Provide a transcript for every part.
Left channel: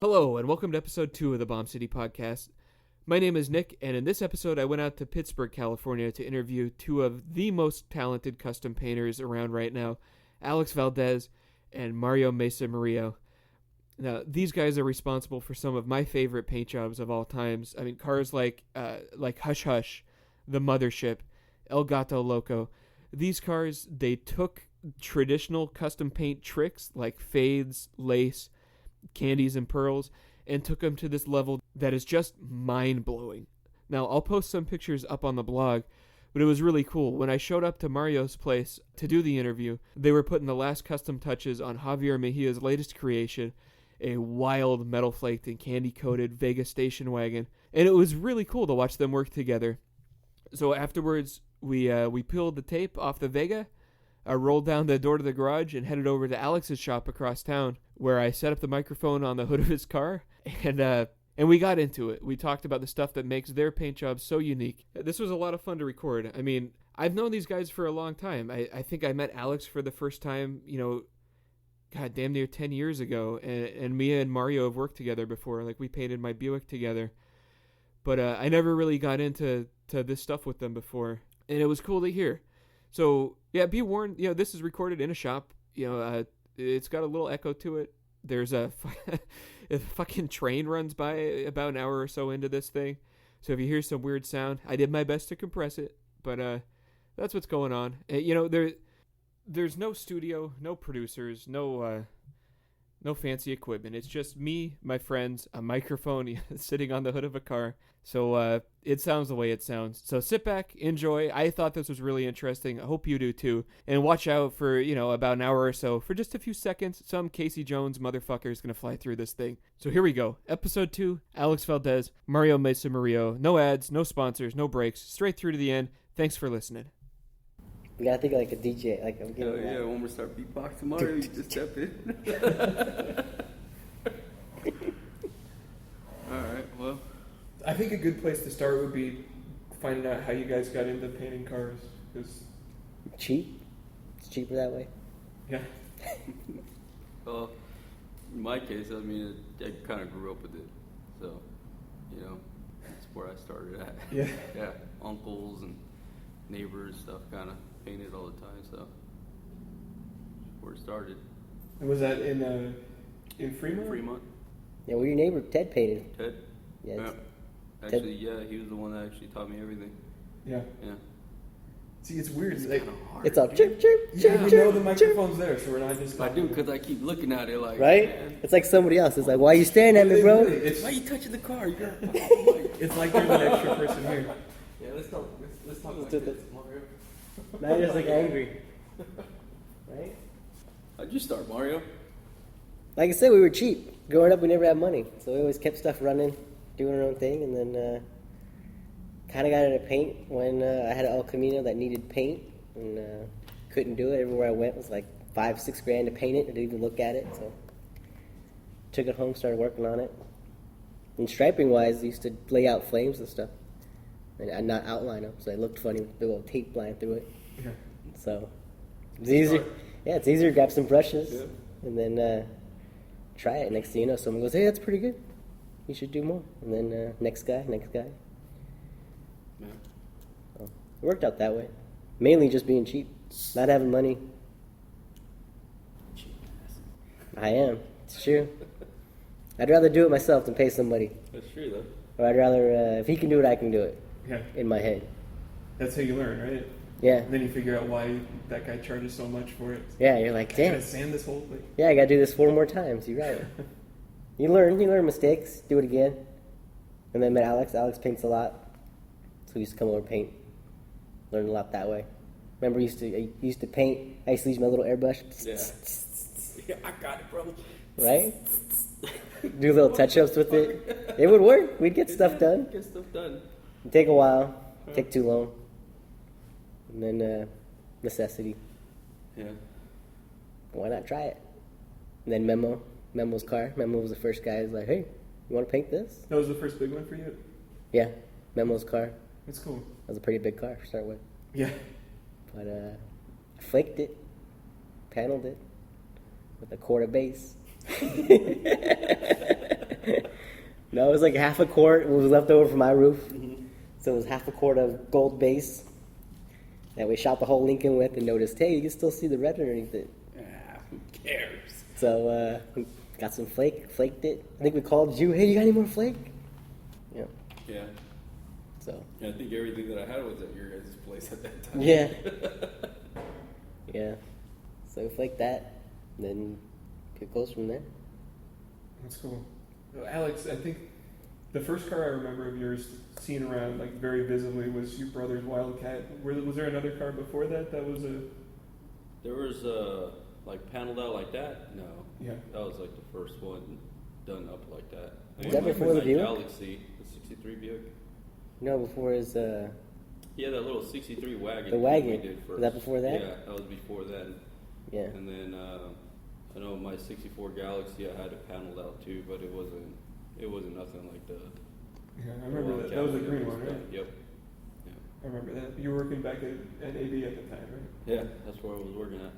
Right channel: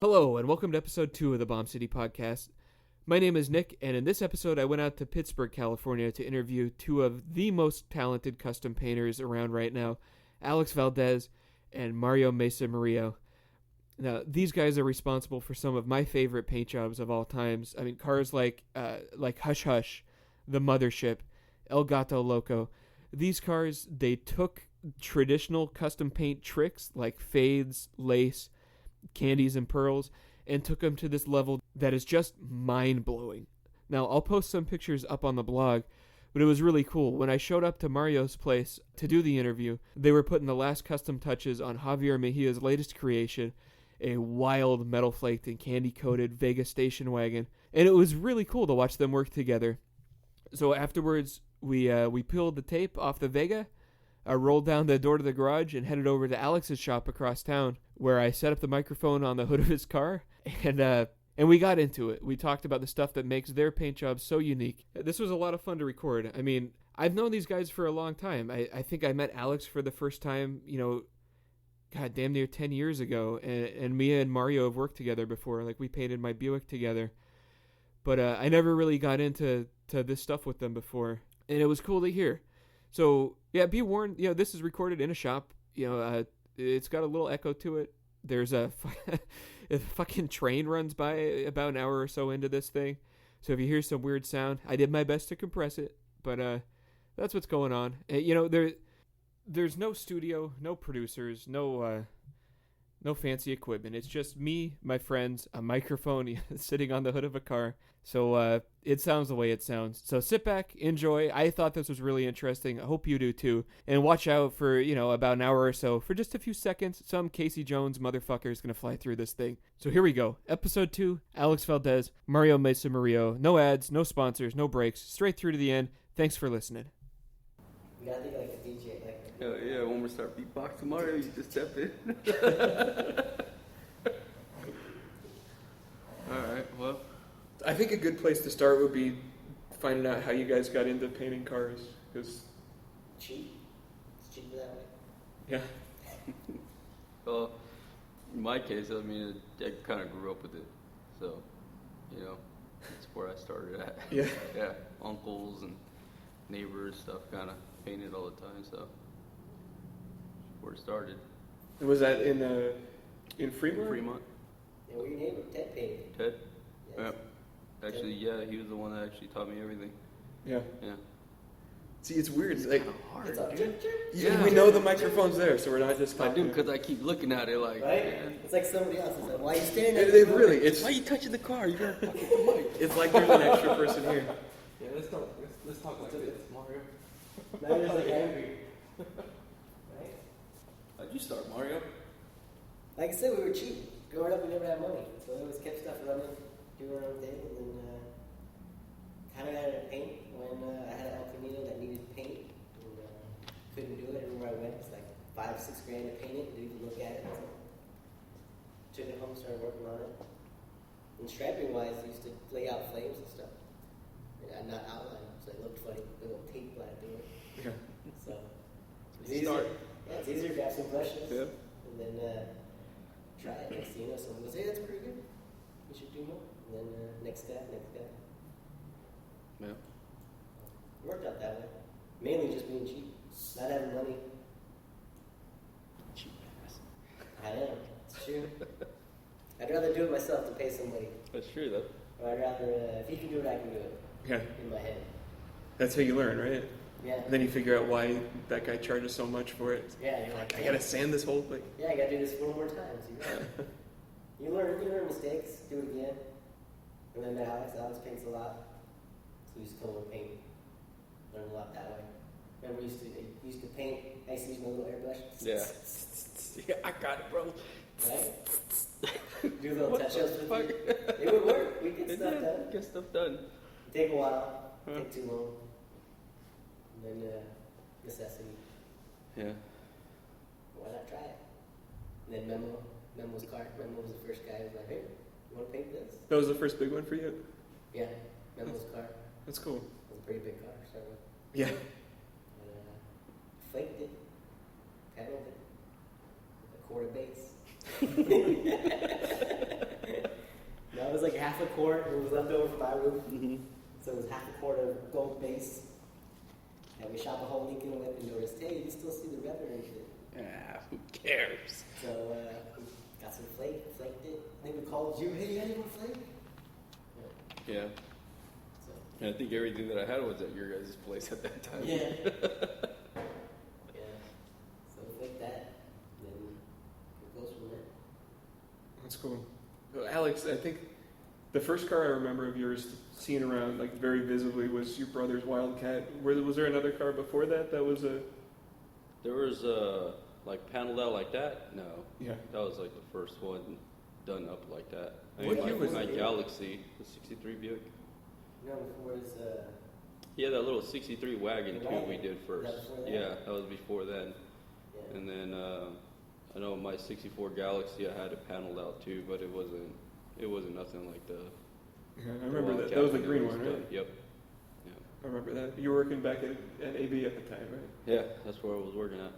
Hello, and welcome to episode 2 of the Bomb City Podcast. My name is Nick, and in this episode I went out to Pittsburgh, California to interview two of the most talented custom painters around right now, Alex Valdez and Mario Meza-Murillo. Now, these guys are responsible for some of my favorite paint jobs of all times. I mean, cars like Hush Hush, The Mothership, El Gato Loco. These cars, they took traditional custom paint tricks like fades, lace, candies and pearls, and took them to this level that is just mind-blowing. Now, I'll post some pictures up on the blog, but it was really cool. When I showed up to Mario's place to do the interview, they were putting the last custom touches on Javier Mejia's latest creation, a wild metal-flaked and candy-coated Vega station wagon, and it was really cool to watch them work together. So afterwards, we peeled the tape off the Vega, I rolled down the door to the garage and headed over to Alex's shop across town, where I set up the microphone on the hood of his car, and we got into it. We talked about the stuff that makes their paint jobs so unique. This was a lot of fun to record. I mean, I've known these guys for a long time. I think I met Alex for the first time, damn near 10 years ago, and me and Mario have worked together before. Like, we painted my Buick together. But I never really got into this stuff with them before, and it was cool to hear. So, yeah, be warned, this is recorded in a shop. It's got a little echo to it. There's a fucking train runs by about an hour or so into this thing. So if you hear some weird sound, I did my best to compress it. But that's what's going on. There's no studio, no producers, no fancy equipment. It's just me, my friends, a microphone sitting on the hood of a car. So it sounds the way it sounds. So sit back, enjoy. I thought this was really interesting. I hope you do too. And watch out for, about an hour or so. For just a few seconds, some Casey Jones motherfucker is going to fly through this thing. So here we go. Episode 2, Alex Valdez, Mario Meza-Murillo. No ads, no sponsors, no breaks. Straight through to the end. Thanks for listening. You gotta think like a DJ. Like, I'm getting that. I think a good place to start would be finding out how you guys got into painting cars. Cause cheap? It's cheaper that way. Yeah. Well, in my case, I kind of grew up with it. So, that's where I started at. Yeah. I had uncles and neighbors stuff kind of painted all the time, so where it started. And was that in Fremont? Yeah, well, your neighbor Ted painted. Ted? Yeah. Actually, he was the one that actually taught me everything. Yeah. See, it's weird. It's like it's all chirp, chirp, chirp. We know the microphone's there, so we're not just talking. Because I keep looking at it like... Right? It's like somebody else. It's like, why are you staring at me, bro? Why are you touching the car? It's like there's an extra person here. Yeah, let's talk this. Matt is like angry. Right? How'd you start, Mario? Like I said, we were cheap. Growing up, we never had money. So we always kept stuff running, doing our own thing, and then kind of got into paint when I had an El Camino that needed paint, and couldn't do it. Everywhere I went was like $5-6 grand to paint it. I didn't even look at it, so took it home, started working on it. And striping wise, I used to lay out flames and stuff, and I'd not outline them, so they looked funny with the little tape line through it. Yeah. So it's easier. Yeah, it's easier to grab some brushes and then try it. Next thing you know, someone goes, "Hey, that's pretty good. You should do more." And then next guy. Yeah. So, it worked out that way. Mainly just being cheap, not having money. I am. It's true. I'd rather do it myself than pay somebody. That's true, though. Or I'd rather, if he can do it, I can do it. Yeah. In my head. That's how you learn, right? Yeah. And then you figure out why that guy charges so much for it. Yeah, you're like, I damn. gotta sand this whole thing. Yeah, I gotta do this 4 more times. You're right. You learn mistakes, do it again. And then met Alex. Alex paints a lot. So we used to come over and paint. Learned a lot that way. Remember, I used to paint. I used to use my little airbrush. Yeah, I got it, bro. Right? Do little touch-ups with it. It would work. We'd get stuff done. It'd take a while. Take too long. And then necessity. Yeah. Why not try it? And then Memo's car. Memo was the first guy who was like, "Hey, you want to paint this?" That was the first big one for you? Yeah, Memo's car. That's cool. That was a pretty big car to start with. Yeah. But I flaked it, paneled it with a quarter base. No, it was like half a quart. What was left over from my roof. So it was half a quart of gold base that we shot the whole Lincoln with and noticed, hey, you can still see the red underneath it. Who cares? So we got some flaked it. I think we called you, hey, you got any more flake? Yeah. Yeah. So. And I think everything that I had was at your guys' place at that time. Yeah. Yeah. So we flaked that, and then it goes from there. That's cool. Alex, I think the first car I remember of yours seeing around like very visibly was your brother's Wildcat. Was there another car before that was a? There was like paneled out like that. No. Yeah. That was like the first one done up like that. Was that before the Buick? Galaxy, the 63 Buick. No, before his Yeah, that little 63 wagon. the wagon. we did Was that before that? Yeah, that was before then. Yeah. And then I know my 64 Galaxy, I had it paneled out too, but it wasn't nothing like that. Yeah, I remember that. That was the green one, right? Yep. I remember that. You were working back at AB at the time, right? Yeah, that's where I was working at.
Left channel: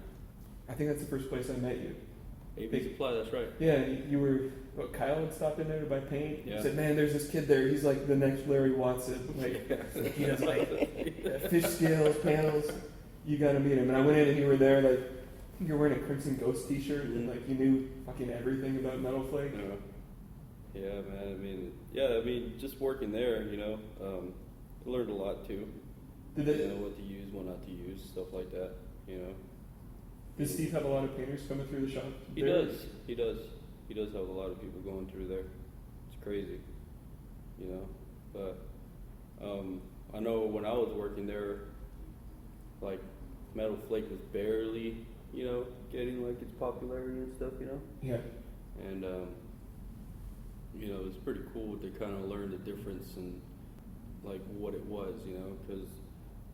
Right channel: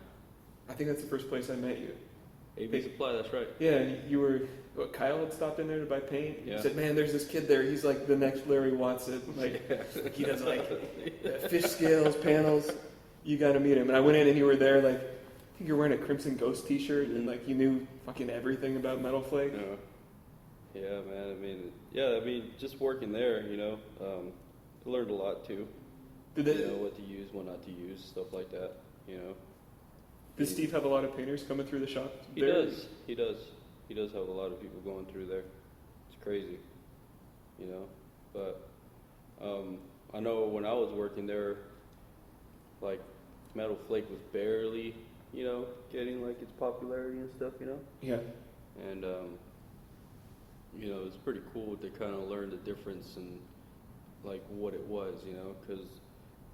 I think that's the first place I met you. AB Supply, that's right. Yeah, you were. Kyle had stopped in there to buy paint. Yeah. He said, "Man, there's this kid there. He's like the next Larry Watson. Like he does like fish scales, panels. You got to meet him." And I went in and you were there. Like I think you were wearing a Crimson Ghost T-shirt and like you knew fucking everything about Metal Flake. Yeah, man. I mean, just working there, learned a lot too. Did You they, know what to use, what not to use, stuff like that. Does Steve have a lot of painters coming through the shop He there? does. He does have a lot of people going through there. It's crazy, But I know when I was working there, like Metal Flake was barely, getting like its popularity and stuff, Yeah. And it was pretty cool to kind of learn the difference and like what it was, because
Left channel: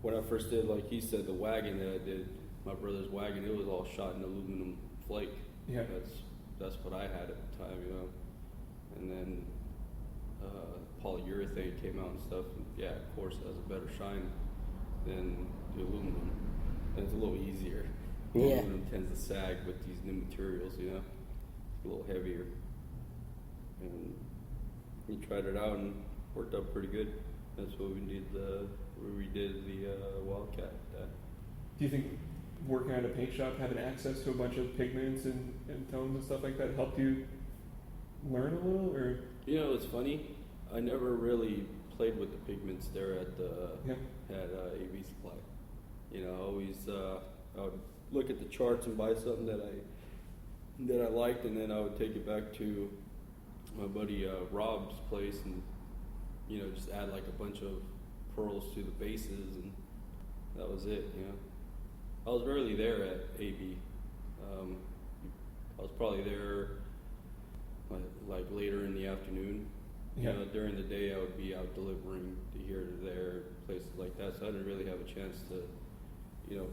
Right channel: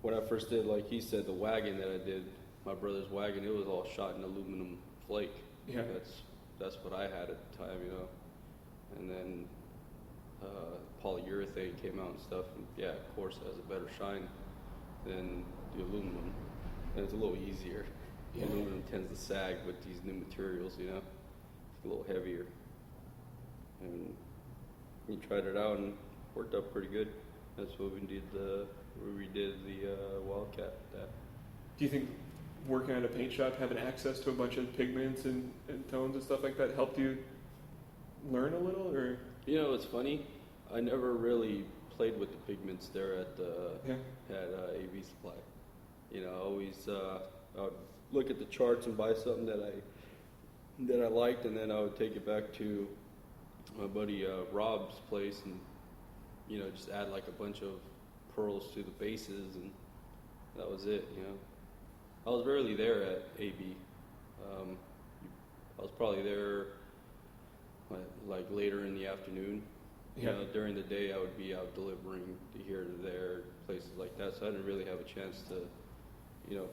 when I first did, like he said, the wagon that I did, my brother's wagon, it was all shot in aluminum flake. Yeah. That's what I had at the time, And then polyurethane came out and stuff. Yeah, of course, it has a better shine than aluminum. And it's a little easier. Yeah. It tends to sag with these new materials, It's a little heavier. And we tried it out and worked out pretty good. That's what we did. We redid the Wildcat. Yeah. Do you think working at a paint shop, having access to a bunch of pigments and tones and stuff like that helped you learn a little, or? It's funny. I never really played with the pigments there at AB Supply. I always look at the charts and buy something that I liked, and then I would take it back to my buddy Rob's place, and just add like a bunch of pearls to the bases, and that was it. I was rarely there at AB. I was probably there like later in the afternoon. Yeah. During the day, I would be out delivering here to there, places like that. So I didn't really have a chance to,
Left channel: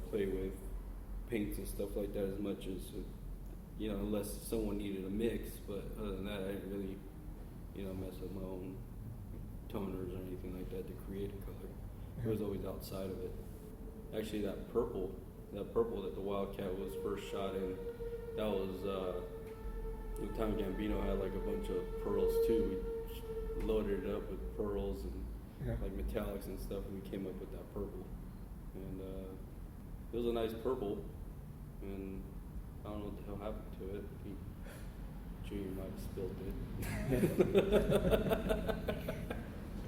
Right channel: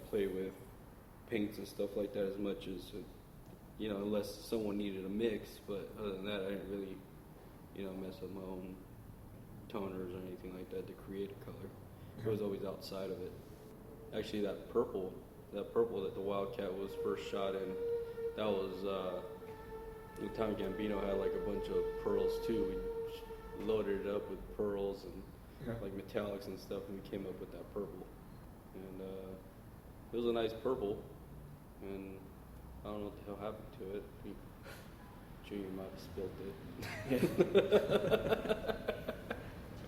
play with paints and stuff like that as much as, unless someone needed a mix. But other than that, I didn't really, mess with my own toners or anything like that to create a color. I was always outside of it. Actually, that purple that the Wildcat was first shot in, that was the time Gambino had like a bunch of pearls too, loaded it up with pearls and like metallics and stuff, and came up with that purple. And it was a nice purple, and I don't know what happened to it. Junior might have spilled it. Yeah.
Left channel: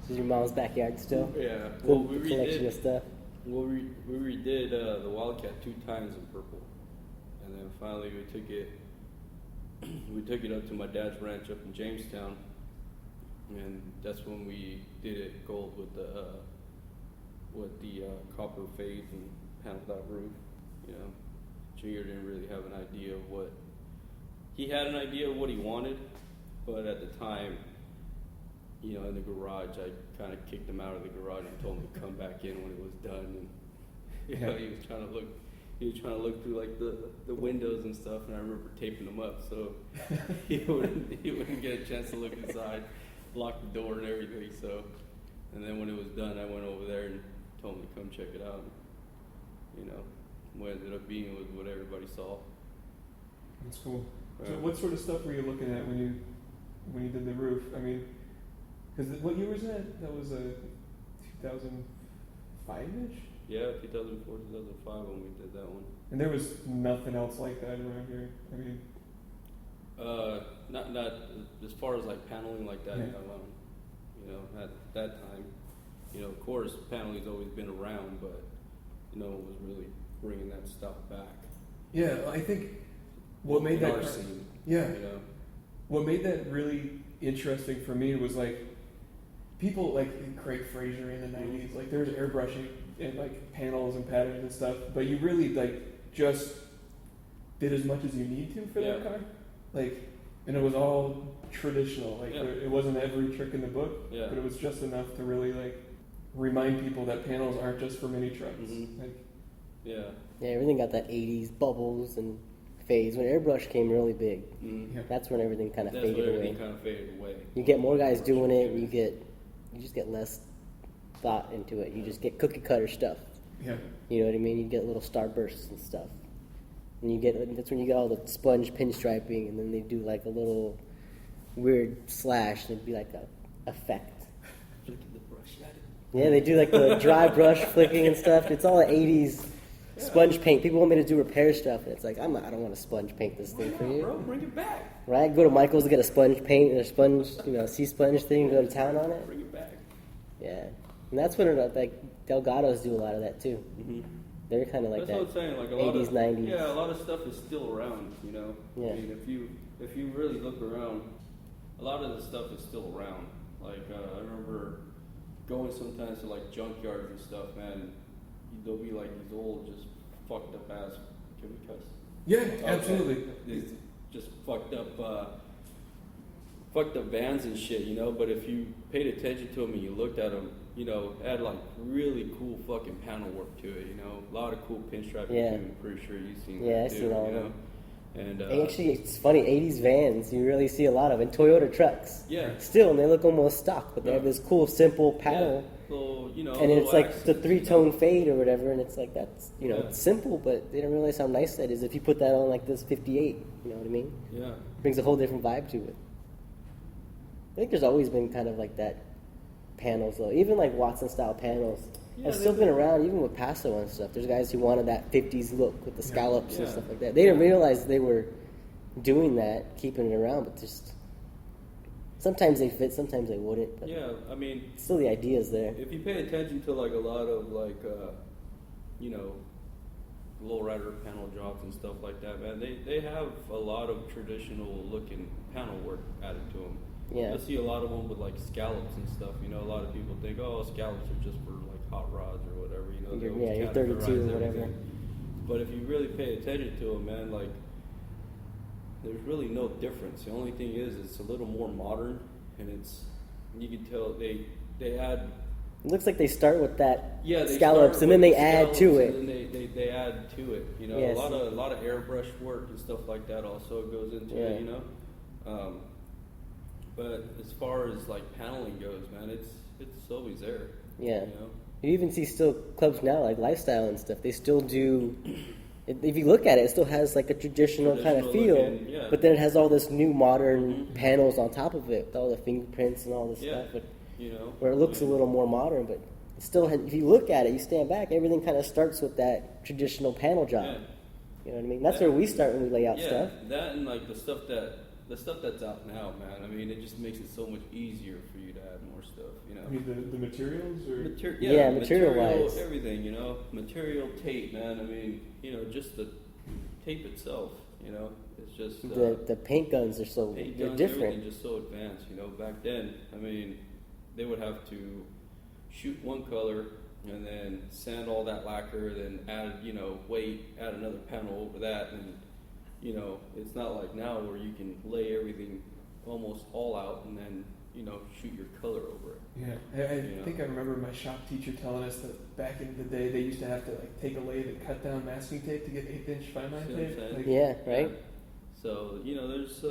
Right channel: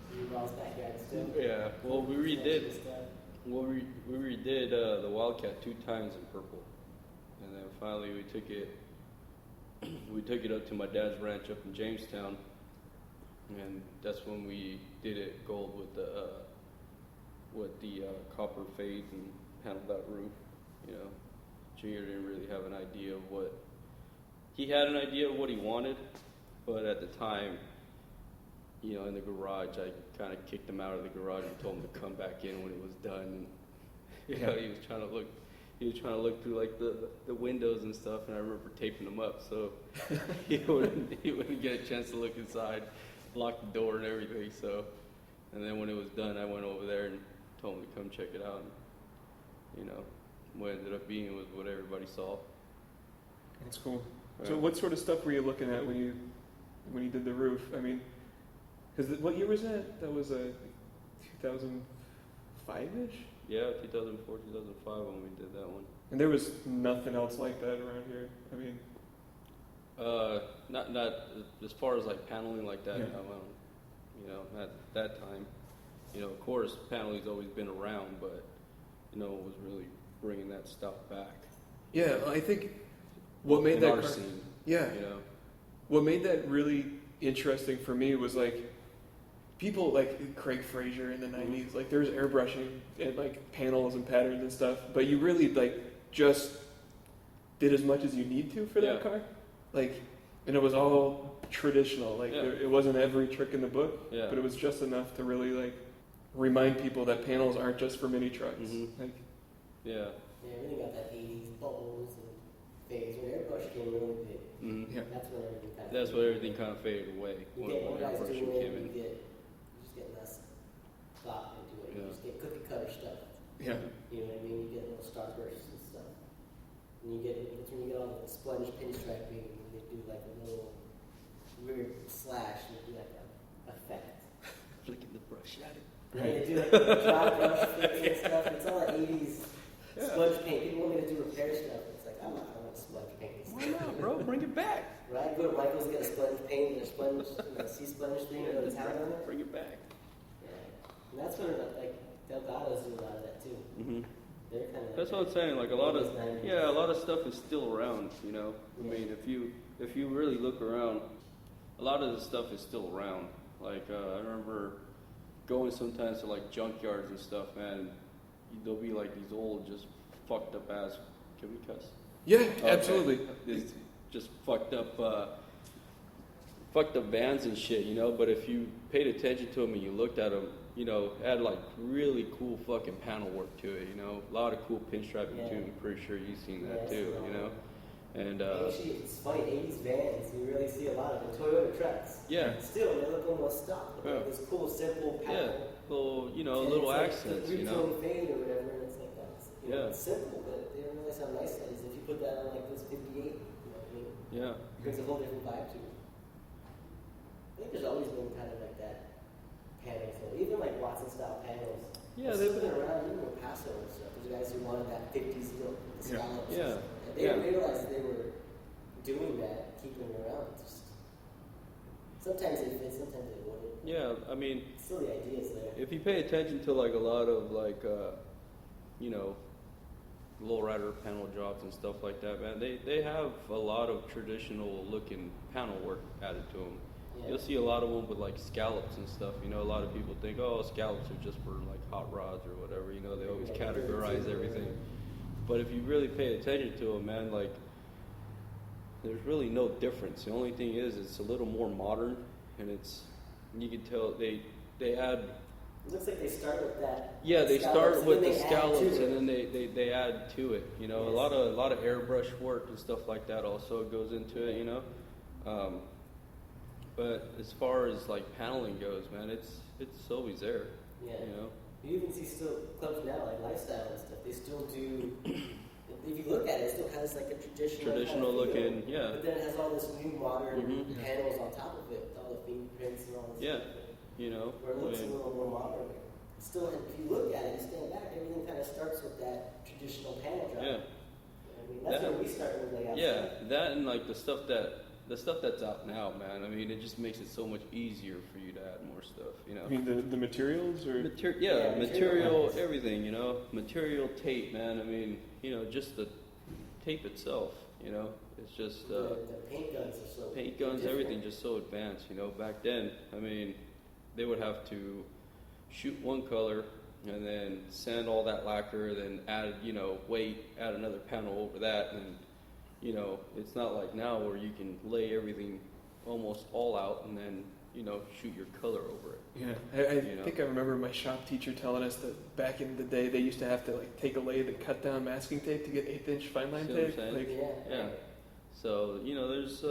This is your mom's backyard still? Yeah. Cool collection of stuff. Well, we redid the Wildcat 2 times in purple, and then finally we took it up to my dad's ranch up in Jamestown, and that's when we did it gold with the copper face and paneled out roof. Junior didn't really have an idea of what he had an idea of what he wanted, but at the time, in the garage, I kind of kicked him out of the garage and told him to come back in when he was done. Yeah. He was trying to look through like the windows and stuff, and I remember taking him up so he wouldn't get a chance to look inside, lock the door and everything. So, and then when it was done, I went over there and told him to come check it out. What ended up being was what everybody saw. That's cool. So what sort of stuff were you looking at when you did the roof? I mean, Because what year was that? That was 2005-ish? Yeah, 2004, 2005 when we did that one. And there was nothing else like that around here. I mean, not as far as like paneling like that. Yeah. You know, at that time, you know, of course, paneling's always been around, but no one was really bringing that stuff back. yeah, I think what made that car, yeah, You know? what made that really interesting for me was like people like Craig Fraser in the 90s, like there was airbrushing and like panels and patterns and stuff, but you really like just did as much as you need to for that Yeah. car, like, and it was all traditional, like Yeah. it wasn't every trick in the book, Yeah. but it was just enough to really like remind people that panels aren't just for mini trucks. Mhm. Like, Yeah. Yeah, everything got that 80s bubbles and phase. When airbrush came really big, yeah, that's when everything kind of That's faded where away. everything kind of faded away. You get more guys doing it, and you just get less thought into it. You just get cookie cutter stuff. yeah, You know what I mean? You get little starbursts and stuff. And that's when you get all the sponge pinstriping, and then they do like a little weird slash, and it'd be like a effect. Yeah, they do like the dry brush flicking and stuff. It's all the 80s sponge paint. People want me to do repair stuff, and it's like, I don't want to sponge paint this thing for you. Right? Go to Michael's to get a sponge paint and a sponge, sea sponge thing, go to town on it. Yeah. And that's when like Delgados do a lot of that too. They're kind of like That's that. what I'm saying. Like a lot 80s, of, 90s. Yeah, a lot of stuff is still around. You know. Yeah. I mean, if you really look around, a lot of the stuff is still around. Like I remember going sometimes to like junkyards and stuff, man. There'll be like these old, just fucked up ass. Can we cuss? yeah, absolutely. It's just fucked up bands and shit, you know. But if you paid attention to them and you looked at them, you know, had like really cool fucking panel work to it, you know, a lot of cool pinstriping. Yeah. I'm pretty sure you've seen. Yeah, that I've too, seen all of you them. know? And And actually, it's funny, 80s vans, you really see a lot of, and Toyota trucks. yeah. Still, and they look almost stock, but they have this cool, simple panel. Well, you know, And it's like wax. the 3-tone fade or whatever, and it's like that's, it's simple, but they don't realize how nice that is if you put that on like this 58, you know what I mean? Yeah. Brings a whole different vibe to it. I think there's always been kind of like that panels though. Even like Watson style panels have still been around, even with Paso and stuff. There's guys who wanted that 50s look with the scallops and stuff like that. They didn't realize they were doing that, keeping it around, but just sometimes they fit, sometimes they wouldn't. But Yeah, I mean, still the idea's there. if you pay attention to like a lot of like, lowrider panel drops and stuff like that, man, they have a lot of traditional looking panel work added to them. Yeah. You'll see a lot of them with like scallops and stuff. You know, a lot of people think, oh, scallops are just for like hot rods or whatever. You know, You're 32 or whatever. But if you really pay attention to them, man, like there's really no difference. The only thing is, it's a little more modern, and you can tell they add. It looks like they start with that Yeah, they scallops, start and then with they the add to scallops, it. And then they add to it. You know, Yes. a lot of airbrush work and stuff like that also goes into Yeah. it. You know, but as far as like paneling goes, man, it's always there. Yeah. You know? You even see still clubs now, like Lifestyle and stuff. They still do. If you look at it, it still has like a traditional kind of feel, Yeah. but then it has all this new modern panels on top of it, with all the fingerprints and all this Yeah. stuff, You know, where it looks a little more modern. But it still, if you look at it, you stand back, everything kind of starts with that traditional panel job. Right. You know what I mean? That's where we start when we lay out yeah, stuff. that and like the stuff that's out now, man. I mean, it just makes it so much easier for you to add more stuff. You know. I mean, the materials or Yeah, material-wise. everything, you know, material tape, man. I mean, you know, just the tape itself, you know, it's just The paint guns are so paint they're guns, different. everything is just so advanced, you know. Back then, I mean, they would have to shoot one color and then sand all that lacquer, then add, add another panel over that, and you know, it's not like now where you can lay everything almost all out and then shoot your color over it. yeah. I think I remember my shop teacher telling us that back in the day they used to have to like take a lathe and cut down masking tape to get 1/8 inch fine line tape. Like, Yeah, right? So there's it's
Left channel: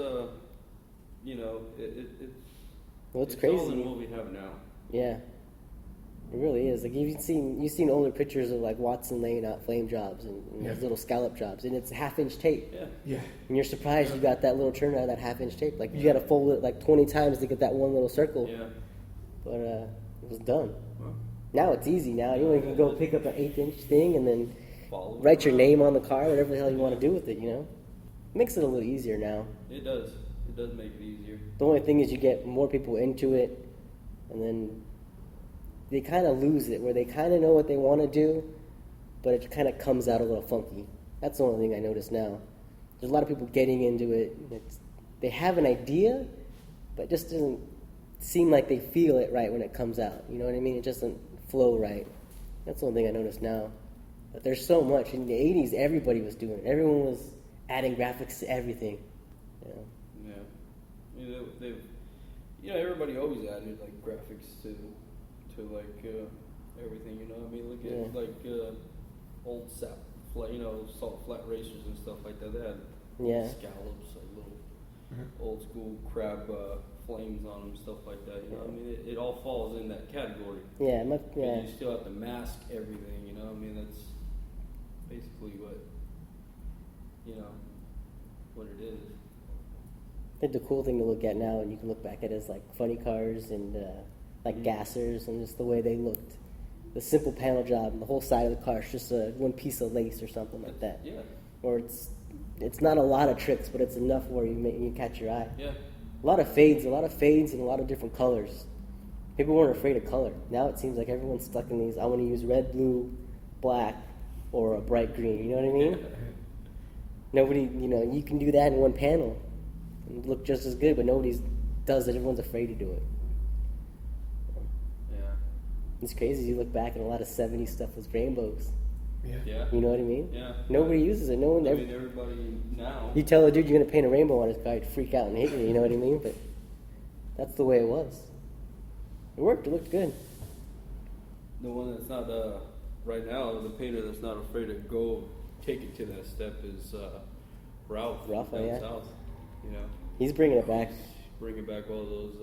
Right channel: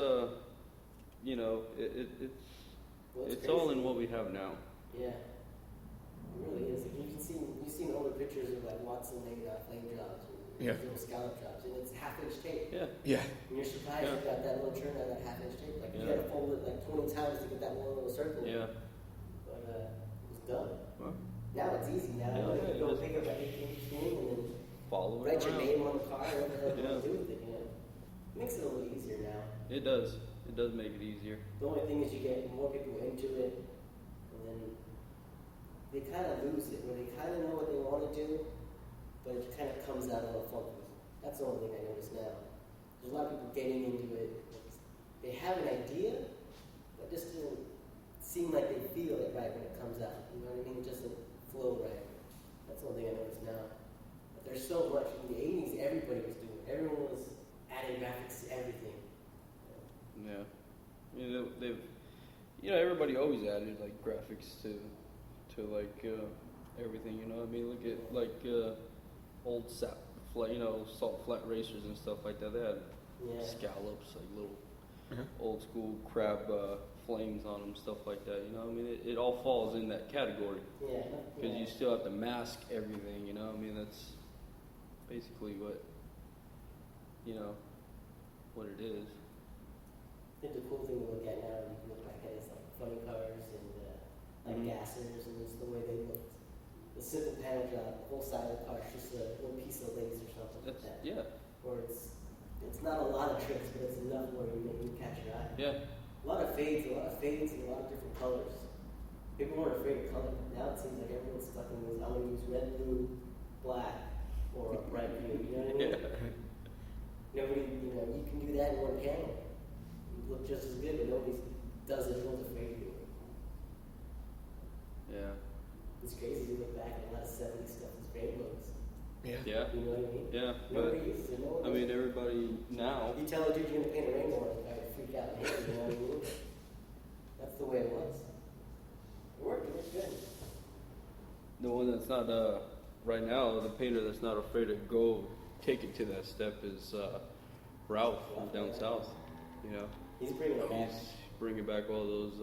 Well, it's all crazy. in what we have now. Yeah, it really is. Like you've seen older pictures of like Watson laying out flame jobs and Yeah. those little scallop jobs, and it's 1/2 inch tape. Yeah. yeah, And you're surprised you got that little turn out of that 1/2 inch tape. Like you got to fold it like 20 times to get that one little circle. Yeah. but it was done. Now it's easy. Now anyone can go pick up an 1/8-inch thing and then write your name on the car, whatever the hell you want to do with it, Makes it a little easier now. It does. It does make it easier. The only thing is you get more people into it, and then they kind of lose it, where they kind of know what they want to do, but it kind of comes out a little funky. That's the only thing I notice now. There's a lot of people getting into it. They have an idea, but it just doesn't seem like they feel it right when it comes out. You know what I mean? It just doesn't flow right. That's the only thing I notice now. But there's so much. In the 80s, everybody was doing it. Everyone was adding graphics to everything. Everybody always added like graphics to everything. Look at old salt flat racers and stuff like that. They had scallops, little old school crab flames on them, stuff like that. It all falls in that category. Yeah. You still have to mask everything. That's basically what it is. I think the cool thing to look at now, and you can look back at, is like funny cars and like gassers, and just the way they looked. The simple panel job, the whole side of the car is just one piece of lace or something like that. Yeah. Or it's not a lot of tricks, but it's enough where you catch your eye. Yeah. A lot of fades and a lot of different colors. People weren't afraid of color. Now it seems like everyone's stuck in these, I want to use red, blue, black, or a bright green. You know what I mean? Nobody, you can do that in one panel and look just as good, but nobody does it. Everyone's afraid to do it. Yeah. It's crazy. You look back, and a lot of 70s stuff was rainbows. Yeah. You know what I mean? Yeah. Nobody uses it. No one ever. Everybody now. You tell a dude you're going to paint a rainbow on his car, he'd freak out and hate you. You know what I mean? But that's the way it was. It worked. It looked good. The one that's not right now, the painter that's not afraid to go take it to that step is Ralph. Ralph, down yeah. south. He's bringing it back. Bringing back all those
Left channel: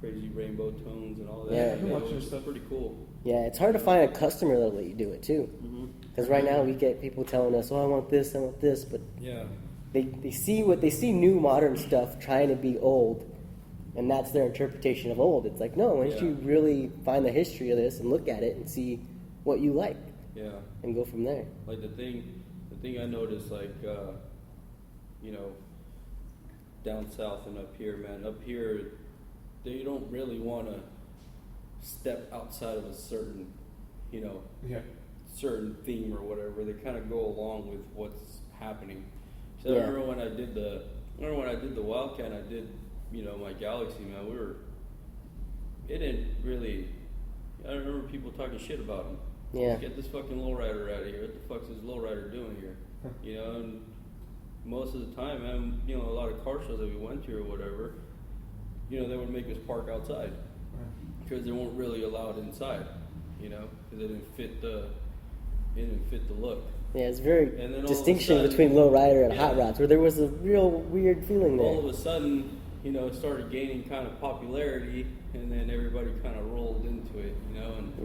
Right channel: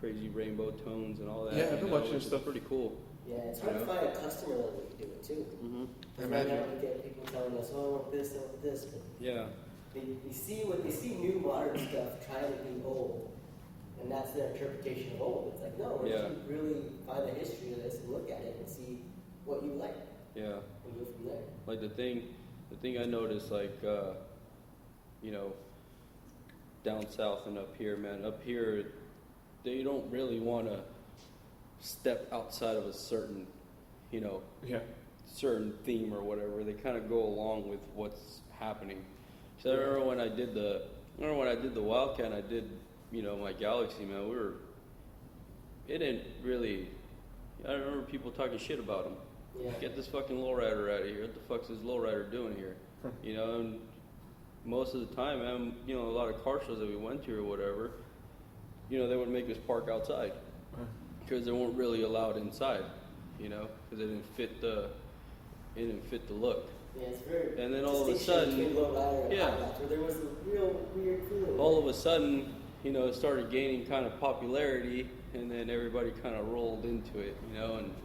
crazy rainbow tones and all that. Yeah, I've been watching this stuff. Pretty cool. Yeah, it's hard to find a customer that'll let you do it too. Because right now we get people telling us, "Oh, I want this," but Yeah. they see new modern stuff trying to be old, and that's their interpretation of old. It's like, no, why don't you really find the history of this and look at it and see what you like, and go from there. Like the thing I noticed, down south and up here, man. Up here, they don't really want to step outside of a certain, certain theme or whatever. They kind of go along with what's happening. So I remember when I did the Wildcat, I did, my Galaxy. It didn't really. I remember people talking shit about them. Yeah. Get this fucking lowrider out of here. What the fuck's this lowrider doing here? And most of the time, a lot of car shows that we went to or whatever, they would make us park outside because they weren't really allowed inside, because it didn't fit the look. Yeah, it's very distinction between lowrider and hot rods, where there was a real weird feeling there. All of a sudden, it started gaining kind of popularity, and then everybody kind of rolled into it, and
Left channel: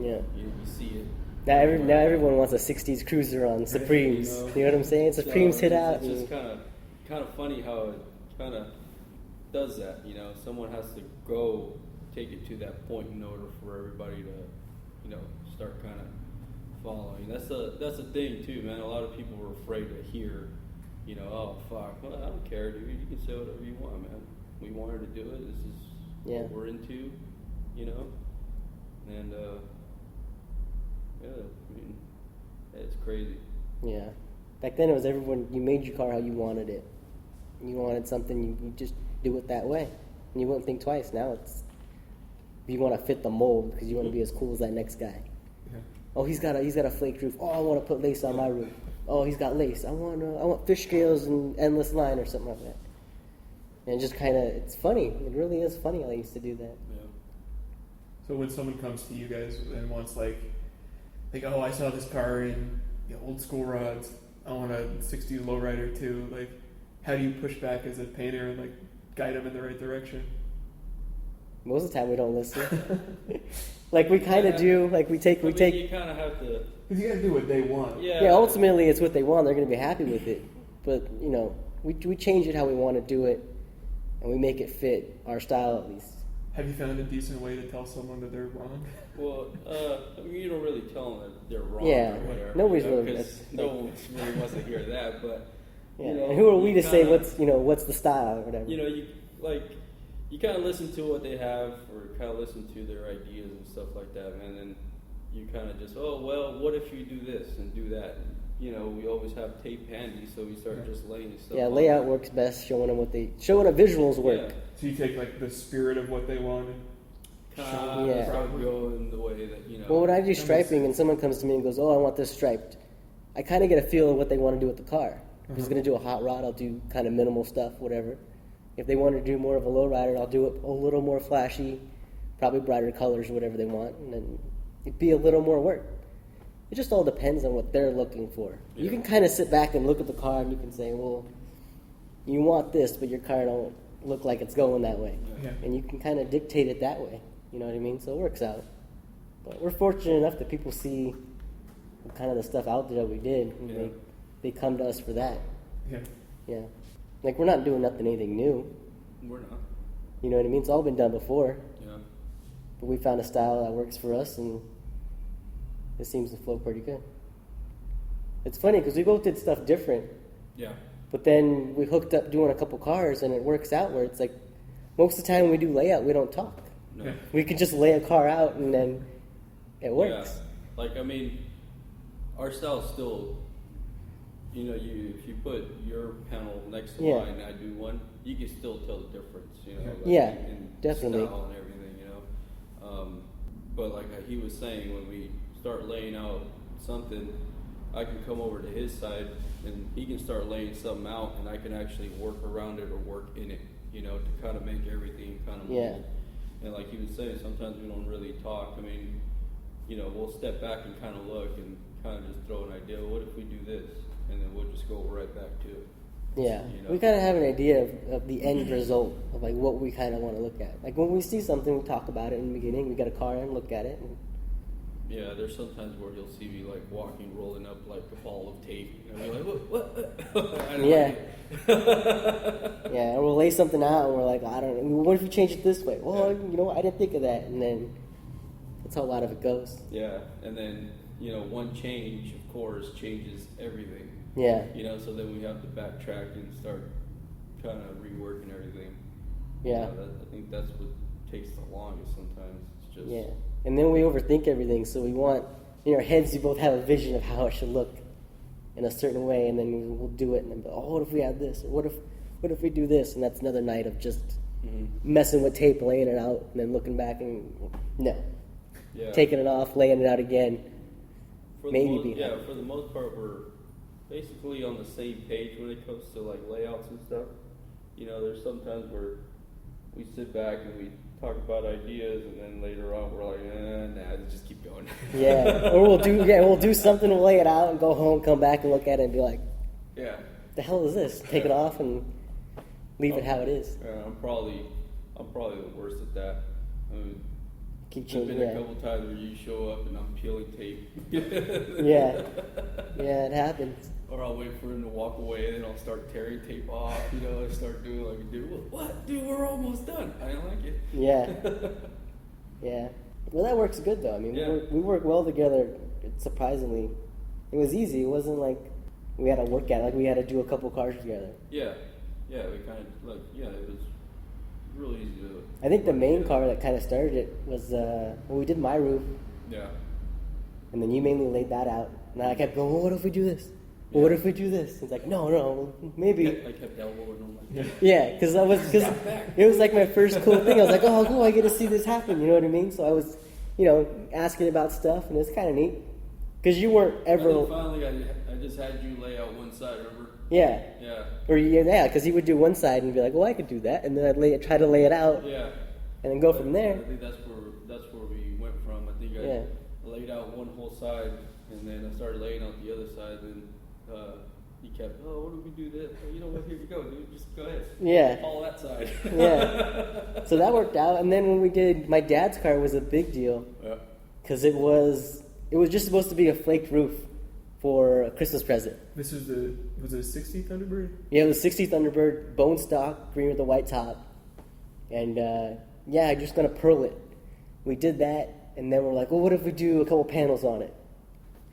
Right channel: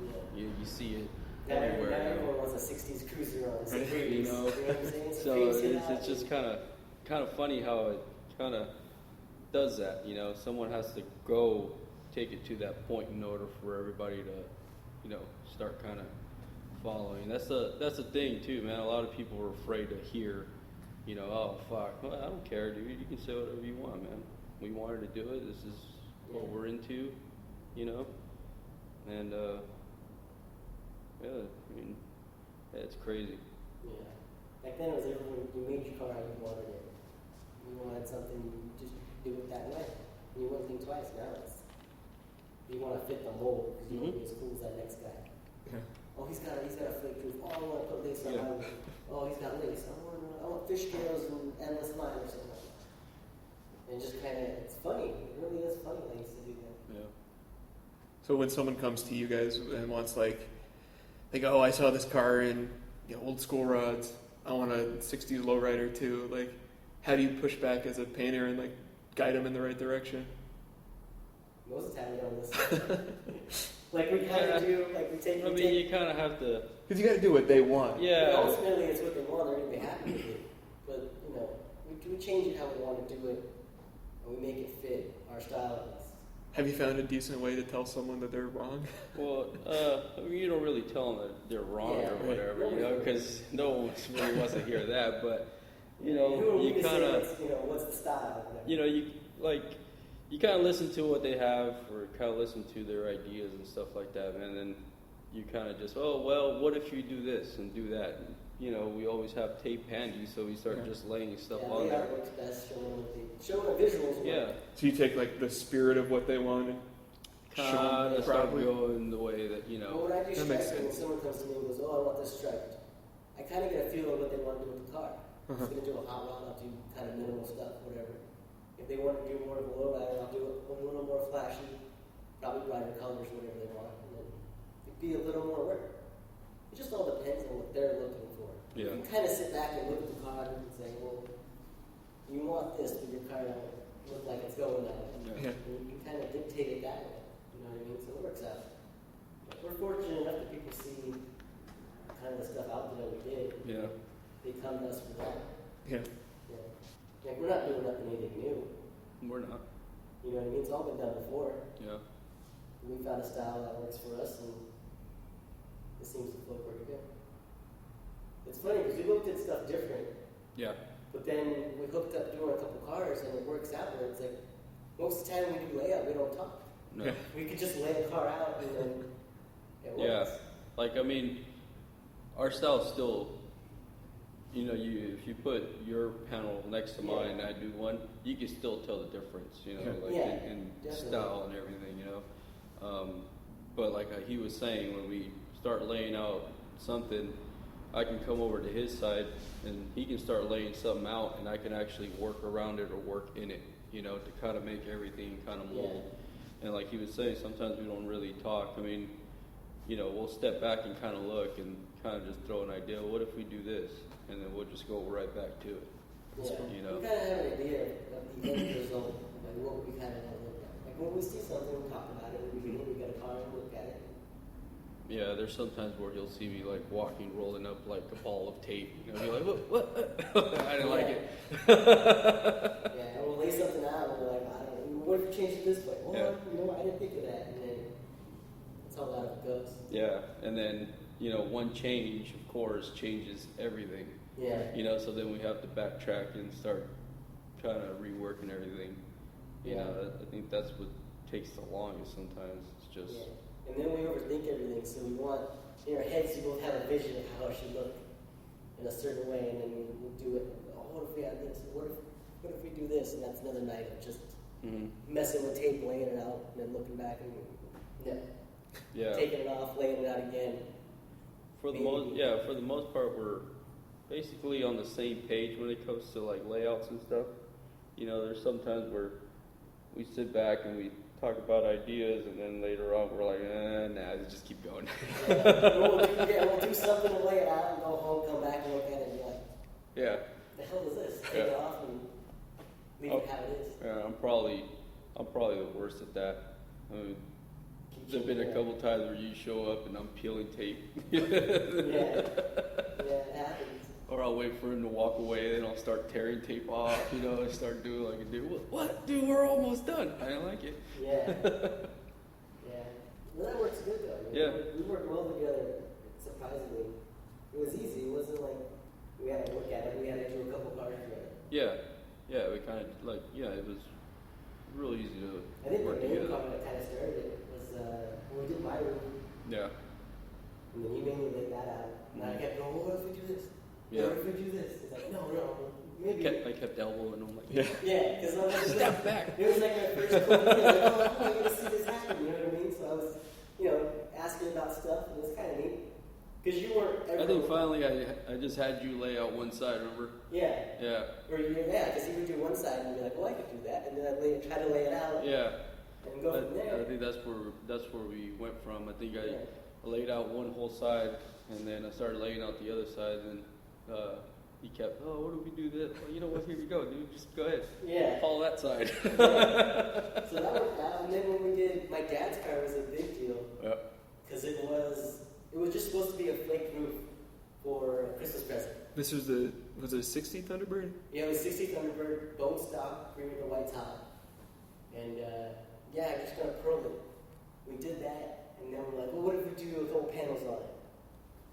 you can see it. Now everyone wants a 60s cruiser on Supremes. You know what I'm saying? Supremes hit out. It's just kind of funny how it kind of does that. Someone has to go take it to that point in order for everybody to, start kind of following. That's the thing too, man. A lot of people are afraid to hear, oh fuck, well, I don't care. You can say whatever you want, man. We want her to do it. This is what we're into, and it's crazy. Yeah. Back then it was everyone, you made your car how you wanted it. You wanted something, you just do it that way. And you wouldn't think twice. Now it's, you want to fit the mold because you want to be as cool as that next guy. Oh, he's got a flake roof. Oh, I want to put lace on my roof. Oh, he's got lace. I want fish scales and endless line or something like that. And it just kind of, it's funny. It really is funny how I used to do that. So when someone comes to you guys and wants like, oh, I saw this car in old school rods. I want a 60s lowrider too. Like, how do you push back as a painter and like guide them in the right direction? Most of the time we don't listen. Like we kind of do. Like we take. You kind of have to. Because you got to do what they want. Yeah. Ultimately, it's what they want. They're going to be happy with it. But we change it how we want to do it, and we make it fit our style at least. Have you found a decent way to tell someone that they're wrong? Well, you don't really tell them that they're wrong. Yeah, or whatever, nobody's you know, really 'cause no one wants to hear that, but Yeah, you know, and who are we you to say kinda- what's the style or whatever? You know, you kind of listen to what they have, or kind of listen to their ideas and stuff like that, and then you kind of just, oh well, what if you do this and do that? You know, we always have tape handy, so we start just laying stuff. Yeah, out. layout works best, showing them visuals work. Yeah. So you take like the spirit of what they want, show them Yeah. properly. Go in the way that, you know. Well, when I do makes striping and sense. someone comes to me and goes, "Oh, I want this striped," I kind of get a feel of what they want to do with the car. If he's going to do a hot rod, I'll do kind of minimal stuff, whatever. If they want to do more of a low rider, I'll do it a little more flashy, probably brighter colors, whatever they want, and then it'd be a little more work. It just all depends on what they're looking for. You can kind of sit back and look at the car and you can say, well, you want this, but your car don't look like it's going that way. Yeah. And you can kind of dictate it that way. You know what I mean? So it works out. But we're fortunate enough that people see kind of the stuff out there that we did, and Yeah. they come to us for that. Yeah. Yeah. Like, we're not doing anything new. We're not. You know what I mean? It's all been done before. Yeah. But we found a style that works for us, and it seems to flow pretty good. It's funny because we both did stuff different, Yeah. but then we hooked up doing a couple cars, and it works out where it's like most of the time when we do layout, we don't talk. Yeah. We could just lay a car out, and then it works. Yeah. Like, I mean, our style's still, you know, if you put your panel next to Yeah. mine and I do one, you can still tell the difference, you know. Yeah, in definitely. Style and everything, you know. But like he was saying, when we start laying out something, I can come over to his side and he can start laying something out, and I can actually work around it or work in it, you know, to kind of make everything kind of Yeah. And like he was saying, sometimes we don't really talk. I mean, you know, we'll step back and kind of look and kind of just throw an idea. What if we do this? And then we'll just go right back to it. Yeah, You know? we kind of have an idea of the end result of like what we kind of want to look at. Like when we see something, we talk about it in the beginning. We get a car and look at it. And Yeah, there's sometimes where you'll see me like walking, holding up like a ball of tape. You know, like, yeah, yeah, or we'll lay something out and we're like, I don't know. What if you change it this way? Well, you know, I didn't think of that, and then that's how a lot of it goes. Yeah, and then you know, one change, of course, changes everything. Yeah, You know, so then we have to backtrack and start kind of reworking everything. yeah, I think that's what takes the longest sometimes. It's just yeah. And then we overthink everything, so we want in our heads we both have a vision of how it should look in a certain way, and then we'll do it, and then go, oh, what if we add this? Or what if we do this? And that's another night of just messing with tape, laying it out, and then looking back and no, Yeah. taking it off, laying it out again. For the Maybe most- be yeah, happy. for the most part, we're basically on the same page when it comes to like layouts and stuff. You know, there's sometimes where we sit back and we talk about ideas, and then later on we're like, nah, just keep going. Yeah, or we'll do something, we'll lay it out, and go home, come back and look at it, and be like, Yeah. the hell is this? Take it off and leave it how it is. I'm probably the worst at that. I mean, Keep there's changing. been a Yeah, couple times where you show up and I'm peeling tape. yeah, yeah. It happens. Or I'll wait for him to walk away and I'll start tearing tape off, you know, and I start doing like, dude, what? Dude, we're almost done. I like it. Yeah, yeah. Well, that works good though. I mean, Yeah. we work well together. Surprisingly, it was easy. It wasn't like we had to work at it, like we had to do a couple cars together. Yeah, we kind of like, yeah, it was real easy to do. I think the main car that kind of started it was when we did my roof, Yeah, and then you mainly laid that out. And I kept going, well, what if we do this? Well, what if we do this? It's like, no, maybe. I kept elbowing him. Yeah. Yeah, because it was like my first cool thing. I was like, oh, cool, I get to see this happen. You know what I mean? So I was, asking about stuff, and it was kind of neat. Because you weren't And ever, then finally, I just had you lay out one side, remember? yeah. Yeah, Because he would do one side and be like, well, I could do that, and then I'd try to lay it out, yeah. and then go from there. I think that's where we went from. I think Yeah. I laid out one whole side, and then I started laying out the other side, and he kept, oh, what do we do this? You know, here we go. Just go ahead. Yeah. Follow that side. Yeah. So that worked out. And then when we did my dad's car, was a big deal Yeah. because it was just supposed to be a flaked roof for a Christmas present. This was it a 60 Thunderbird? Yeah, it was 60 Thunderbird, bone stock, green with a white top. And yeah, I'm just going to pearl it. We did that, and then we're like, well, what if we do a couple panels on it?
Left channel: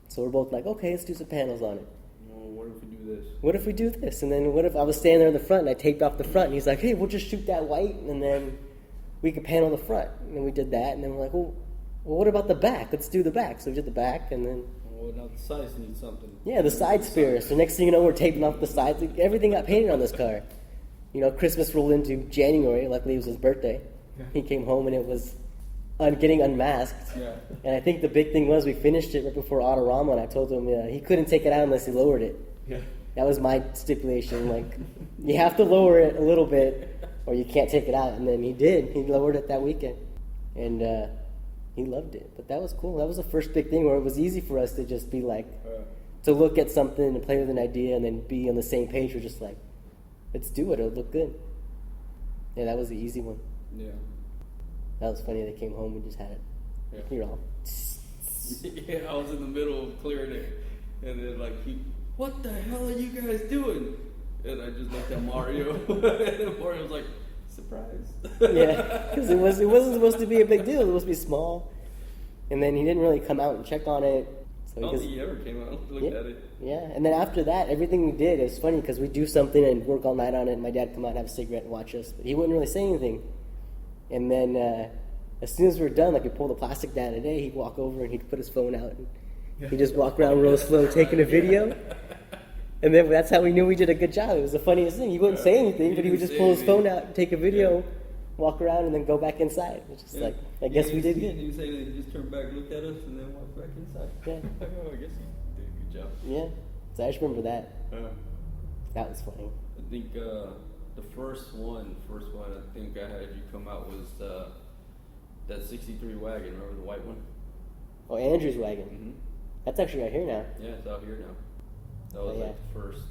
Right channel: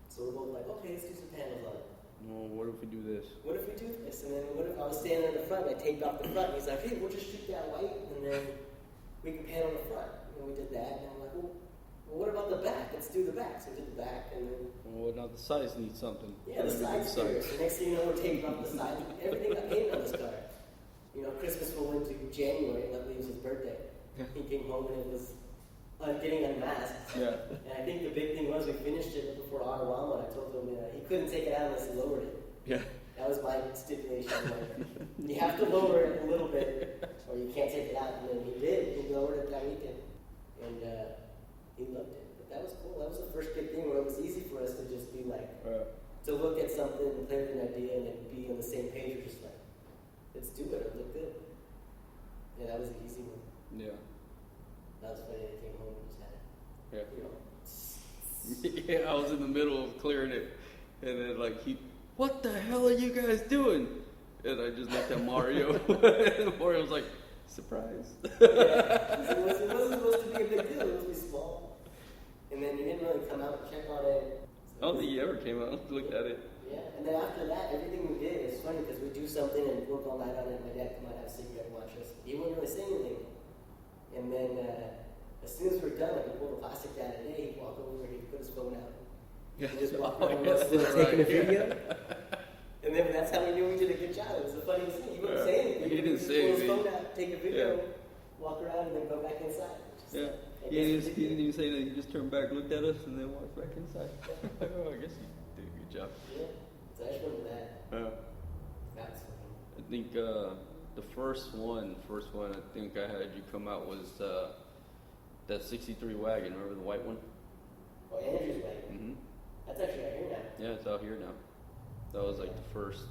So we're both like, okay, let's do some panels on it. Well, what if we do this? What if we do this? And then what if I was standing there in the front and I taped off the front, and he's like, hey, we'll just shoot that white, and then we could panel the front. And then we did that, and then we're like, well, what about the back? Let's do the back. So we did the back, and then... Well, now the sides need something. Yeah, the side spears. So next thing you know, we're taping off the sides. Like, everything got painted on this car. You know, Christmas rolled into January. Luckily, it was his birthday. He came home, and it was getting unmasked. Yeah. And I think the big thing was we finished it right before Autorama, and I told him he couldn't take it out unless he lowered it. Yeah. That was my stipulation. Like, you have to lower it a little bit, or you can't take it out. And then he did. He lowered it that weekend, and he loved it. But that was cool. That was the first big thing where it was easy for us to just be like, to look at something and play with an idea and then be on the same page. We're just like, let's do it. It'll look good. Yeah, that was the easy one. Yeah. That was funny. They came home and just had it. You're all. Yeah, I was in the middle of clearing it, and then like what the hell are you guys doing? And I just looked at Mario, and Mario was like, surprise. Yeah, because it wasn't supposed to be a big deal. It was supposed to be small. And then he didn't really come out and check on it. So I he don't just, think he ever came out and yeah, looked at it. yeah. And then after that, everything we did, it's funny because we do something and work all night on it, and my dad come out and have a cigarette and watch us. But he wouldn't really say anything. And then as soon as we were done, like we pulled the plastic down today, he'd walk over and he'd put his phone out. And he'd just walk around real slow taking a video. And then that's how we knew we did a good job. It was the funniest thing. He wouldn't say anything, but he would just pull his phone out, take a video, walk around, and then go back inside. Which is like, I guess we did good. You say that you just turned back, looked at us, and then walked back inside. Yeah. I guess you did a good job. Yeah. So I just remember that. Uh, That was funny. I think the first one I think I had you come out was that 63 wagon, remember the white one? Oh, Andrew's wagon. That's actually right here now. Yeah, it's out here now. That was Oh, yeah. like the first,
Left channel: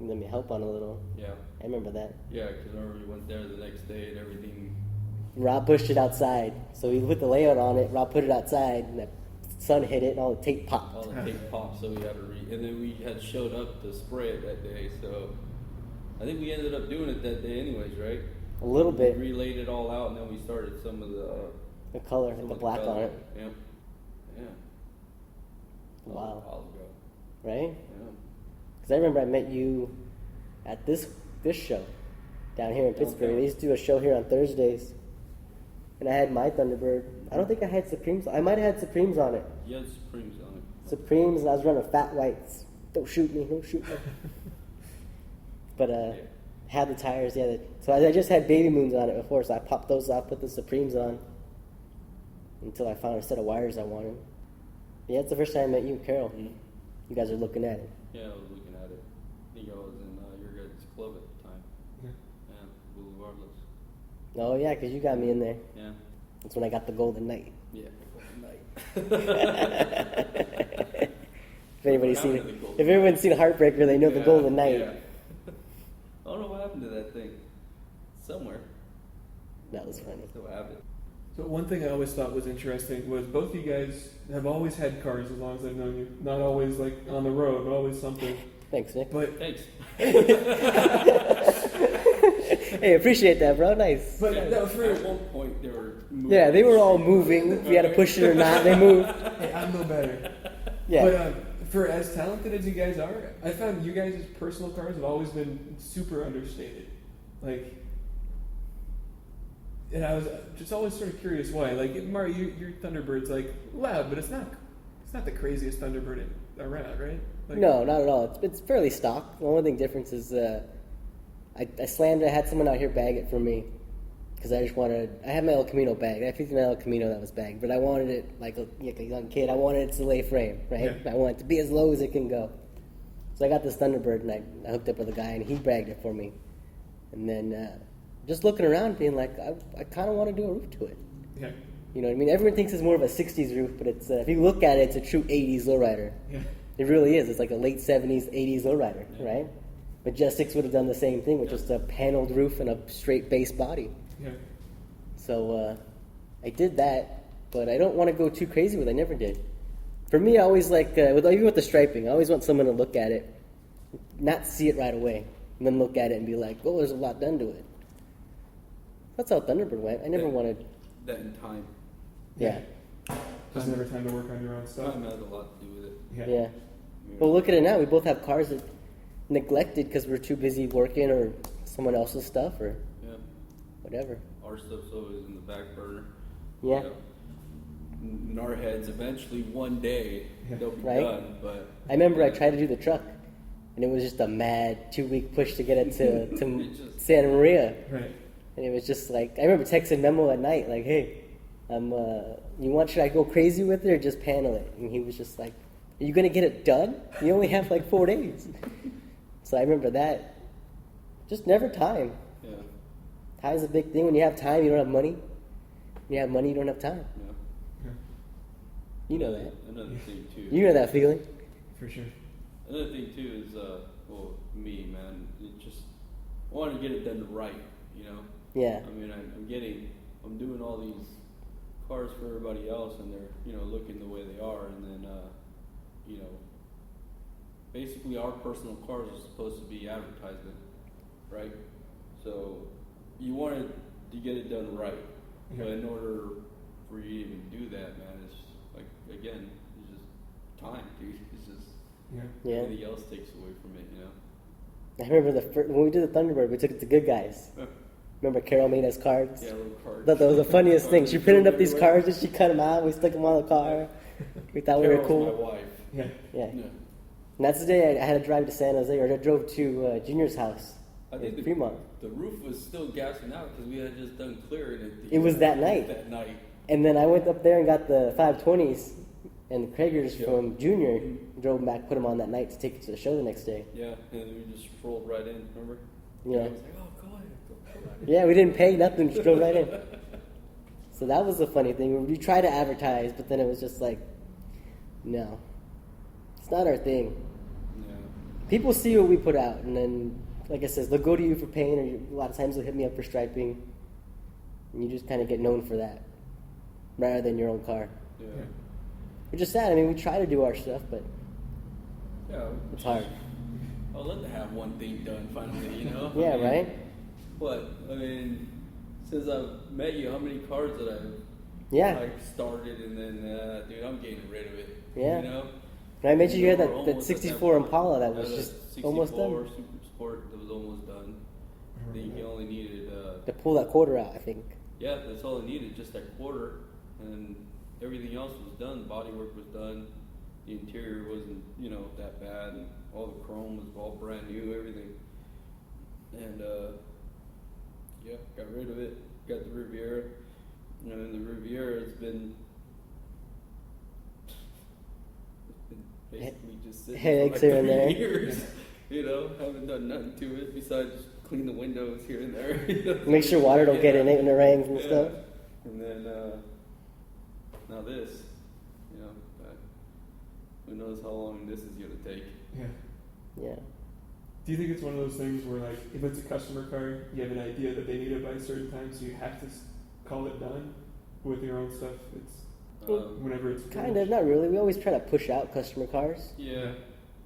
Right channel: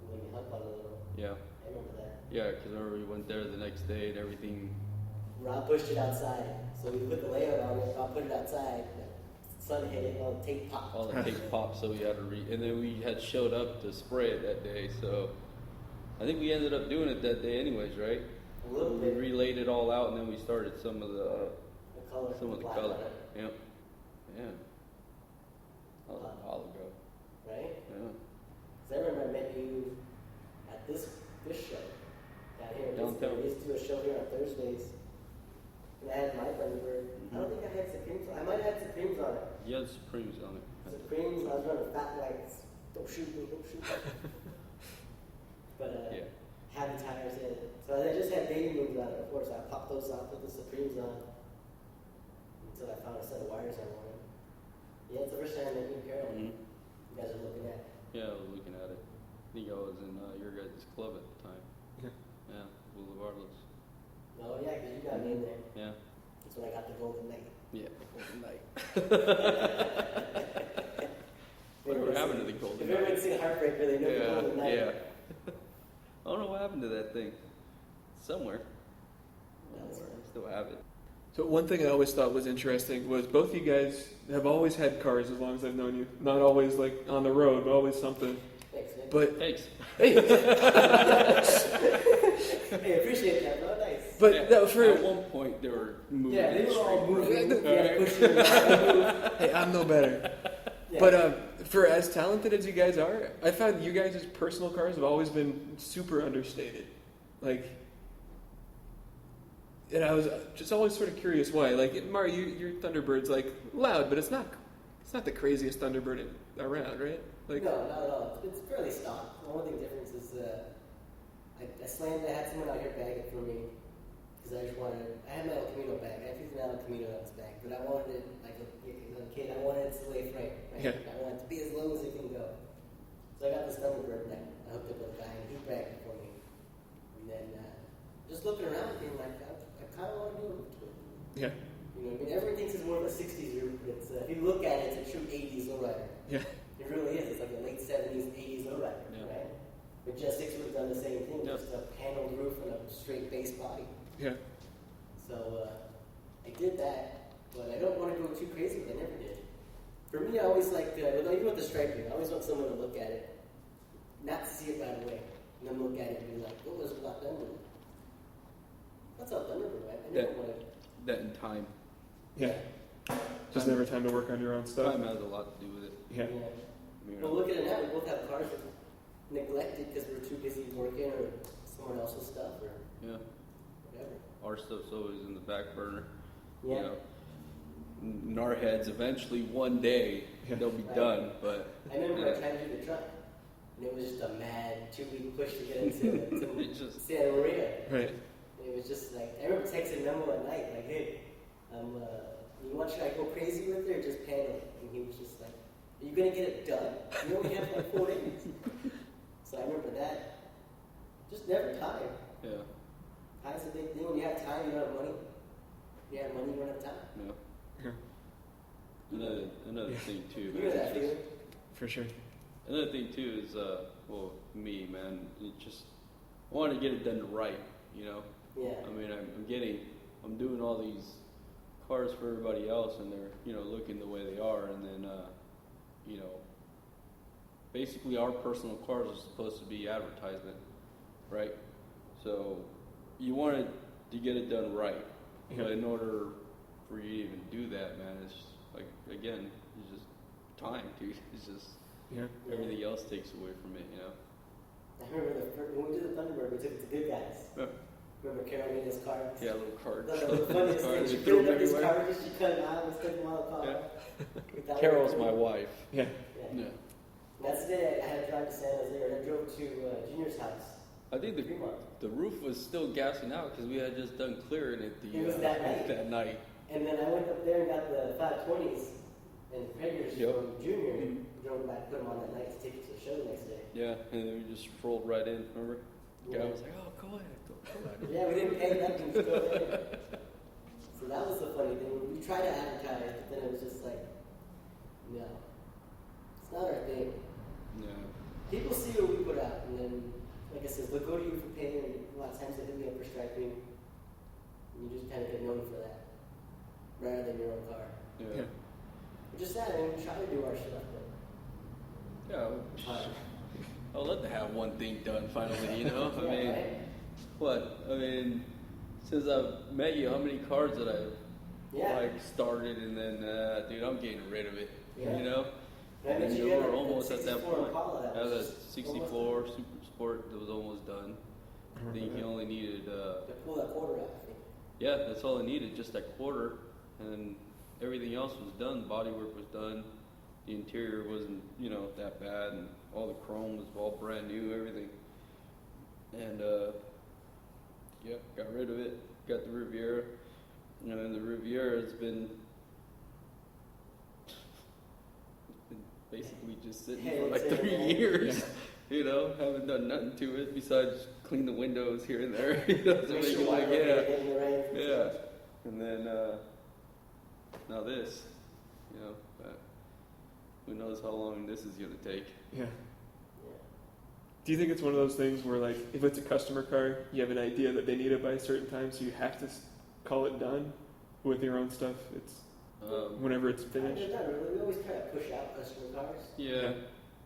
You let me help on a little. yeah. I remember that. Yeah, because remember we went there the next day and everything. Rob pushed it outside. So he put the layout on it. Rob put it outside, and the sun hit it, and all the tape popped. All the tape popped, so we had to and then we had showed up to spray it that day, so I think we ended up doing it that day anyways, right? A little We bit. relayed it all out, and then we started some of The color, like the black on it. Yep. Yeah. Wow. Yeah. Right? Because I remember I met you at this show down here in Pittsburgh. They used to do a show here on Thursdays. And I had my Thunderbird. I don't think I had Supremes. I might have had Supremes on it. You had Supremes on it. Supremes, and I was running fat whites. Don't shoot me, don't shoot me. But had the tires, yeah. So I just had Baby Moons on it before, so I popped those off, put the Supremes on, until I found a set of wires I wanted. Yeah, it's the first time I met you and Carol. And you guys are looking at it. Yeah, I was looking at it. I think I was in your guys' club at the time. Yeah. Oh yeah, because you got me in there. Yeah. That's when I got the Golden Knight. Yeah. If everyone's seen Heartbreaker, they know the Golden Knight. Yeah. I don't know what happened to that thing. Somewhere. That was funny. What happened? So one thing I always thought was interesting was both you guys have always had cars as long as I've known you. Not always like on the road, always something. Thanks, Nick. But Thanks. Hey, appreciate that, bro. Nice. but no, for At one point, they were moving. Yeah, they were all moving. If you had to push it or not, they moved. hey, I'm no better. Yeah. But for as talented as you guys are, I found you guys' personal cars have always been super understated. Like, and I was just always sort of curious why. Like, Mario, your Thunderbird's like loud, but it's not the craziest Thunderbird around, right? Like, No, not at all. It's fairly stock. The only thing difference is I slammed it. I had someone out here bag it for me because I just wanted. I had my El Camino bag. I had 59 El Camino that was bagged, but I wanted it like a young kid. I wanted it to lay frame, right? Yeah. I want it to be as low as it can go. So I got this Thunderbird and I hooked up with a guy and he bagged it for me. And then just looking around, being like, I kind of want to do a roof to it. Yeah. You know what I mean? Everyone thinks it's more of a 60s roof, but it's if you look at it, it's a true 80s lowrider. Yeah. It really is. It's like a late 70s, 80s lowrider, right? But Jet6 would have done the same thing with just a paneled roof and a straight base body. Yeah. So I did that, but I don't want to go too crazy with it. I never did. For me, I always like, even with the striping, I always want someone to look at it, not see it right away, and then look at it and be like, oh, there's a lot done to it. That's how Thunderbird went. I never wanted. That in time. Yeah. Just never time to work on your own stuff. Time has a lot to do with it. Yeah. Yeah. Well, look at it now. We both have cars that neglected because we're too busy working or someone else's stuff or Yeah. whatever. Our stuff's always in the back burner. Yeah. In our heads, eventually one day Yeah. they'll be Right. done. But I remember I tried to do the truck, and it was just a mad 2-week push to get it to Santa Maria. Right. And it was just like, I remember texting Memo at night, like, hey, should I go crazy with it or just panel it? And he was just like, are you going to get it done? You only have like 4 days. So I remember that. Just never time. yeah. Time is a big thing. When you have time, you don't have money. When you have money, you don't have time. Yeah. You know that. Another thing too. You know that feeling. For sure. Another thing too is, well, me, man, you just want to get it done right, you know? Yeah. I mean, I'm doing all these cars for everybody else, and they're, looking the way they are, and then, basically our personal cars are supposed to be advertisement, right? So you want to get it done right, Yeah. but in order for you to do that, man, it's just, like, again, it's just time, dude. It's just Yeah. Yeah. everything else takes away from it, I remember when we did the Thunderbird, we took it to Good Guys. Remember Carol made us cards? Yeah, little I cars. thought that was the funniest thing. She printed up these cards and she cut them out. We stuck them on the car. We thought we were Carol's cool. my wife. Yeah. Yeah. Yeah. And that's the day I had to drive to San Jose, or I drove to Junior's house I in think Fremont. the roof was still gassing out because we had just done clear. It was that night. That night. And then I went up there and got the 520s, and the Kragers from Junior drove them back, put them on that night to take it to the show the next day. Yeah, and we just rolled right in, remember? Yeah. I was like, oh, go ahead. Yeah, we didn't pay nothing, just drove right in. So that was the funny thing. We tried to advertise, but then it was just like, no, it's not our thing. People see what we put out, and then, like I said, they'll go to you for paint, or a lot of times they'll hit me up for striping, and you just kind of get known for that, rather than your own car. Yeah. Which is sad. I mean, we try to do our stuff, but Yeah. it's hard. I'll let them have one thing done finally, you know? Yeah, right? But, I mean, since I've met you, how many cars that I've Yeah. like, started and then, dude, I'm getting rid of it. Yeah. You know? And I mentioned you had that Almost 64 Impala that was Yeah, just 64 almost done. Sport that was almost done. I think you only needed, To pull that quarter out, I think. yeah, that's all it needed, just that quarter, and then everything else was done. The bodywork was done. The interior wasn't, that bad, and all the chrome was all brand new, everything. And yeah, got rid of it. Got the Riviera. And the Riviera has been basically just sitting Headaches for here and 3 there. years. Haven't done nothing to it besides clean the windows here and there. Make sure water don't get in it when it rains and stuff. And then now this, who knows how long this is going to take. Yeah. Yeah. Do you think it's one of those things where, like, if it's a customer car, you have an idea that they need it by a certain time, so you have to call it done with your own stuff? It's whenever it's Kind finished. of, not really. We always try to push out customer cars. Yeah,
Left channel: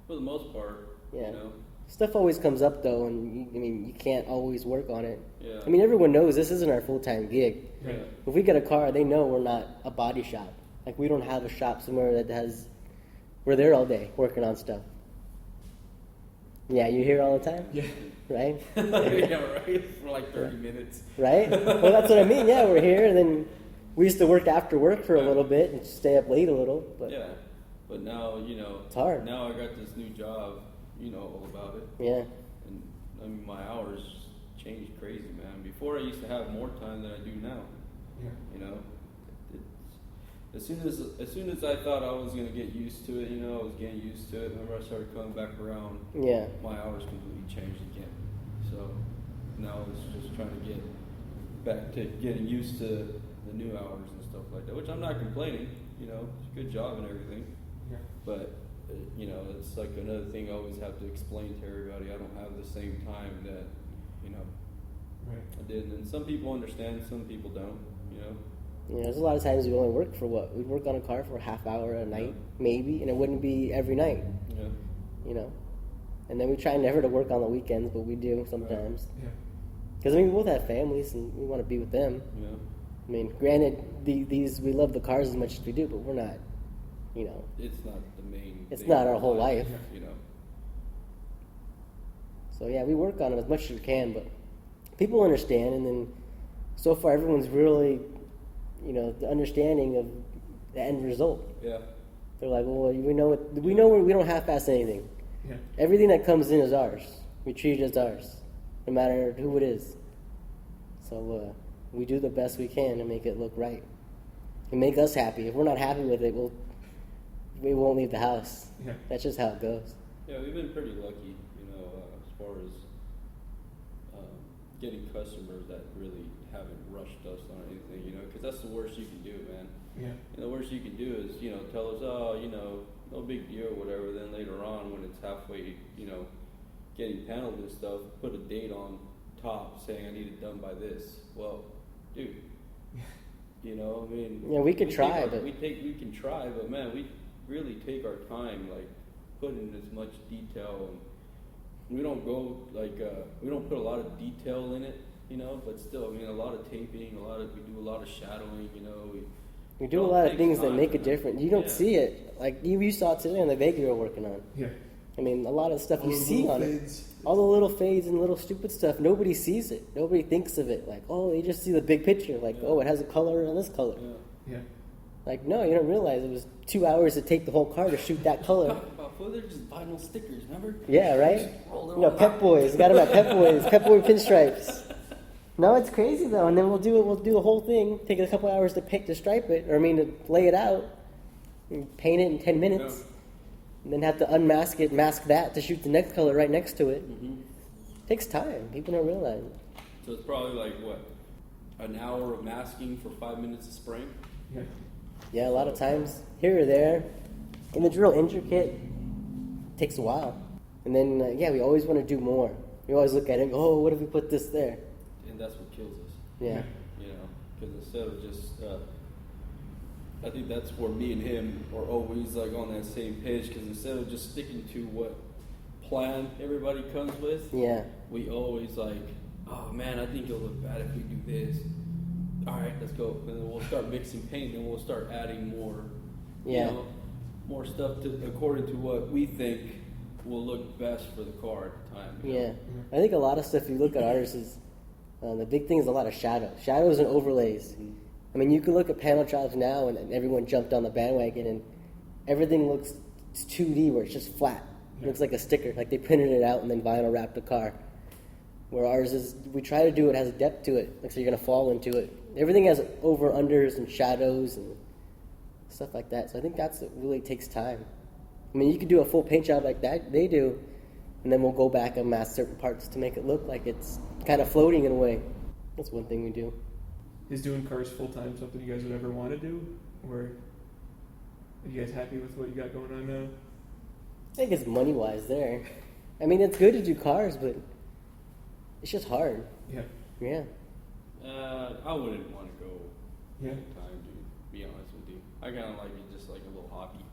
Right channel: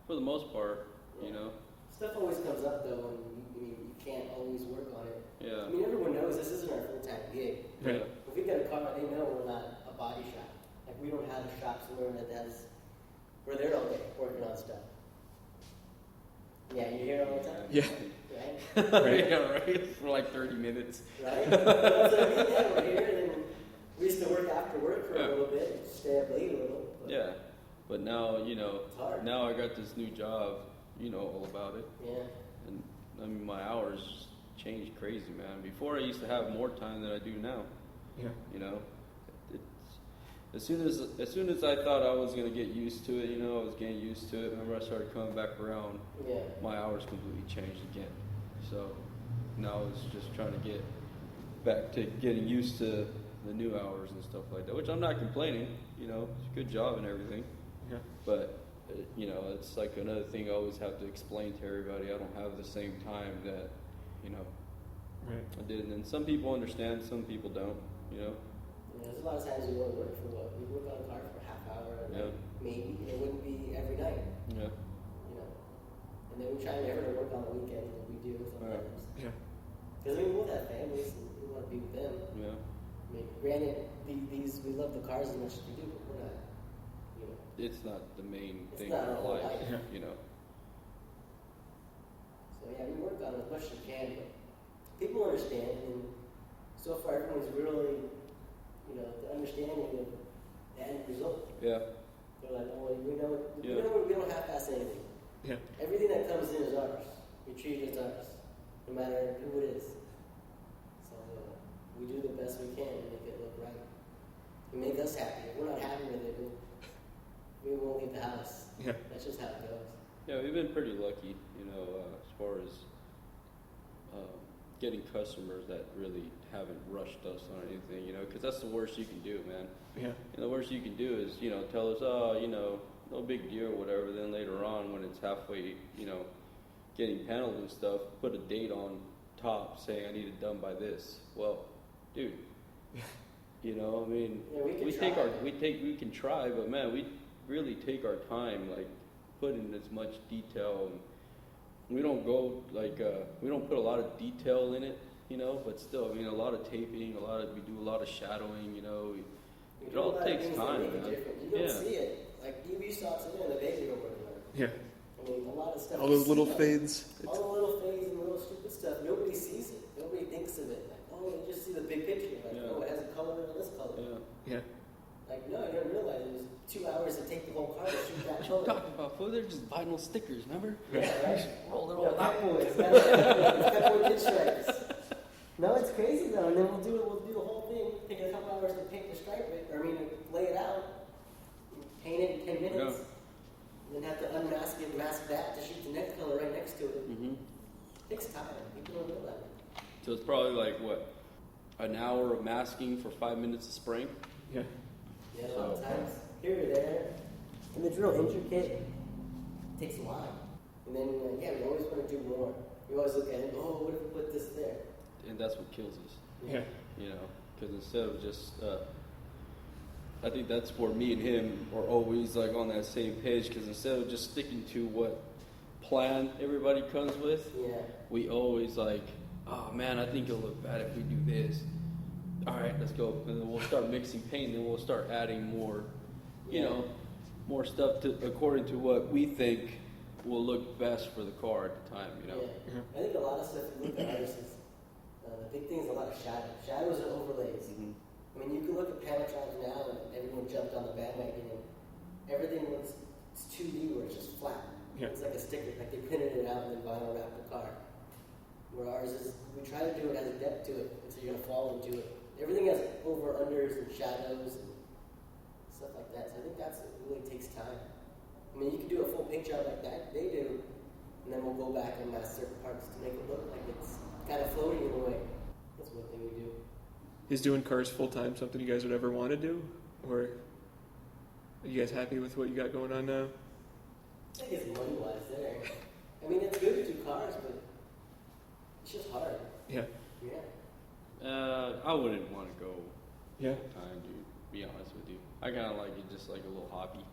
for the most part. Yeah. You know, Stuff always comes up though, and you can't always work on it. yeah. I mean, everyone knows this isn't our full-time gig. Right. If we get a car, they know we're not a body shop. Like, we don't have a shop somewhere that has, we're there all day working on stuff. Yeah, you hear all the time, Yeah. right? I know, right? For like 30 minutes. Right? Well, that's what I mean. Yeah, we're here, and then we used to work after work for a little bit and stay up late a little, but Yeah, but now, it's hard. now I got this new job, all about it. Yeah. And, I mean, my hours changed crazy, man. Before I used to have more time than I do now. Yeah. As soon as I thought I was gonna get used to it, I was getting used to it. Whenever I started coming back around, Yeah. my hours completely changed again. So now it's just trying to get back to getting used to the new hours and stuff like that. Which I'm not complaining. Good job and everything. Yeah. But it's like another thing I always have to explain to everybody. I don't have the same time that Right. I did. And some people understand, some people don't. Yeah, there's a lot of times we only work for what? We'd work on a car for a half hour a night, maybe, and it wouldn't be every night, Yeah. And then we try never to work on the weekends, but we do sometimes. Yeah. Because, I mean, we both have families, and we want to be with them. You know, I mean, granted, these we love the cars as much as we do, but we're not, you know, it's not the main. it's not our whole life. You know, So, yeah, we work on them as much as we can, but people understand, and then so far everyone's really, you know, the understanding of the end result. yeah. They're like, well, we know we don't half-ass anything. Yeah. Everything that comes in is ours. We treat it as ours, no matter who it is. So we do the best we can to make it look right and make us happy. If we're not happy with it, we won't leave the house. Yeah. That's just how it goes. Yeah, we've been pretty lucky, you know, as far as getting customers that really haven't rushed us or anything, you know, because that's the worst you can do, man. Yeah. And the worst you can do is, you know, tell us, oh, you know, no big deal or whatever. Then later on, when it's halfway, you know, getting handled and stuff, put a date on top saying I need it done by this. Well, dude, you know, I mean, Yeah, we could try, but we can try, but man, we really take our time, like put in as much detail, and we don't go like we don't put a lot of detail in it, you know, but still, you know, a lot of taping, we do a lot of shadowing, you know. we do a lot of things that make a difference. You don't see it. Like you saw it today on the Vega you're working on. Yeah. I mean, a lot of stuff All you those see little on it. fades. All the little fades and little stupid stuff, nobody sees it. Nobody thinks of it. Like, oh, they just see the big picture. Like, oh, it has a color on this color. Yeah. Like, no, you don't realize it was 2 hours to take the whole car to shoot that color. Oh, they're just vinyl stickers, remember? Yeah, right? You know, Pep Boys. Got them at Pep Boys. Pep Boy pinstripes. No, it's crazy though. And then we'll do the whole thing. Take a couple hours to stripe it, or I mean, to lay it out, and paint it in 10 minutes, and then have to unmask it, mask that to shoot the next color right next to it. Takes time. People don't realize it. So it's probably like what, an hour of masking for 5 minutes of spraying. Yeah. Yeah, a lot of times here or there, and it's real intricate. Takes a while, and then yeah, we always want to do more. We always look at it. Oh, what if we put this there? And that's what kills us. Yeah. Yeah. You know, because instead of just, I think that's where me and him are always like on that same page. Because instead of just sticking to what plan everybody comes with, Yeah. we always like, oh man, I think it'll look bad if we do this. All right, let's go. And then we'll start mixing paint, and we'll start adding more, Yeah. you know, more stuff to according to what we think will look best for the car at the time. you know? Yeah. I think a lot of stuff you look at ours is the big thing is a lot of shadows and overlays. I mean, you can look at panel jobs now, and everyone jumped on the bandwagon, and everything looks it's 2D where it's just flat. It Yeah. looks like a sticker, like they printed it out and then vinyl wrapped the car. Where ours is, we try to do it has a depth to it, like so you're gonna fall into it. Everything has over unders and shadows and stuff like that. So I think that's what really takes time. I mean, you could do a full paint job like that they do, and then we'll go back and mask certain parts to make it look like it's kind of floating in a way. That's one thing we do. Is doing cars full time something you guys would ever want to do, or are you guys happy with what you got going on now? I think it's money wise there. I mean, it's good to do cars, but it's just hard. Yeah. Yeah. I wouldn't want to go. Yeah. To be honest with you, I kind of like it just like a little hockey.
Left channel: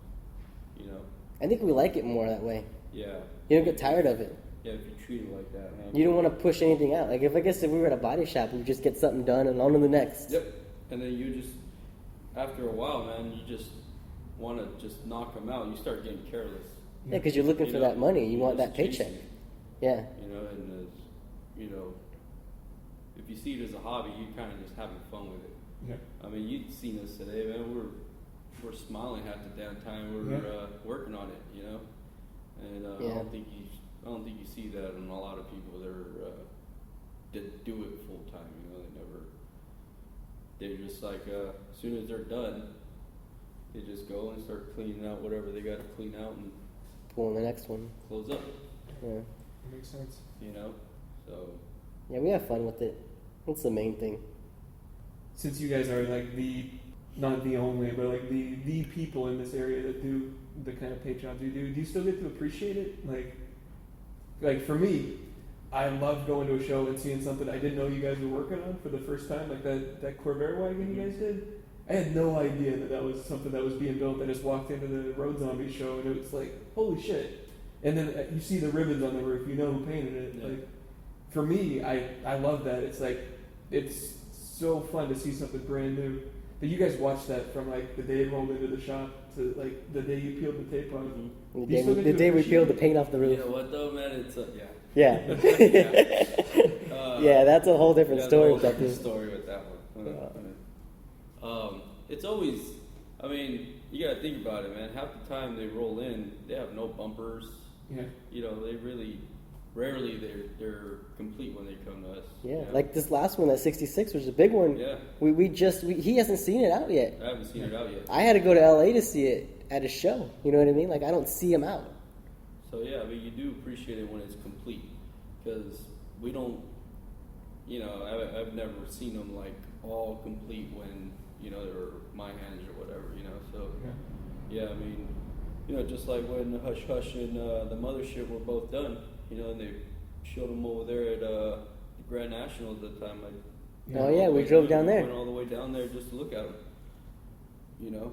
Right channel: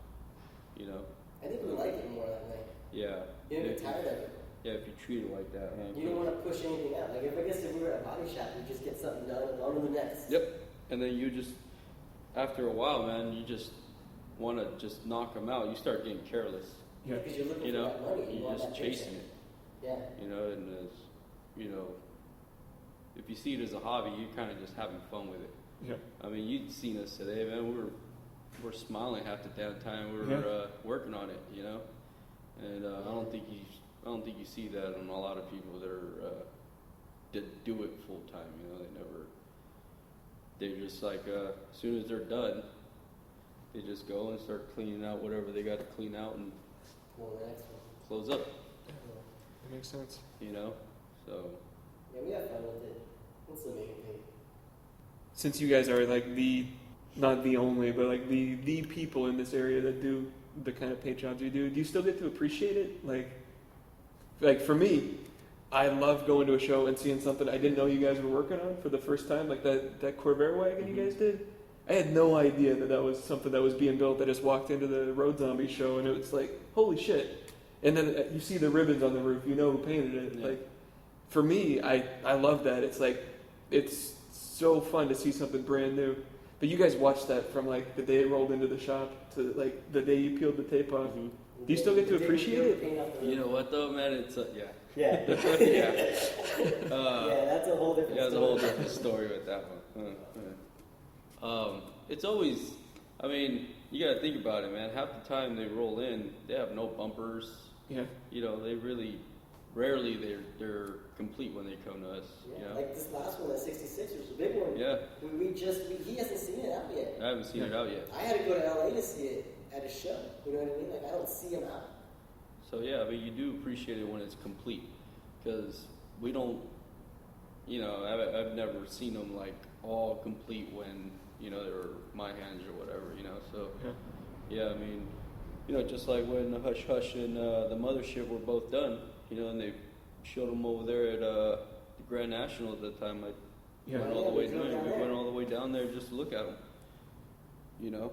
You know. I think we like it more that way. Yeah. You don't get tired of it. Yeah. If you treat it like that. Like, You don't want to push anything out. Like if we were at a body shop, we just get something done and on to the next. Yep. And then you just, after a while, man, you just want to just knock them out. You start getting careless. Yeah, because you're looking for that money. You want that paycheck. Yeah. You know, and you know, if you see it as a hobby, you kind of just having fun with it. Yeah. I mean, you've seen us today, man. We're smiling half the damn time. We're Yeah. working on it, you know. And Yeah. I don't think you see that in a lot of people that are that do it full time. You know, they just like as soon as they're done, they just go and start cleaning out whatever they got to clean out and Go on the next one. close up. Yeah. That makes sense. You know, so. Yeah, we have fun with it. That's the main thing. Since you guys are like not the only, but like the people in this area that do the kind of paint jobs you do you still get to appreciate it? Like for me, I love going to a show and seeing something I didn't know you guys were working on for the first time, like that Corvair wagon you guys did. I had no idea that was something that was being built. I just walked into the Road Zombie show and it was like, holy shit. And then you see the ribbons on the roof, you know who painted it. Like, for me, I love that. It's like, it's so fun to see something brand new. But you guys watched that from like the day it rolled into the shop to like the day you peeled the tape off. The day we peeled the paint off the roof. You know what though, man? It's yeah. Yeah, that's a whole different story with that dude. Story with that one. It's always, I mean, you gotta think about it, man. Half the time they roll in, they have no bumpers. Yeah. You know, they really, rarely they're complete when they come to us. Yeah, like this last one, that 66 was a big one. Yeah. He hasn't seen it out yet. I haven't seen it out yet. I had to go to LA to see it at a show. You know what I mean? Like, I don't see him out. So yeah, I mean, you do appreciate it when it's complete, because we don't, you know, I've never seen them like all complete when, you know, they're my hands or whatever, you know. So yeah, I mean, you know, just like when the Hush Hush and the Mothership were both done, you know, and they showed them over there at Grand National at the time. Like, Oh yeah, we drove down there. Went all the way down there just to look at it, you know.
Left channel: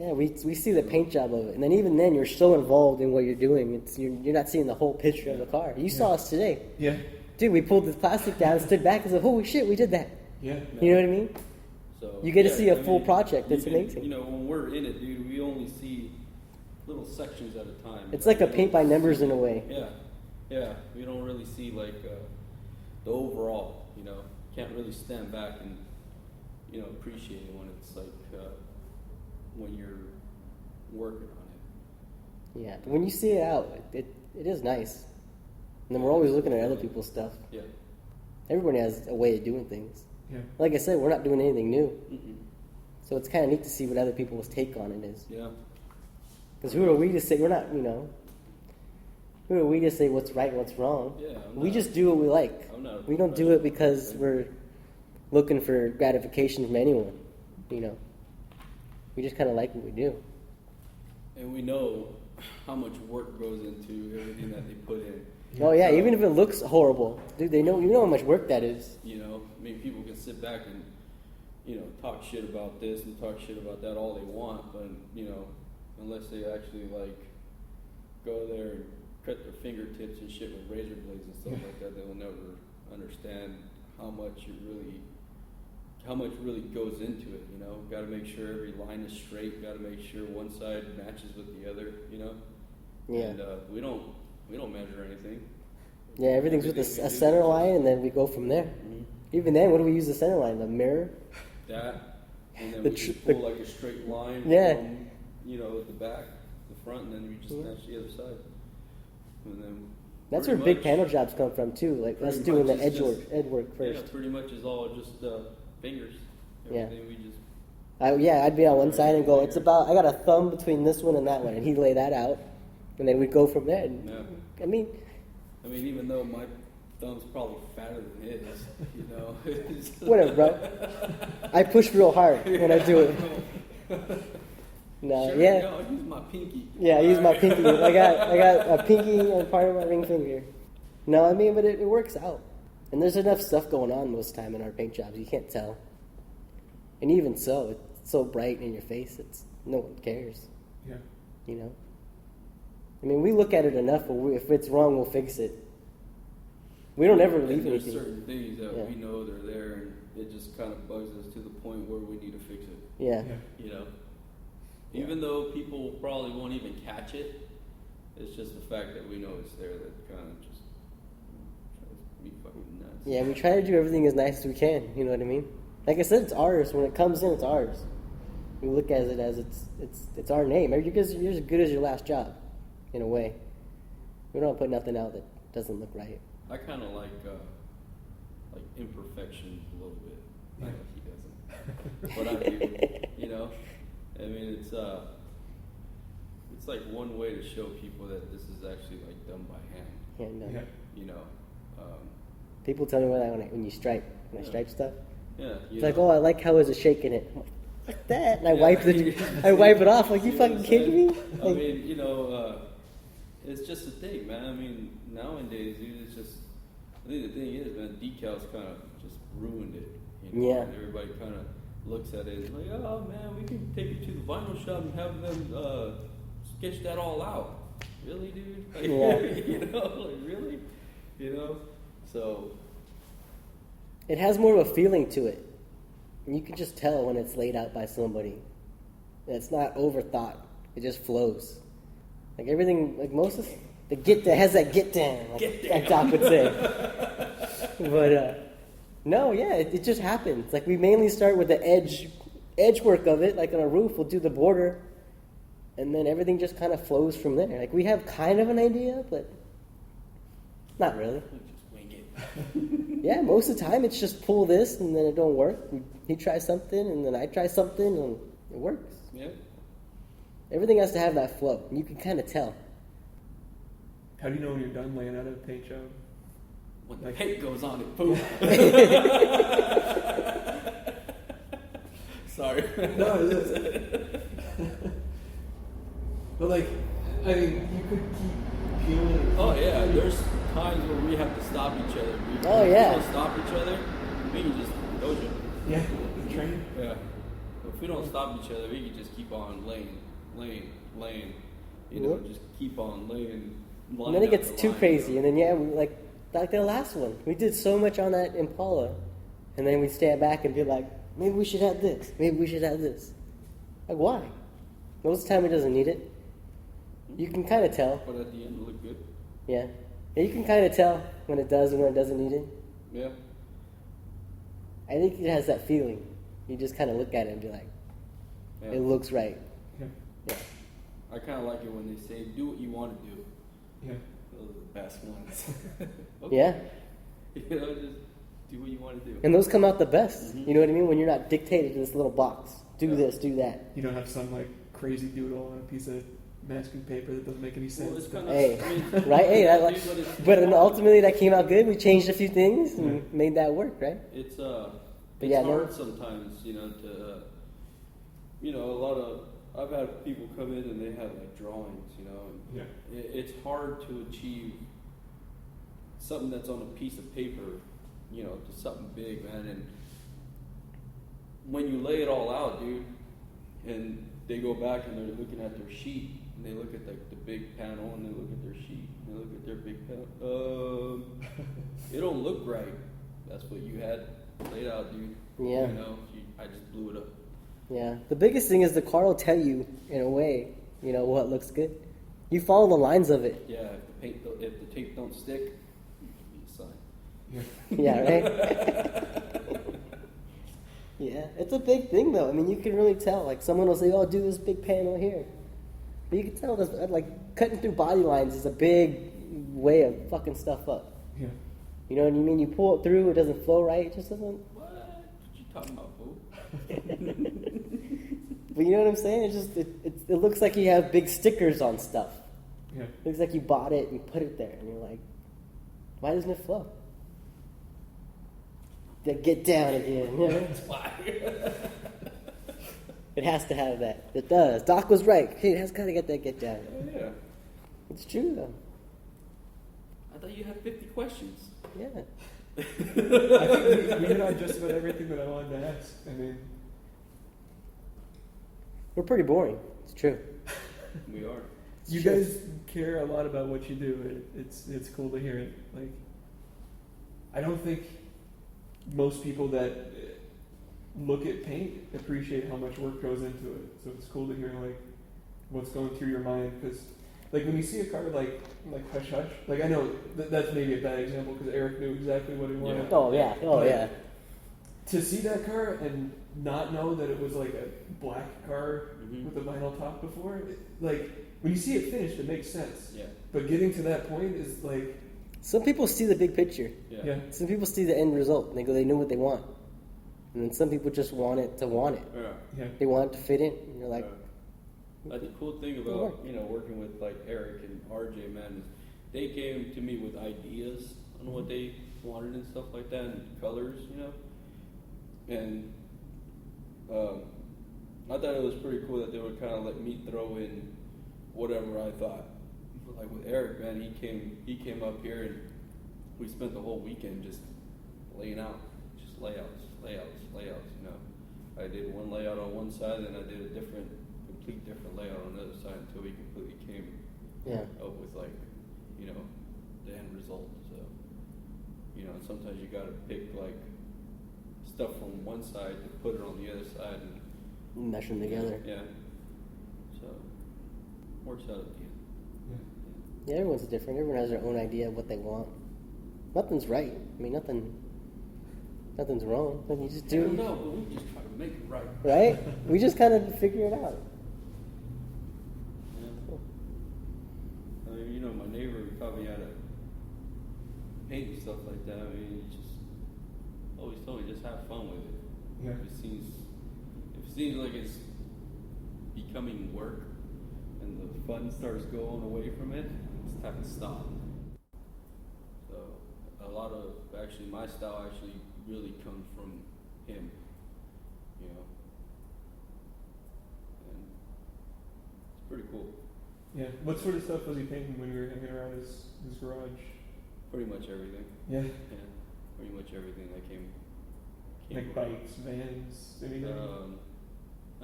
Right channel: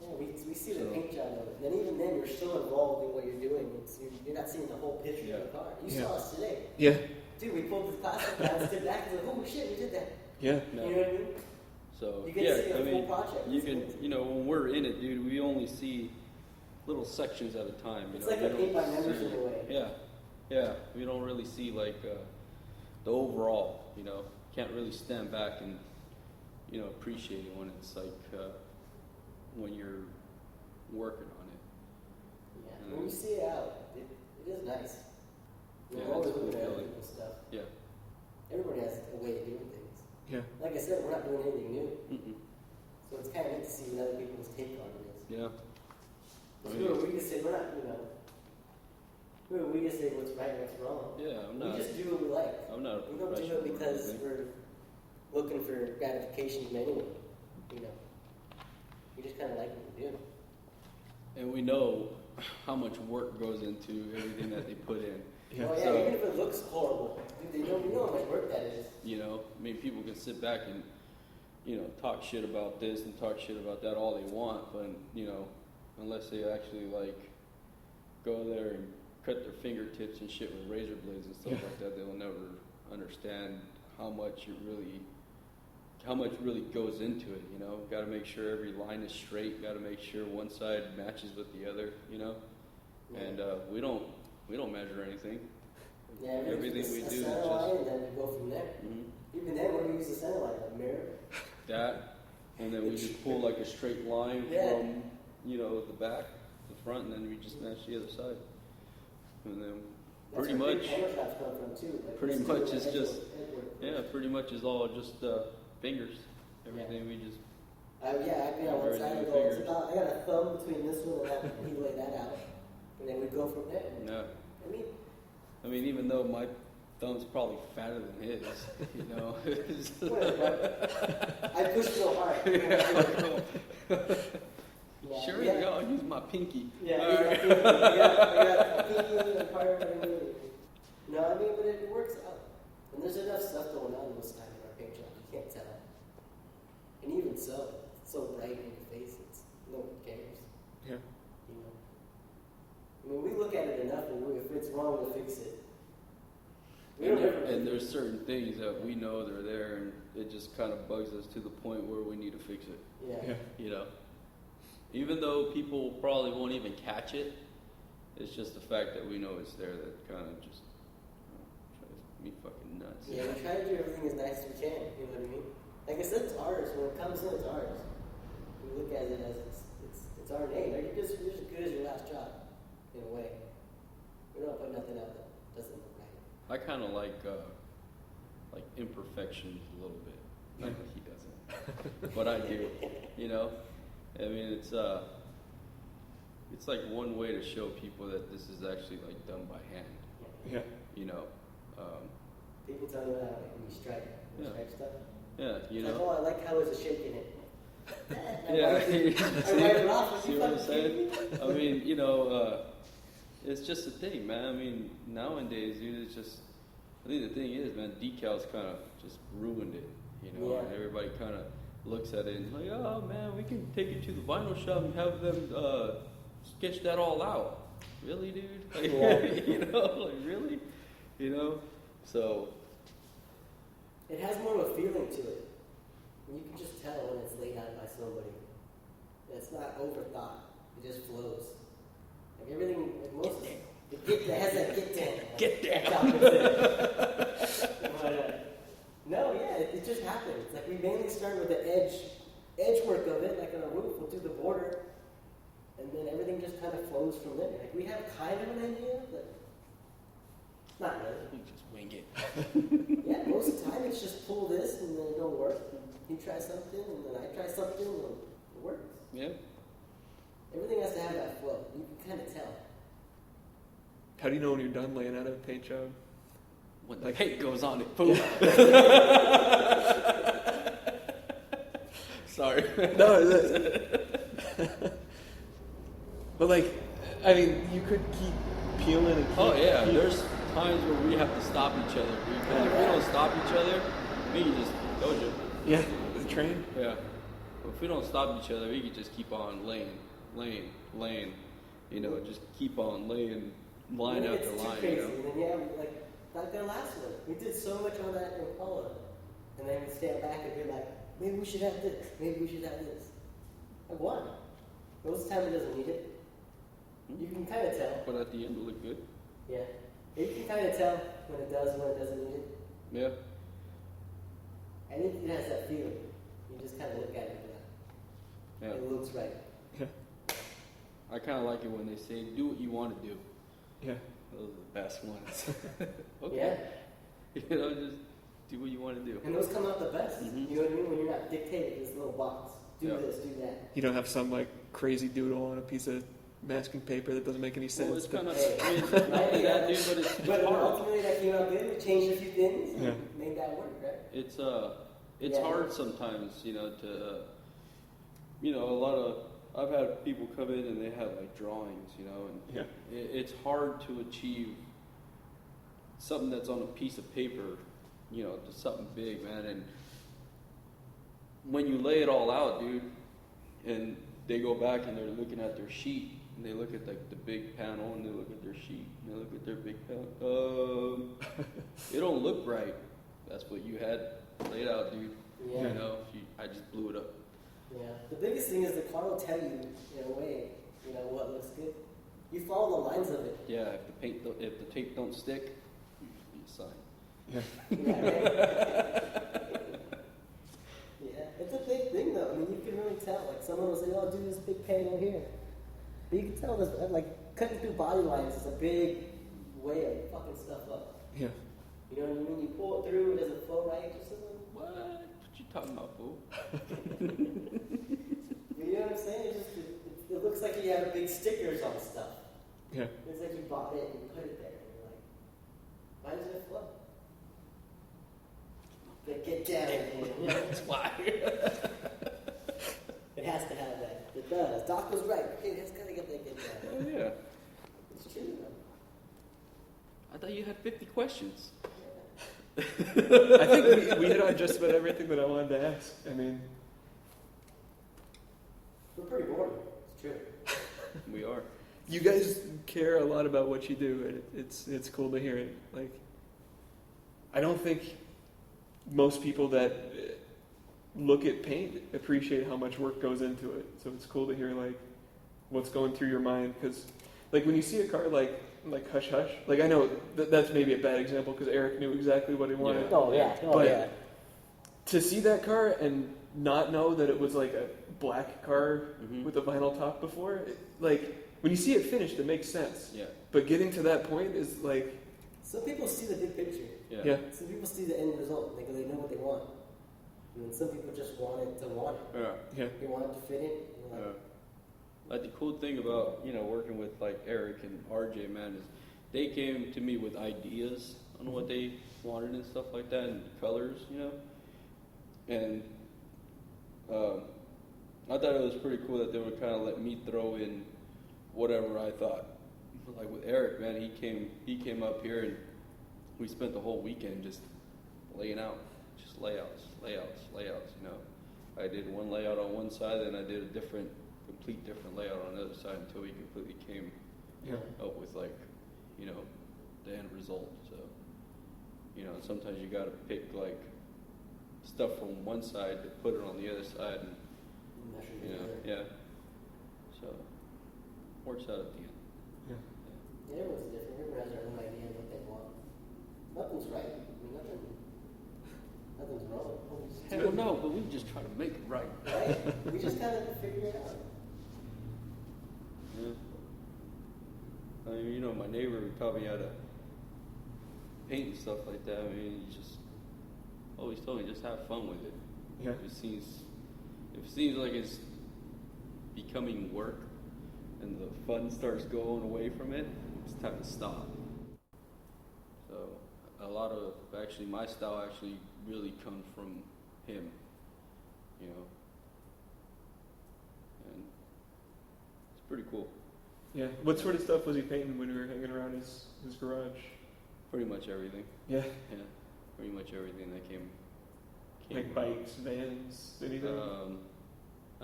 Yeah, we see the paint job of it, and then even then, you're so involved in what you're doing. You're not seeing the whole picture of the car. You saw us today. Yeah. Dude, we pulled the plastic down, stood back, and said, "Holy shit, we did that!" Yeah. You know what I mean? So, You get to yeah, see a I full mean, project. That's you can- amazing. You know, when we're in it, dude, we only see little sections at a time. It's like a paint by numbers in a way. Yeah, you don't really see like the overall. You know, can't really stand back and, you know, appreciate it when it's like when you're working. Yeah, but when you see it out, it is nice. And then we're always looking at other people's stuff. Yeah. Everybody has a way of doing things. Yeah. Like I said, we're not doing anything new. So it's kind of neat to see what other people's take on it is. Yeah. Because who are we to say, we're not, you know, who are we to say what's right and what's wrong? Yeah. We just do what we like. I'm not- We don't do it because we're looking for gratification from anyone, you know. We just kind of like what we do. And we know how much work goes into everything that they put in. Oh yeah, even if it looks horrible, dude, you know how much work that is. You know, I mean, people can sit back and, you know, talk shit about this and talk shit about that all they want, but, you know, unless they actually, like, go there and cut their fingertips and shit with razor blades and stuff like that, they will never understand how much really goes into it, you know. Gotta make sure every line is straight, gotta make sure one side matches with the other, you know. Yeah. And, we don't measure anything. Yeah, everything's with a center line, and then we go from there. Even then, what do we use the center line? The mirror? That, and The then tr- we pull like a straight line. Yeah. From, you know, the back, the front, and then we just touch the other side. And then That's where pretty big much- panel jobs come from too. Like us pretty doing the much edge it's work, just- edge work first. Yeah, pretty much is all just fingers. Yeah. And we just, I'd be on one side and go, I got a thumb between this one and that one, and he'd lay that out, and then we'd go from there. And, I mean, even though my thumb's probably fatter than his, you know. it's- whatever, bro. I push real hard when I do it. No, Sure, yeah, I'll use my pinky. yeah. I use my pinky. I got a pinky on part of my ring finger. No, I mean, but it works out. And there's enough stuff going on most of the time in our paint jobs. You can't tell. And even so, it's so bright in your face. No one cares. Yeah. You know. I mean, we look at it enough, but if it's wrong, we'll fix it. We don't ever leave There's anything. certain things that Yeah. we know they're there, and it just kind of bugs us to the point where we need to fix it. Yeah. You know, even though people probably won't even catch it, it's just the fact that we know it's there that kind of just drives me fucking nuts. Yeah, we try to do everything as nice as we can. You know what I mean? Like I said, it's ours. When it comes in, it's ours. We look at it as it's our name. You're as good as your last job, in a way. We don't put nothing out that doesn't look right. I kind of like imperfections a little bit. Yeah. But I mean, you know, I mean, it's like one way to show people that this is actually like done by hand. Yeah, no. Yeah. You know, People tell me when you stripe, when I stripe stuff. yeah. It's like, oh, I like how is it shaking it. Like that, and I wipe it off. Like, you fucking kidding me? I Like, mean, you know, it's just a thing, man. I mean, nowadays, dude, it's just, I think the thing is, man, decals kind of just ruined it. You know? Yeah. Everybody kind of looks at it and like, oh, man, we can take you to the vinyl shop and have them sketch that all out. Really, dude? Yeah. You know, like, really? You know? So It has more of a feeling to it. And you can just tell when it's laid out by somebody. And it's not overthought. It just flows. Like everything, like most of the get that has that get down, like Doc would say. But no, yeah, it just happens. Like we mainly start with the edge work of it. Like on a roof, we'll do the border, and then everything just kind of flows from there. Like we have kind of an idea, but not really. Yeah, most of the time it's just pull this and then it don't work. He tries something and then I try something and it works. yeah. Everything has to have that flow. And you can kind of tell. How do you know when you're done laying out a paint job? When the paint goes on, it boom. Sorry. No, but like, I mean, you could keep peeling and Oh yeah, there's times where we have to stop each other. Oh, yeah. If we stop each other, we can just go. yeah, the train. Yeah. If we don't stop each other, we can just keep on laying. You know, Yep. just keep on laying. And then it gets too crazy. And then, yeah, like the last one. We did so much on that Impala. And then we stand back and be like, maybe we should have this. Maybe we should have this. Like, why? Most of the time it doesn't need it. You can kind of tell. But at the end, we're good. Yeah. You can kind of tell when it does and when it doesn't need it. Yeah. I think it has that feeling. You just kind of look at it and be like, Yeah. it looks right. Yeah, Yeah. I kind of like it when they say, do what you want to do. yeah. Those are the best ones. Yeah. You know, just do what you want to do. And those come out the best. You know what I mean? When you're not dictated to this little box. Do this, do that. You don't have some like crazy doodle on a piece of masking paper that doesn't make any sense. But Hey, right? Hey, but then ultimately that came out good. We changed a few things and made that work, right? It's But it's yeah, hard sometimes, a lot of I've had people come in and they have drawings, yeah, It's hard to achieve something that's on a piece of paper, to something big, man. And when you lay it all out, dude, and they go back and they're looking at their sheet, and they look at the big panel, and they look at their sheet, and they look at their big panel. They don't look right. That's what you had laid out. Yeah. I just blew it up. Yeah. The biggest thing is the car will tell you, in a way, what looks good. You follow the lines of it. Yeah, if the tape don't stick, suck. yeah. Yeah, right? Yeah. It's a big thing, though. I mean, you can really tell. Like, someone will say, oh, do this big panel here. But you can tell that, like, cutting through body lines is a big way of fucking stuff up. Yeah. You know what I mean? You pull it through, it doesn't flow right, it just doesn't. What you talking about, fool? But you know what I'm saying? It looks like you have big stickers on stuff. Yeah. It looks like you bought it and put it there, and you're like, why doesn't it flow? Get down again. You know? That's why. It has to have that. It does. Doc was right. Hey, it has got to get that get down. Yeah. It's true though. I thought you had 50 questions. Yeah. I think we hit on just about everything that I wanted to ask. I mean, We're pretty boring. It's true. We are. you guys care a lot about what you do. It's cool to hear it. Like, I don't think most people that look at paint appreciate how much work goes into it. So it's cool to hear like what's going through your mind, because like when you see a car like Hush Hush, like I know that's maybe a bad example because Eric knew exactly what he wanted, Oh yeah. but to see that car and not know that it was like a black car with a vinyl top before, like when you see it finished, it makes sense. Yeah. But getting to that point is like, Some people see the big picture. yeah, Some people see the end result. And they know what they want. And then some people just want it to want it. yeah, They want it to fit in. And you're like, Like the cool thing about working with like Eric and RJ, man, is they came to me with ideas on what they wanted and stuff like that, and colors, and I thought it was pretty cool that they would kind of let me throw in whatever I thought. Like with Eric, man, he came up here and we spent the whole weekend just laying out, just layouts. I did one layout on one side and I did a complete different layout on the other side until we completely came yeah. up with like, the end result. So, mesh them together. Yeah. So, works out. Yeah, everyone's different. Everyone has their own idea of what they want. Nothing's right. I mean, nothing's wrong. You just do. No, we just try to make it right. Right? We just kind of figure it out. You know, my neighbor taught me how to paint and stuff like that. I mean, he just always told me just have fun with it. Yeah. It seems like it's becoming work, and the fun starts going away from it. It's time to stop. So a lot of my style actually really comes from him. You know, and it's pretty cool. Yeah. What sort of stuff was he painting when we were hanging around his garage? Pretty much everything. Yeah. Yeah, pretty much everything that came. Like bikes, vans, anything?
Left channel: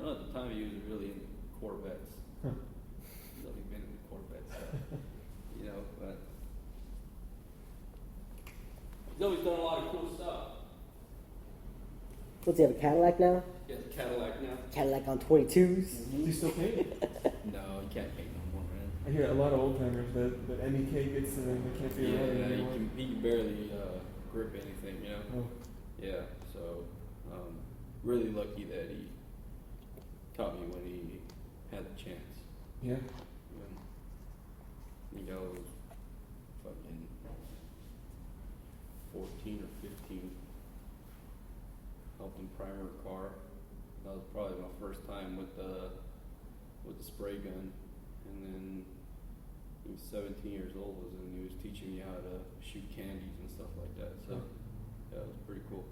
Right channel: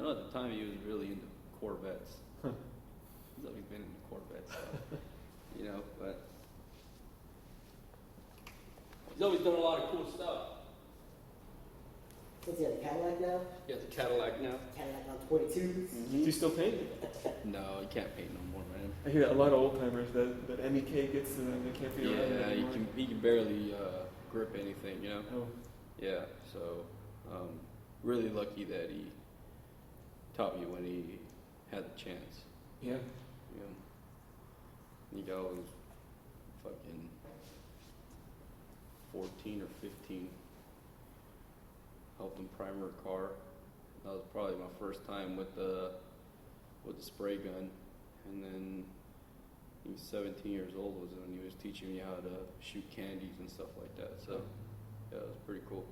I know at the time he was really into Corvettes. Huh. Like into Corvettes. You know, but he's always done a lot of cool stuff. What's he have, a Cadillac now? He has a Cadillac now. Cadillac on 22s. Do you still paint? No, I can't make no more money. I hear a lot of old timers that MEK gets to them, they can't be around it anymore. He barely grip anything, you know? Oh. Yeah, so really lucky that he taught me when he had the chance. Yeah. He always fucking 14 or 15 helping primer a car. That was probably my first time with the spray gun. And then he was 17 years old was when he was teaching me how to shoot candies and stuff like that. So yeah, it was pretty cool.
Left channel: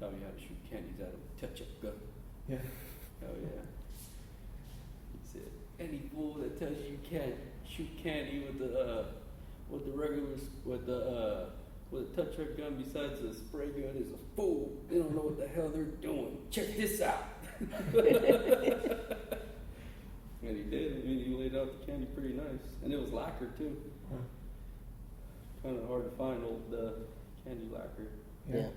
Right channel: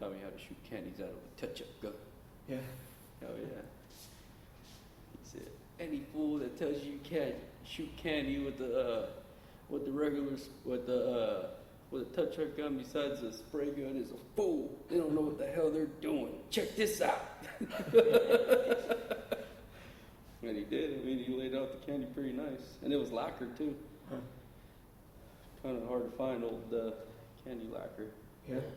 Taught me how to shoot candies out of a touch-up gun. Yeah. Oh yeah. He said, any fool that tells you can't shoot candy with the touch-up gun besides a spray gun is a fool. They don't know what the hell they're doing. Check this out. And he did. I mean, he laid out the candy pretty nice, and it was lacquer too. Huh. Kind of hard to find old candy lacquer. Yeah.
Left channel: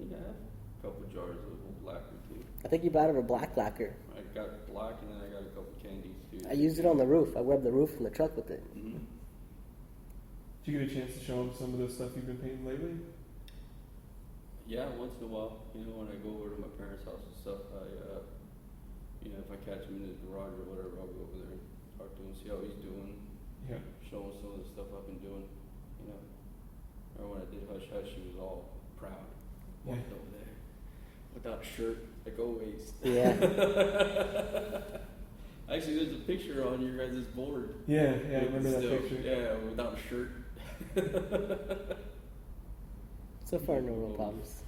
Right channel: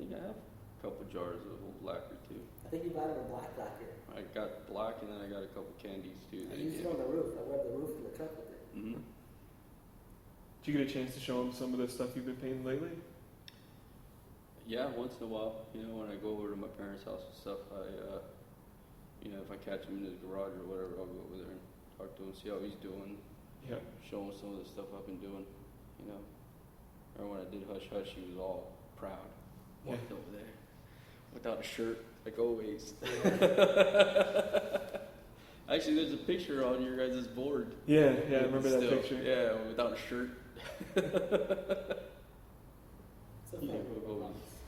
Yeah, I have a couple jars of old lacquer too. I think you bought it a black lacquer. I got it black, and then I got a couple candies too. I used it on the roof. I rubbed the roof from the truck with it. Mm-hmm. Did you get a chance to show him some of the stuff you've been painting lately? Yeah, once in a while, you know, when I go over to my parents' house and stuff, you know, if I catch him in the garage or whatever, I'll go over there, talk to him, see how he's doing, Yeah. show him some of the stuff I've been doing, you know. Or when I did Hush Hush, he was all proud. Yeah. Over there, without a shirt, like always. Yeah. Actually, there's a picture on your guys' board. Yeah, I remember that Still, picture. Yeah, without a shirt. So far, no problems.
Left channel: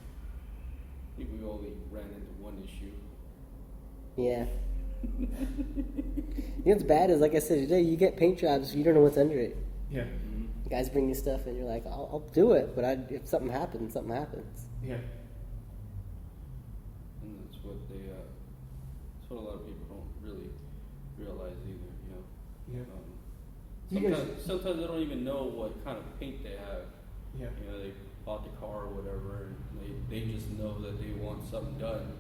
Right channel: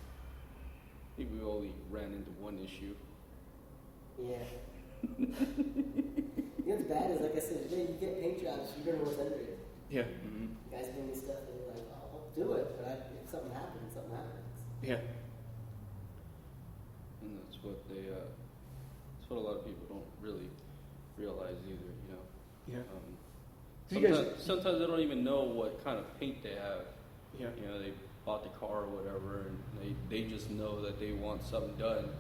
I think we only ran into one issue. Yeah. You know what's bad is, like I said today, you get paint jobs, you don't know what's under it. Yeah. Guys bring you stuff, and you're like, I'll do it, but if something happens, something happens. Yeah. And that's what a lot of people don't really realize either, you know. Yeah. Do you guys? Sometimes they don't even know what kind of paint they have. Yeah. You know, they bought the car or whatever, and they just know that they want something done.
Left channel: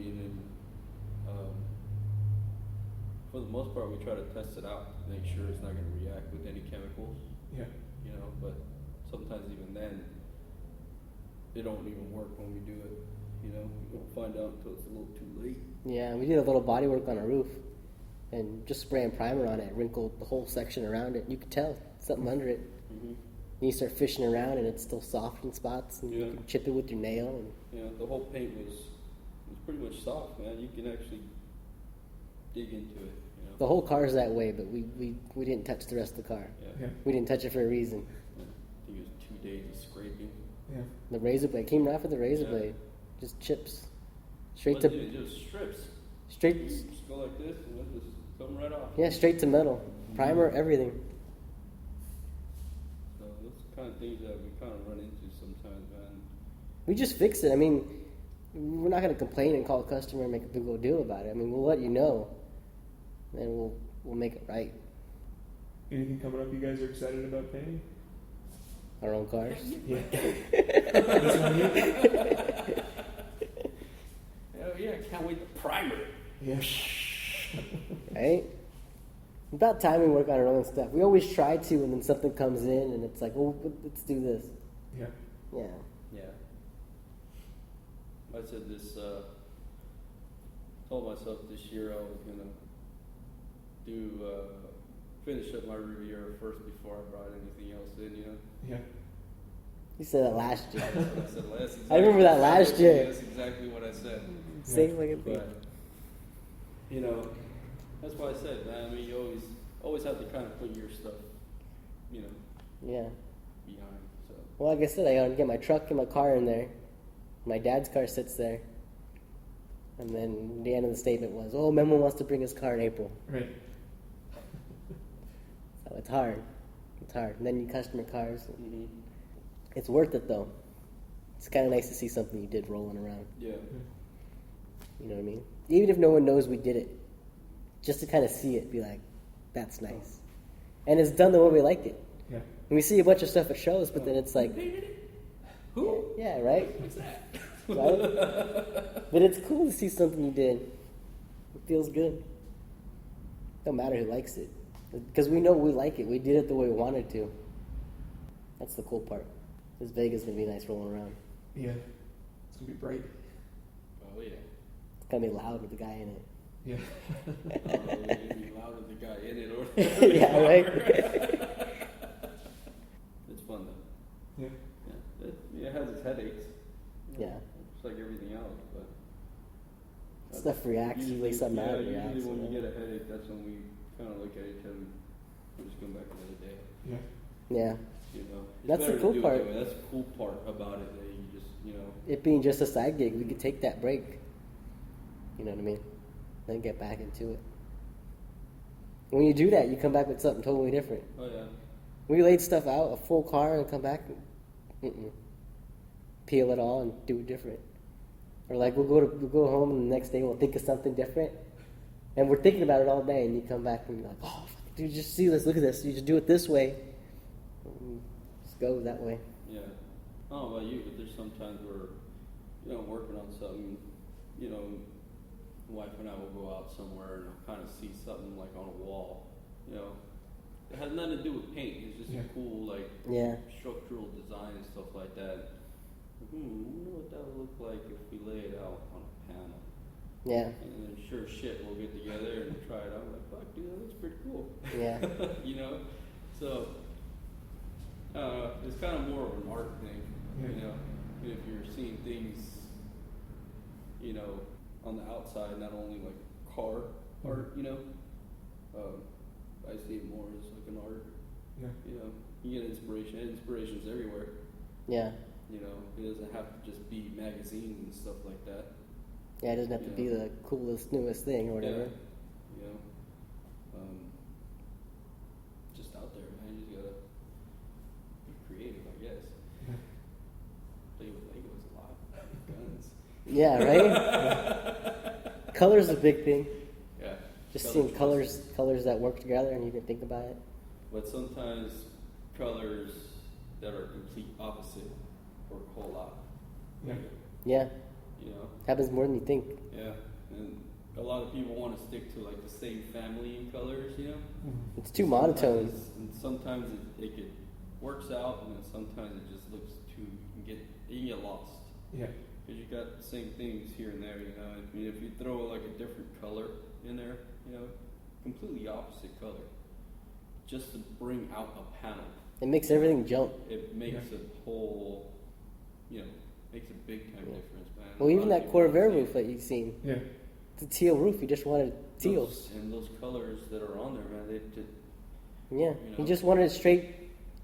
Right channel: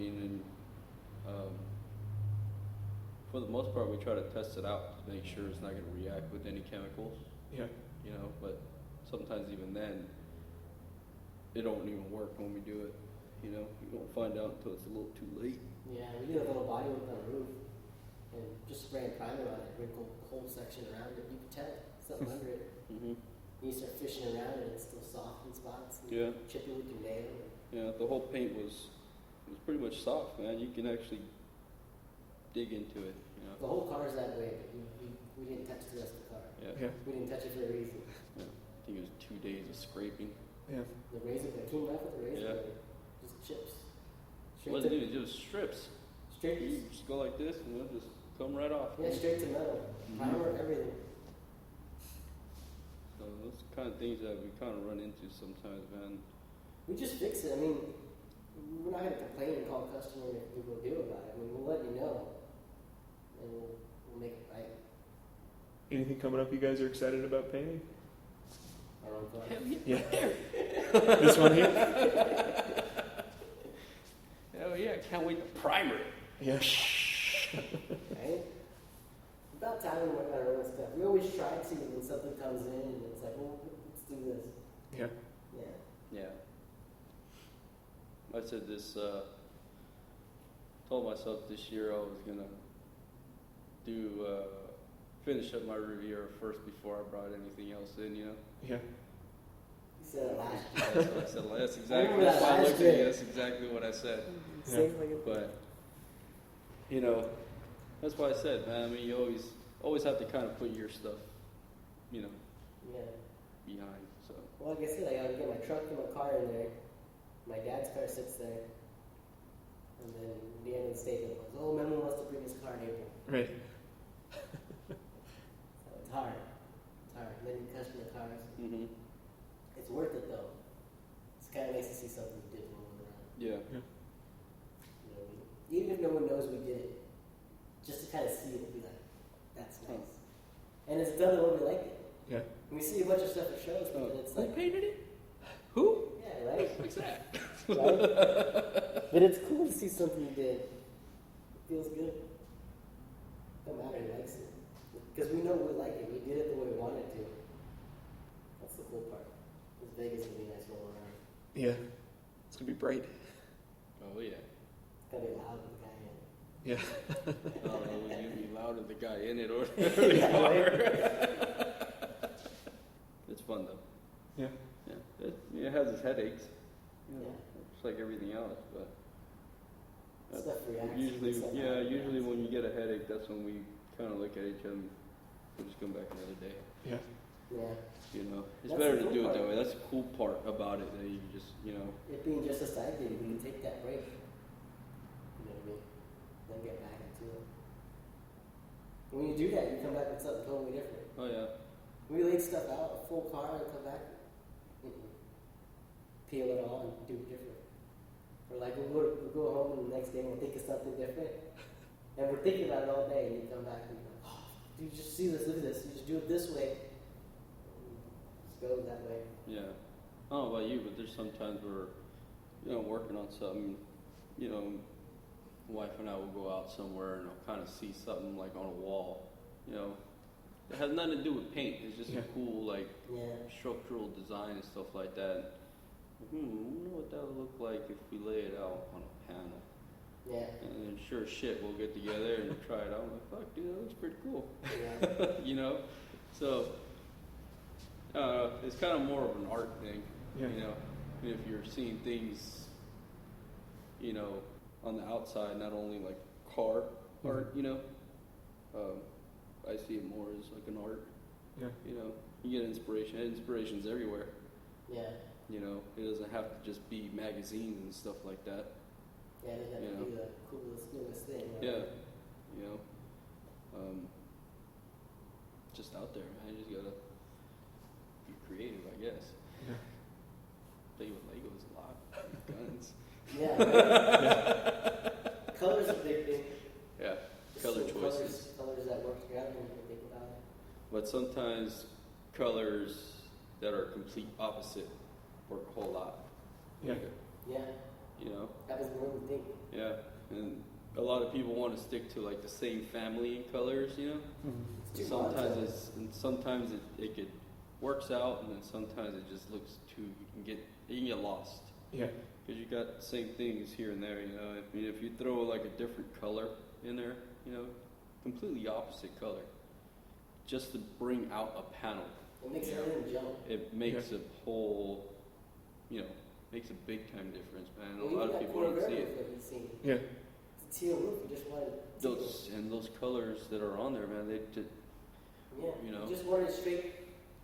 Meaning, for the most part, we try to test it out, make sure it's not going to react with any chemicals. Yeah. You know, but sometimes even then, they don't even work when we do it. You know, we don't find out until it's a little too late. Yeah, we did a little body work on a roof, and just spraying primer on it, wrinkled the whole section around it. You could tell something under it. And you start fishing around, and it's still soft in spots, and you Yeah. can chip it with your nail. And Yeah, the whole paint was pretty much soft, man. You can actually dig into it. You know? the whole car's that way, but we didn't touch the rest of the car. Yeah. We didn't touch it for a reason. You used 2 days of scraping. Yeah. The razor blade came right with the razor Yeah. blade, just chips, straight But to it was strips. straight. You just go like this, and then just come right off. Yeah, straight to metal, primer, everything. Those kind of things that we kind of run into sometimes, man. We just fix it. I mean, we're not going to complain and call a customer and make a big old deal about it. I mean, we'll let you know, and we'll make it right. Anything coming up you guys are excited about painting? Our own cars. Yeah. This one here? Right? About time we work on our own stuff. We always try to, and then something comes in, and it's like, oh, let's do this. Yeah. Yeah. Yeah. I said this, told myself this year I was going to finish up my reader first before I brought anything else in, you know? Yeah. You said that last year. That's I remember that last year. That's exactly what I said. Safe like a But, you know, that's what I said, man. You always have to kind of put your stuff, you know, Yeah. behind. So, Well, like I said, I gotta get my truck and my car in there. My dad's car sits there. And then the end of the statement was, oh, Memo wants to bring his car in April. Right. So it's hard. It's hard. And then you customer cars. It's worth it, though. It's kind of nice to see something you did rolling around. yeah. You know what I mean? Even if no one knows we did it. Just to kind of see it, be like, that's nice. And it's done the way we like it. Yeah. And we see a bunch of stuff at shows, but then it's like, Who? yeah, right? But it's cool to see something you did. It feels good. Don't matter who likes it. Because we know we like it. We did it the way we wanted to. That's the cool part. This Vegas is going to be nice rolling around. Yeah. It's gonna be bright. Oh, yeah. It's going to be loud with the guy in it. Yeah. Be loud if the guy in it or Yeah, right? It's fun though. Yeah. Yeah. It has its headaches. Yeah. It's like everything else, but Stuff reacts. Usually something out usually reacts. when we get a headache, that's when we kind of look at each other. We'll just go back on the day. Yeah. Yeah. You know. That's the Better cool to do it part. that way. That's the cool part about it. That you just, you know. It being just a side gig, we could take that break. You know what I mean? Then get back into it. When you do that, you come back with something totally different. Oh yeah. We laid stuff out, a full car, and come back, peel it all and do it different. Or like we'll go home and the next day we'll think of something different, and we're thinking about it all day, and you come back and you're like, oh, dude, just see this, look at this. You just do it this way. Just go that way. Yeah. I don't know about you, but there's sometimes where, you know, working on something, you know, wife and I will go out somewhere and I'll kind of see something like on a wall, you know. It has nothing to do with paint. It's just Yeah. a cool, like, Yeah. structural design and stuff like that. You know what that would look like if we lay it out on a panel. Yeah. And then sure as shit, we'll get together and try it out. Like, you know, it's pretty cool. Yeah. You know? So, it's kind of more of an art thing, Yeah. you know? And if you're seeing things, you know, on the outside, not only like car art, you know, I see it more as like an art. Yeah. You know, you get inspiration. Inspiration's everywhere. Yeah. You know, it doesn't have to just be magazines and stuff like that. Yeah, it doesn't have to be the coolest, newest thing or whatever. You know, just out there, man. You just gotta be creative, I guess. Yeah. Lego's a lot. Yeah, right? Color's a big thing. Yeah. Just seeing colors that work together and you can think about it. But sometimes colors that are complete opposite work a whole lot. Yeah. Yeah. You know? Happens more than you think. Yeah. And a lot of people want to stick to like the same family colors, you know? It's too monotone. Sometimes it works out, and then sometimes it just looks too, you get lost. Yeah. Because you got the same things here and there, you know. And if you throw like a different color in there, you know, completely opposite color, just to bring out a panel, It makes everything jump. it makes a whole, you know, makes a big time difference, man. Well, even A lot that of Corvair people roof that you've seen, Yeah. the teal roof, you just wanted teal. and those colors that are on there, man, Yeah, he just wanted it straight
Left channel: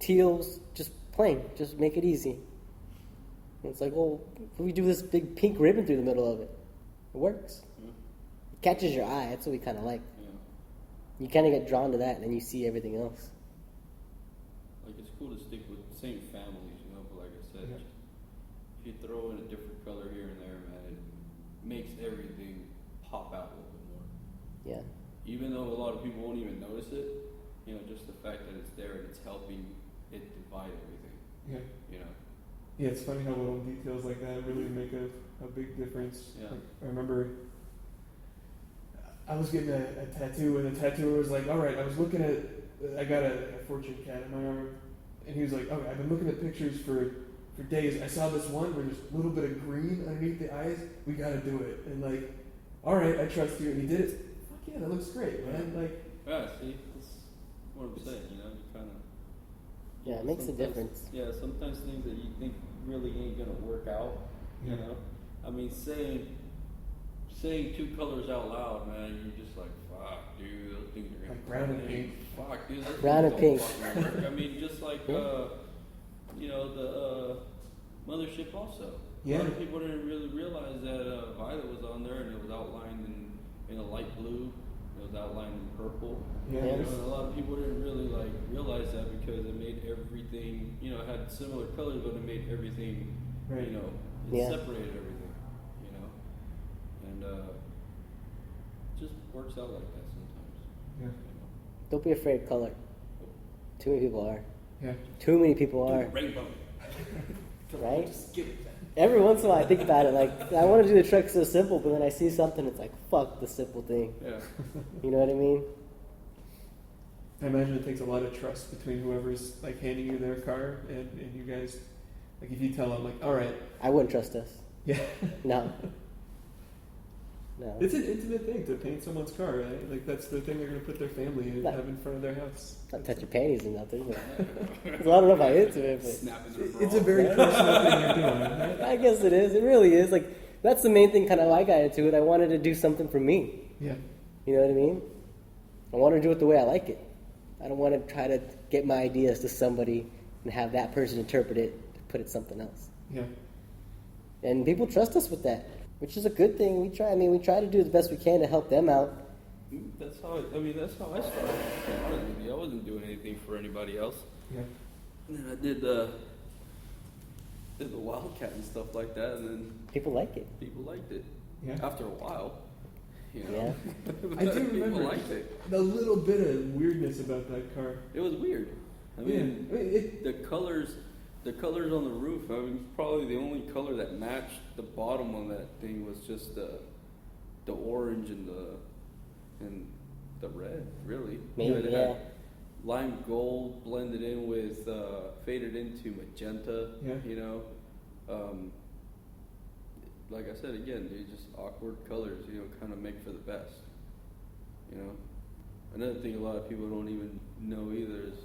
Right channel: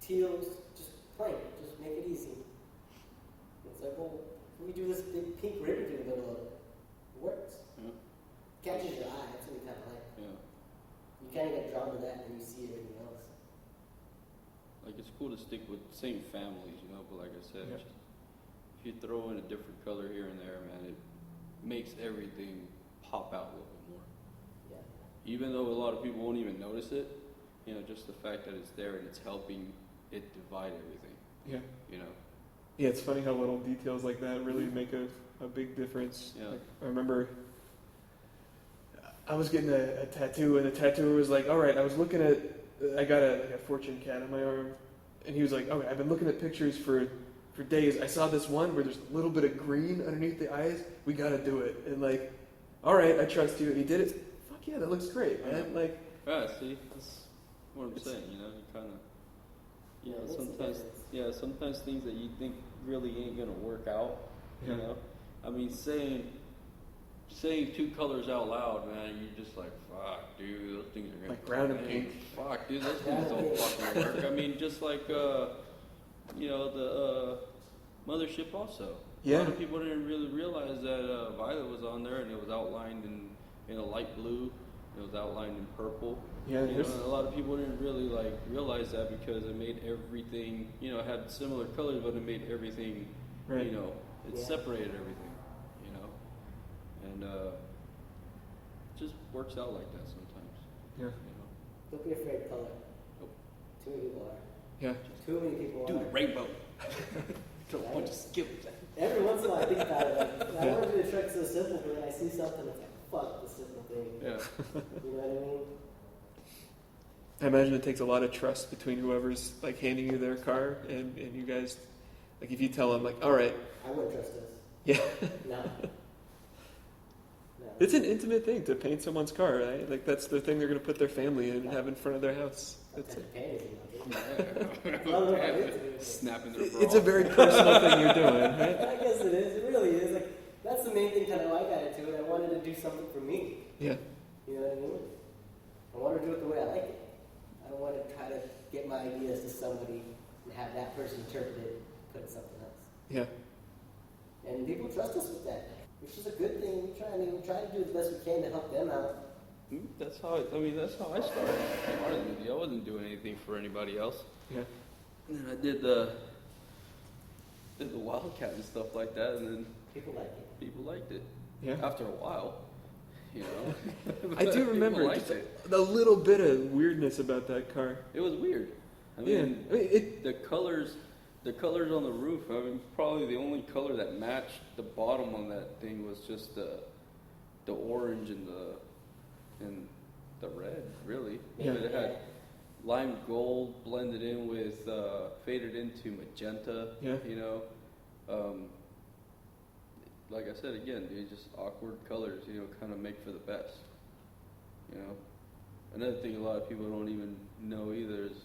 teals, just plain, just make it easy. And it's like, well, we do this big pink ribbon through the middle of it. It works. It catches your eye. That's what we kind of like. You kind of get drawn to that, and then you see everything else. Like it's cool to stick with the same families, you know. But like I said, Yeah. if you throw in a different color here and there, man, it makes everything pop out a little more. Yeah, Even though a lot of people won't even notice it, you know, just the fact that it's there, it's helping it divide everything. Yeah. You know. Yeah, it's funny how little details like that really make a big difference. Yeah. Like, I remember I was getting a tattoo, and the tattooer was like, all right, I got a fortune cat on my arm, and he was like, okay, I've been looking at pictures for days. I saw this one where there's a little bit of green underneath the eyes. We gotta do it. And like, all right, I trust you. And he did it. Fuck yeah, that looks great, man. Like, See, that's what I'm saying, you know, kind of. Yeah, it makes a difference. Yeah, sometimes things that you think really ain't gonna work out. Yeah. You know? I mean, saying two colors out loud, man, you're just like, fuck, dude, those things are gonna like brown and pink. Fuck, dude. that's Brown and pink. I mean, just like, you know, the mothership also. Yeah. A lot of people didn't really realize that Violet was on there and it was outlined in a light blue. It was outlined in purple. Yeah. Yeah. A lot of people didn't really realize that because it made everything, you know, it had similar colors, but it made everything, Right. you know, Yeah. separated everything, you know, and it just works out like that sometimes. Yeah. Don't be afraid of color. Too many people are. Yeah. Too many people are. Rainbow. Right? Just get it. Every once in a while I think about it, like, I want to do the truck so simple, but then I see something, it's like, fuck the simple thing. Yeah. You know what I mean? I imagine it takes a lot of trust between whoever's like handing you their car and you guys. Like if you tell them like, all right, I wouldn't trust us. yeah. No. No. It's an intimate thing to paint someone's car, right? Like that's the thing they're going to put their family in and have in front of their house. Not touch your panties or nothing, but I don't know if I'm into it, but Snap it. It's a very personal thing you're doing, right? I guess it is. It really is. Like, that's the main thing kind of I got into it. I wanted to do something for me. Yeah. You know what I mean? I want to do it the way I like it. I don't want to try to get my ideas to somebody and have that person interpret it, put it something else. Yeah. And people trust us with that, which is a good thing. We try to do the best we can to help them out. That's how I started. I wasn't doing anything for anybody else. Yeah. And I did the wildcat and stuff like that, and then People like it. people liked it. Yeah. After a while. Yeah. I do remember just a little bit of weirdness about that car. It was weird. Yeah. I mean, The colors on the roof, I mean, probably the only color that matched the bottom on that thing was just the orange and the red, really. Maybe, yeah. Lime gold blended in with, faded into magenta, Yeah. you know. Like I said, again, they just awkward colors, you know, kind of made for the best, you know. Another thing a lot of people don't even know either is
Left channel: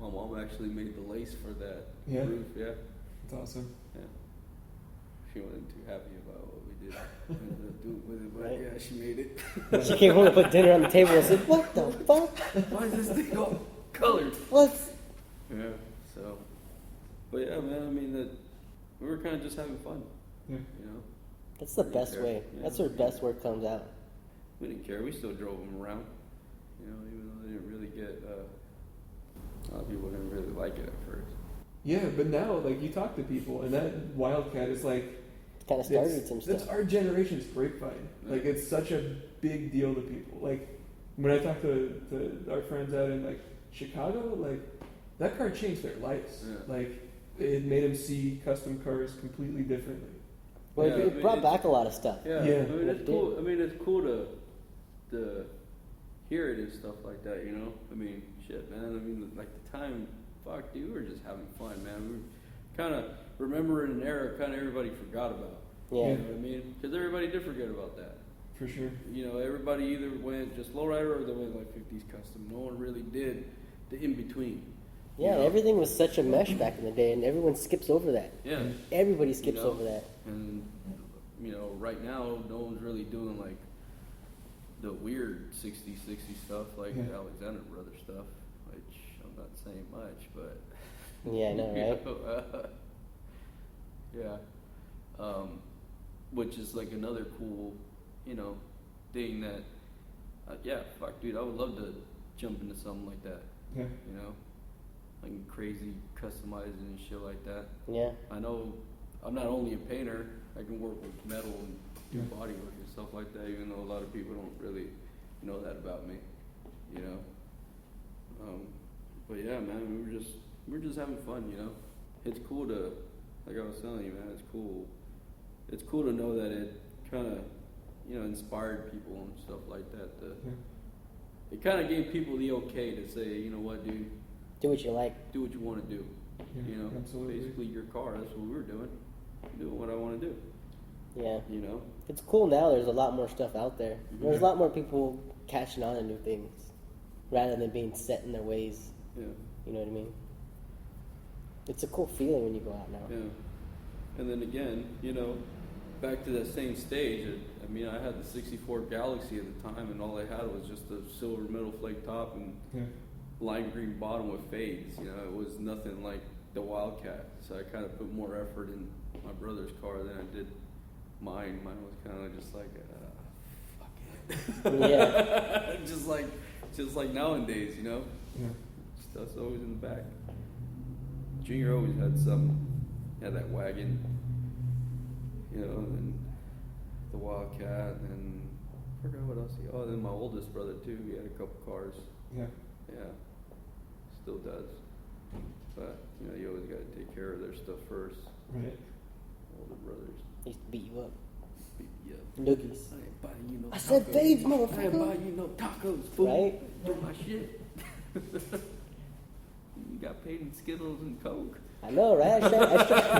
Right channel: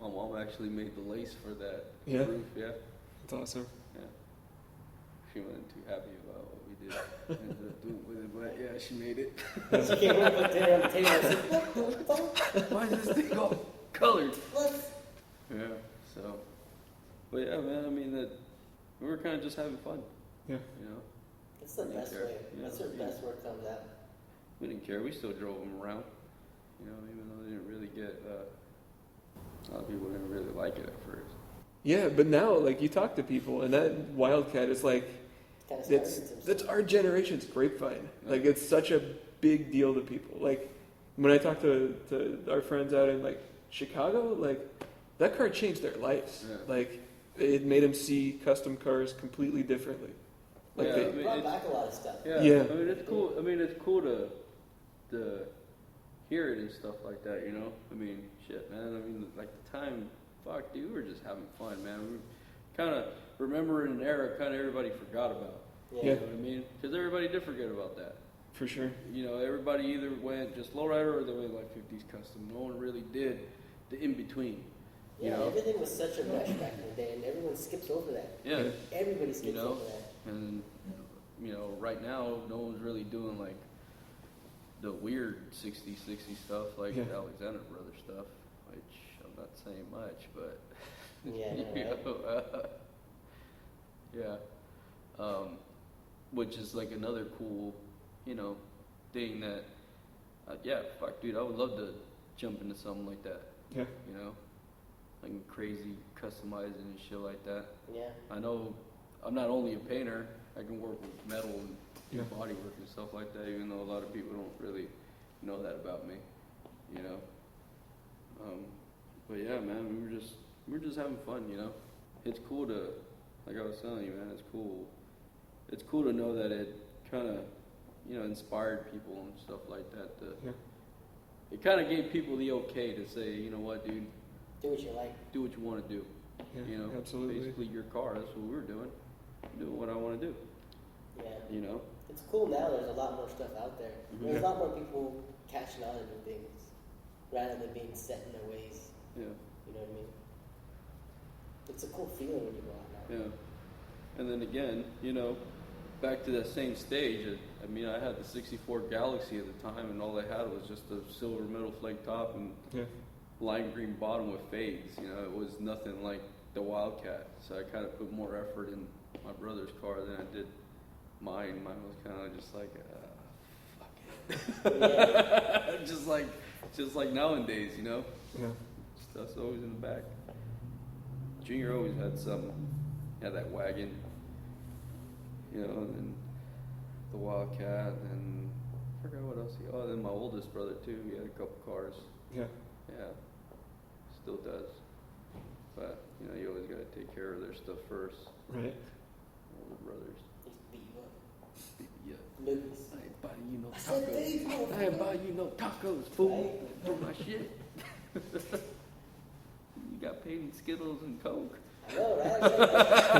my mom actually made the lace for that. Yeah. Yeah. it's awesome. Feeling too happy about what we did. Right. Yeah, she made it. She came home and put dinner on the table and said, "What the fuck? Why does this thing go colors? What?" Yeah, so. But yeah, man, I mean, we're kind of just having fun. Yeah. You know? That's the best way. That's where best work comes out. We didn't care. We still drove them around. You know, we didn't really get, a lot of people didn't really like it at first. Yeah, but now like you talk to people and that Wildcat is like Kind of started some that's stuff. our generation's grapevine. Like it's such a big deal to people. Like when I talk to our friends out in like Chicago, like that car changed their lives. Yeah. Like it made them see custom cars completely differently. Well, Like it brought back a lot of stuff. Yeah. I mean, it's cool. It's cool to hear it and stuff like that, you know? I mean, shit, man. I mean, at the time, fuck, dude, we were just having fun, man. We kind of remember an era kind of everybody forgot about. Yeah. Yeah. I mean, because everybody did forget about that. For sure. You know, everybody either went just lowrider or they went with these customs. No one really did the in-between. Yeah, everything was such a mesh back in the day, and everyone skips over that. Yeah. Everybody skips over that. And, you know, right now, no one's really doing, like, the weird 60s stuff, like Yeah. Valdez and Mario stuff, which I'm not saying much, but... Yeah, I know, right? Yeah. Which is, like, another cool, you know, thing that, yeah, fuck, dude, I would love to jump into something like that, Yeah. you know? And crazy customizing and shit like that. Yeah. I know I'm not only a painter, I can work with metal Yeah. and waterproof and stuff like that, even though a lot of people don't really know that about me, you know. But yeah, man, we're just having fun, you know. It's cool to, like I was telling you, man, it's cool. It's cool to know that it kind of, you know, inspired people and stuff like that to Do what you like. Do what you want to do. Yeah, You know, absolutely. just leave your car. That's what we're doing. Do what I want to do. Yeah. You know. It's cool now. There's a lot more stuff out there. There's a lot more people catching on to new things rather than being set in their ways. Yeah. You know what I mean? It's a cool feeling when you go out now. Yeah. And then again, you know, back to that same stage. I mean, I had a '64 Galaxy at the time, and all I had was just a silver metal flake top and light green bottom with fades. You know, it was nothing like the Wildcat. So I kind of put more effort in my brother's car than I did mine. Mine was kind of just like, Yeah. just like nowadays, you know. Yeah. Stuff's always in the back. Junior always had some, had that wagon, you know, the Wildcat, and what else? Oh, then my oldest brother too. He had a couple cars. Yeah. Yeah, still does. But you know, you always got to take care of their stuff first. Right. Older brothers. They used to beat you up. Noogies. I said babes, motherfucker. Right? I know, right?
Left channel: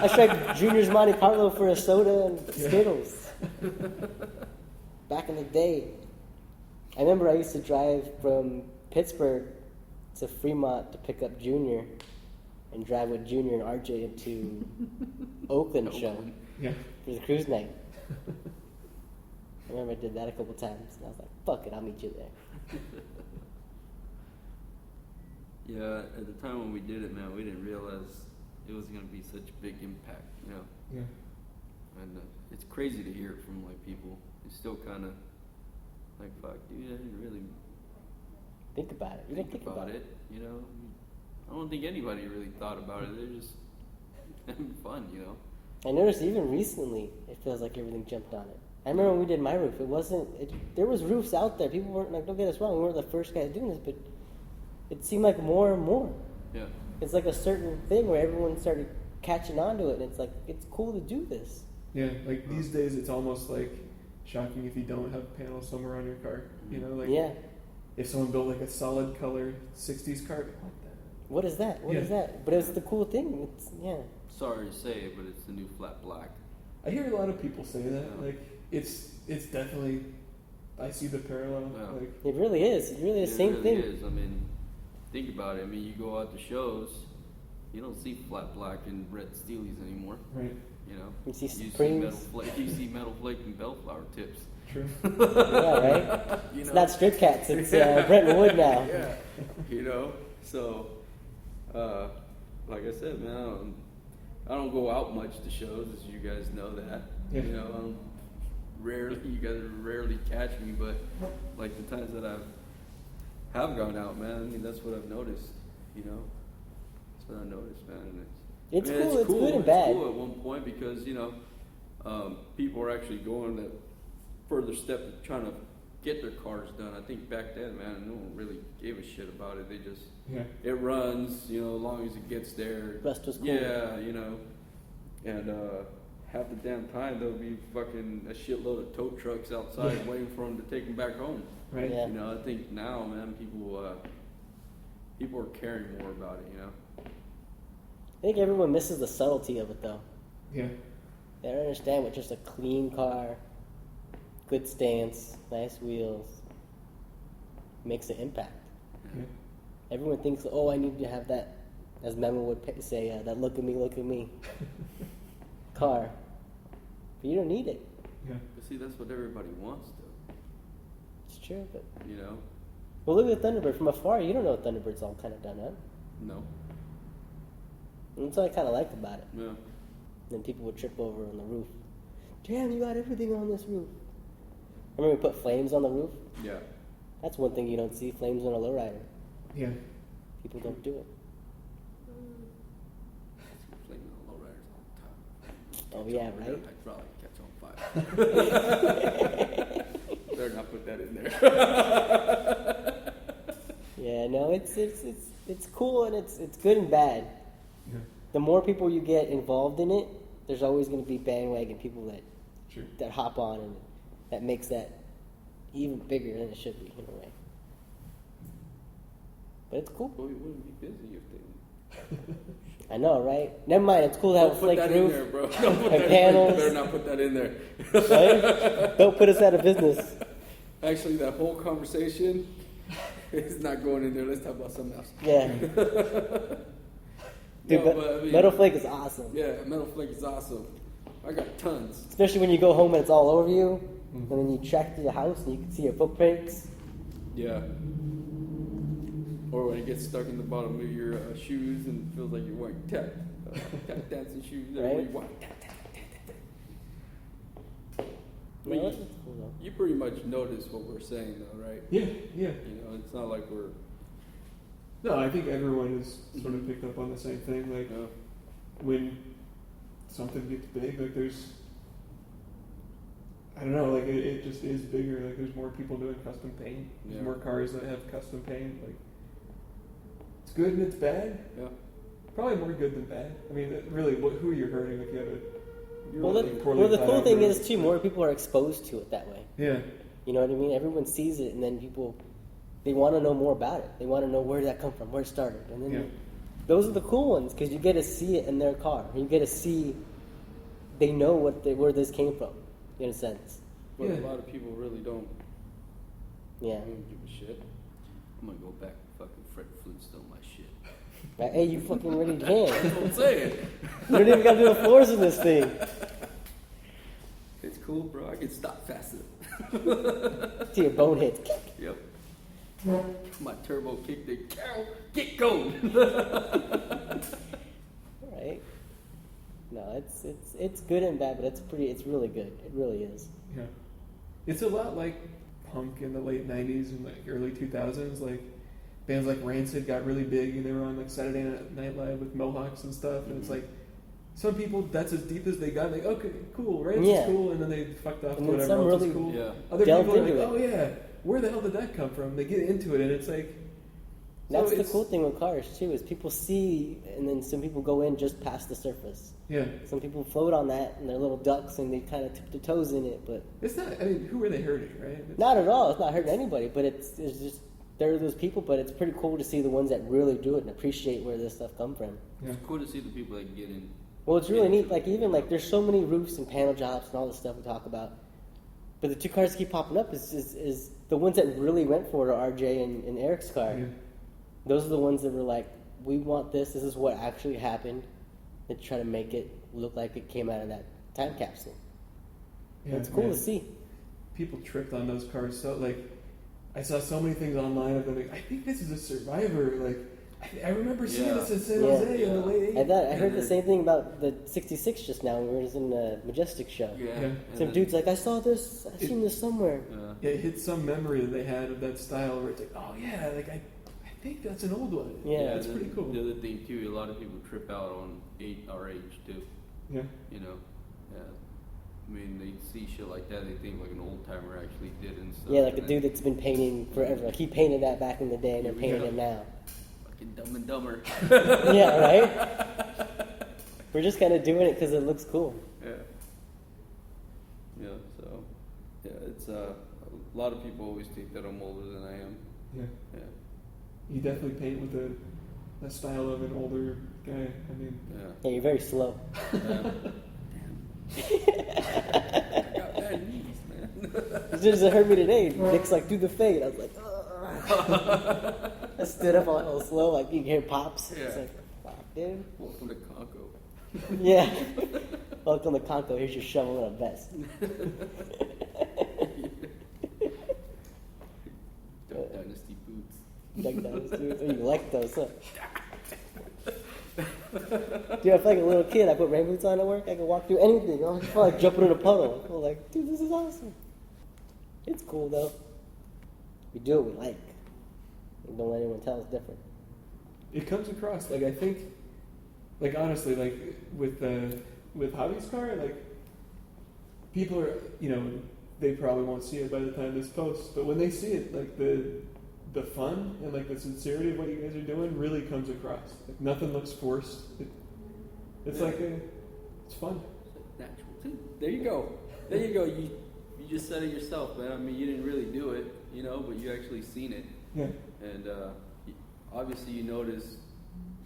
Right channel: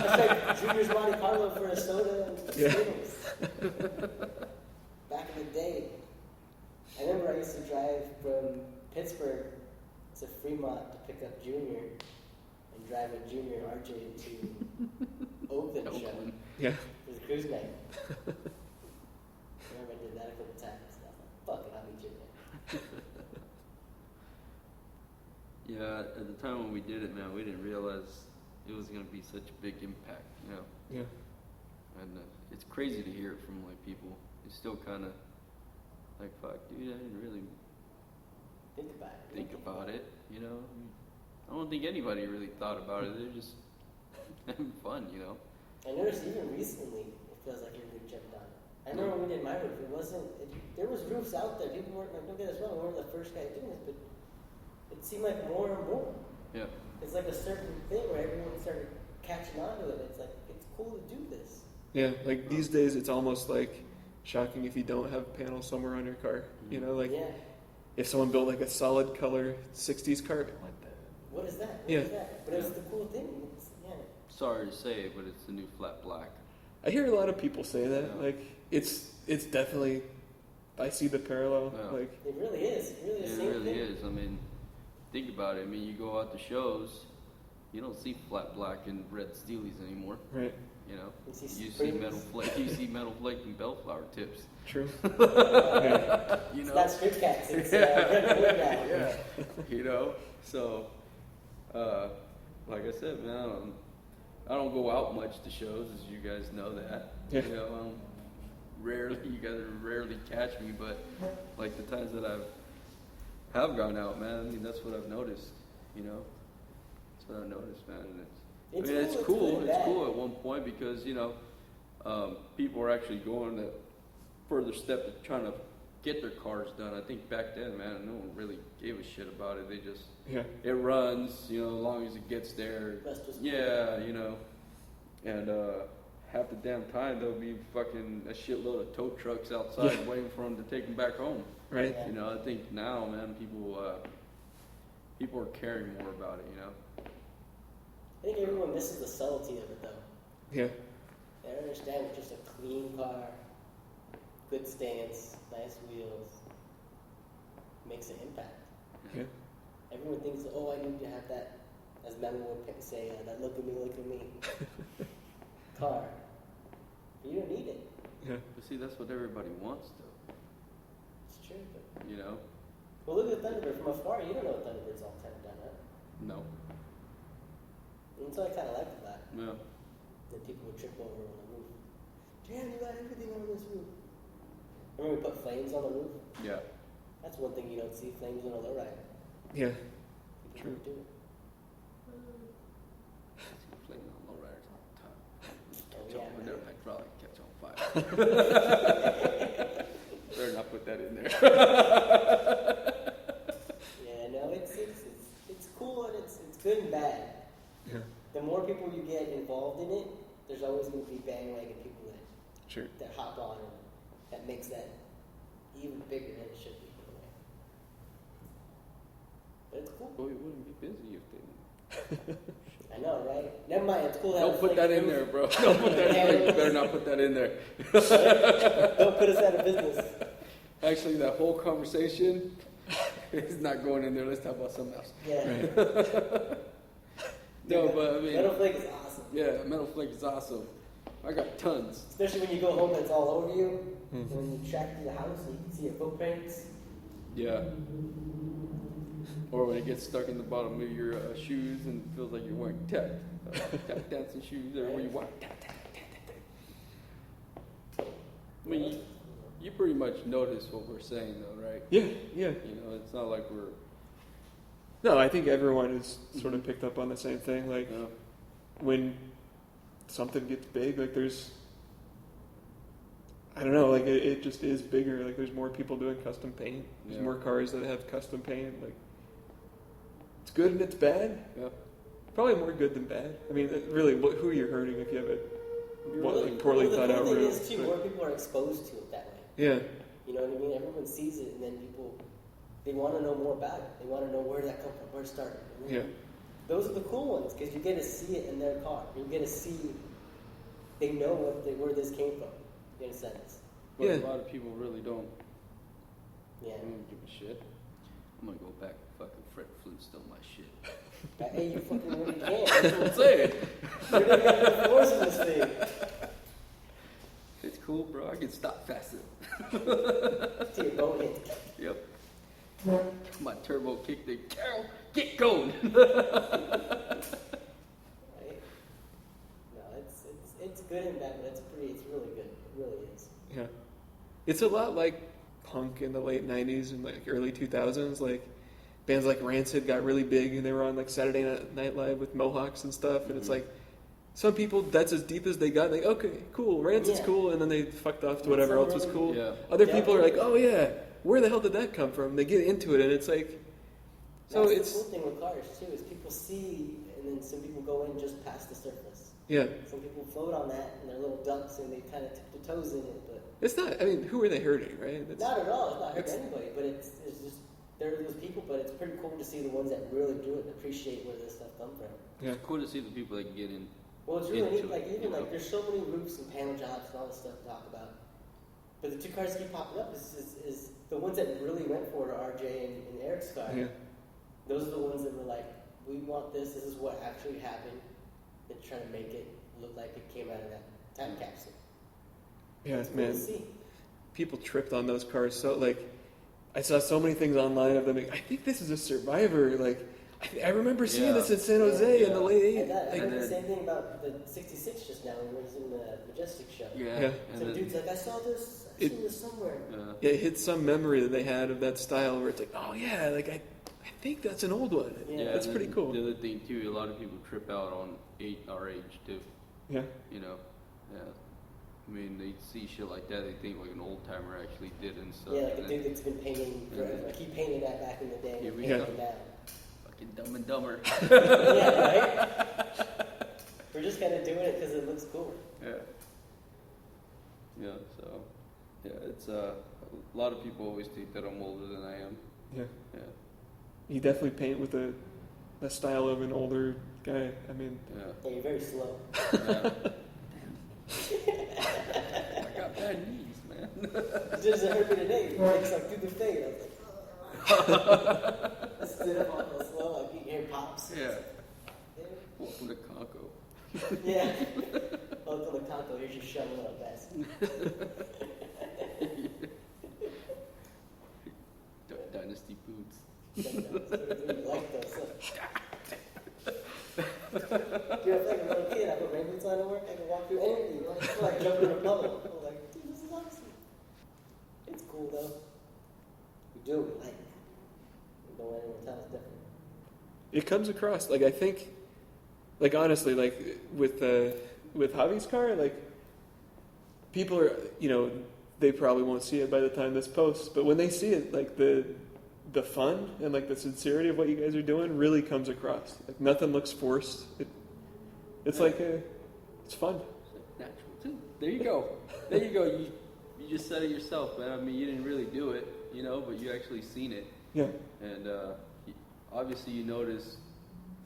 I strike Junior's Monte Carlo for a soda and Skittles. Back in the day. I remember I used to drive from Pittsburgh to Fremont to pick up Junior and drive with Junior and RJ into Oakland show Yeah. for the cruise night. I remember I did that a couple times, and I was like, fuck it, I'll meet you there. Yeah, at the time when we did it, we didn't realize it was going to be such a big impact. You know? Yeah. And, it's crazy to hear from people. Still kind of like, you didn't really Think about it. You don't think about it. You know, I don't think anybody really thought about it. It was just having fun, you know. I noticed even recently, it feels like everything jumped on it. I remember when we did my roof, there was roofs out there. People weren't, like, don't get us wrong, we weren't the first guys doing this, but it seemed like more and more. Yeah. It's like a certain thing where everyone started catching on to it, and it's like, it's cool to do this. Yeah, like these days it's almost like shocking if you don't have panels somewhere on your car. You know, like Yeah. if someone built like a solid color 60s car, What is that? What Yeah. is that? But it's the cool thing. It's, yeah. Sorry to say it, but it's the new flat black. I hear a lot of people say that. Like it's definitely, I see the parallel. Yeah. Like It really is. It really is the same thing. It is. I mean, think about it. I mean, you go out to shows, you don't see flat black and red steelies anymore. right, You know. You see Supremes. You see metal flake and bellflower tips. true. Yeah, right? It's not Strip Cats, it's Bretton Wood now. You know, so like I said, man, I don't go out much to shows, as you guys know that. Yeah. You know, rarely, you guys rarely catch me, but like the times that I have gone out, man, I think that's what I've noticed. You know, that's what I've noticed, man. It's And cool, it's good and bad. It's cool at one point because you know, people are actually going to further step trying to get their cars done. I think back then, man, no one really gave a shit about it. They just Yeah, it runs, you know, as long as it gets there. Rust was cool. Yeah, you know, and half the damn time there'll be fucking a shitload of tow trucks outside Yeah. waiting for them to take them back home. right. Yeah. You know, I think now, man, people are caring more about it. You know. I think everyone misses the subtlety of it, though. Yeah, They don't understand what just a clean car, good stance, nice wheels, makes an impact. yeah, Everyone thinks, oh, I need to have that, as Memo would say, that look at me car. But you don't need it. yeah. See, that's what everybody wants. It's true, but... You know. Well, look at the Thunderbird. From afar, you don't know what Thunderbird's all kind of done up. No. And that's what I kind of liked about it. No. Then people would trip over on the roof. Damn, you got everything on this roof. Remember we put flames on the roof? Yeah. That's one thing you don't see, flames on a lowrider. Yeah, People don't do it. Oh yeah, right? Yeah, no, it's cool and it's good and bad. yeah, The more people you get involved in it, there's always going to be bandwagon people sure. that hop on, and that makes that even bigger than it should be in a way. But it's cool. I know, right? Never mind. It's cool to have a flake roof and panels. I'll put that in there. Right? Don't put us out of business. Actually, that whole conversation is not going anywhere. Let's talk about something else. Yeah. Dude, metal flake is awesome. Yeah, metal flake is awesome. I got tons. Especially when you go home and it's all over you, and then you track through the house and you can see your footprints. Yeah. Or when it gets stuck in the bottom of your shoes and feel like you're wearing tap dancing shoes. Right? No, it's cool though. You pretty much notice what we're saying, though, right? Yeah. You know, it's not like we're. No, I think everyone has sort of picked up on the same thing. Like, You know, when something gets big, like there's, I don't know, like it just is bigger. Like there's more people doing custom paint. There's more cars that have custom paint. Like, it's good and it's bad. yeah. Probably more good than bad. I mean, really, who you're hurting if you have a Well, poorly the thought cool out thing roof. is too, more people are exposed to it that way. Yeah. You know what I mean? Everyone sees it, and then people, they want to know more about it. They want to know where did that come from, where it started, and then Yeah. those are the cool ones because you get to see it in their car. You get to see, they know where this came from, in a sense. Yeah. A lot of people really don't. Yeah. Shit. I'm gonna go back and fucking Fred Flintstone my shit. Right? Hey, you fucking really can. That's it. You don't even got to do the floors in this thing. It's cool, bro. I can stop fast enough. To your boneheads. Yep. My turbo kick, get going. Right? No, it's good and bad, but it's really good. It really is. Yeah. It's a lot like punk in the late 90s and like early 2000s. Like, bands like Rancid got really big. They were on like Saturday Night Live with mohawks and stuff. And it's like, some people, that's as deep as they got. Like, okay, cool, Rancid's Yeah. cool. And then they fucked off And to then whatever some else is really cool. Yeah. Other delved people are like, into oh yeah, where the hell did that come from? They get into it and it's like, so That's the it's, cool thing with cars too, is people see, and then some people go in just past the surface. yeah. Some people float on that, and they're little ducks, and they kind of tip their toes in it, but It's not, I mean, who are they hurting, right? It's, not at all. It's not hurting anybody, but it's just, there are those people, but it's pretty cool to see the ones that really do it and appreciate where this stuff come from. yeah. It's cool to see people that get in. Well, it's really neat. Like, even like, there's so many roofs and panel jobs and all this stuff we talk about, but the two cars that keep popping up is the ones that really went for it are RJ and Eric's car. Yeah. Those are the ones that were like, we want this. This is what actually happened. And try to make it look like it came out of that time capsule. Yeah, It's cool man. to see. People tripped on those cars. So, like, I saw so many things online of them. Like, I think this is a Survivor. Like, I remember seeing this in San Yeah. Jose in the late 80s. I heard the same thing about the 66 just now. We were in the Majestic show. Yeah. Some dude's like, I saw this. I've seen this somewhere. Yeah, it hit some memory that they had of that style where it's like, oh yeah, like I think that's an old one. Yeah. That's pretty cool. The other thing too, a lot of people trip out on our age too. Yeah. You know, when they see shit like that, they think like an old timer actually did it. and stuff Yeah, like a dude that's been painting forever. Like he painted that back in the day and then painted Yeah. it now. Dumb and Dumber. Yeah, right? We're just kind of doing it because it looks cool. Right. Yeah, so yeah, it's a lot of people always think that I'm older than I am. Yeah. Yeah. You definitely paint with the style of an older guy. I mean, Yeah, you're very slow. As soon as it hurt me today, Nick's like, do the fade. I was like, ugh. I stood up all slow, like you can hear pops. It's like, fuck, dude. Yeah. Welcome to Conco. Here's your shovel and a vest. Like that, dude. Oh, you like those, huh? Dude, I feel like a little kid. I put rain boots on at work. I can walk through anything. I feel like jumping in a puddle. I was like, dude, this is awesome. It's cool though. We do what we like. We don't let anyone tell us different. it comes across like I think, like honestly, like with Javi's car, like people are, you know, they probably won't see it by the time this posts, but when they see it, like the fun and like the sincerity of what you guys are doing really comes across. Like nothing looks forced. It's like it's fun. There you go. There you go. You just said it yourself, man. I mean, you didn't really do it. You know, you've actually seen it. Yeah. And obviously, you notice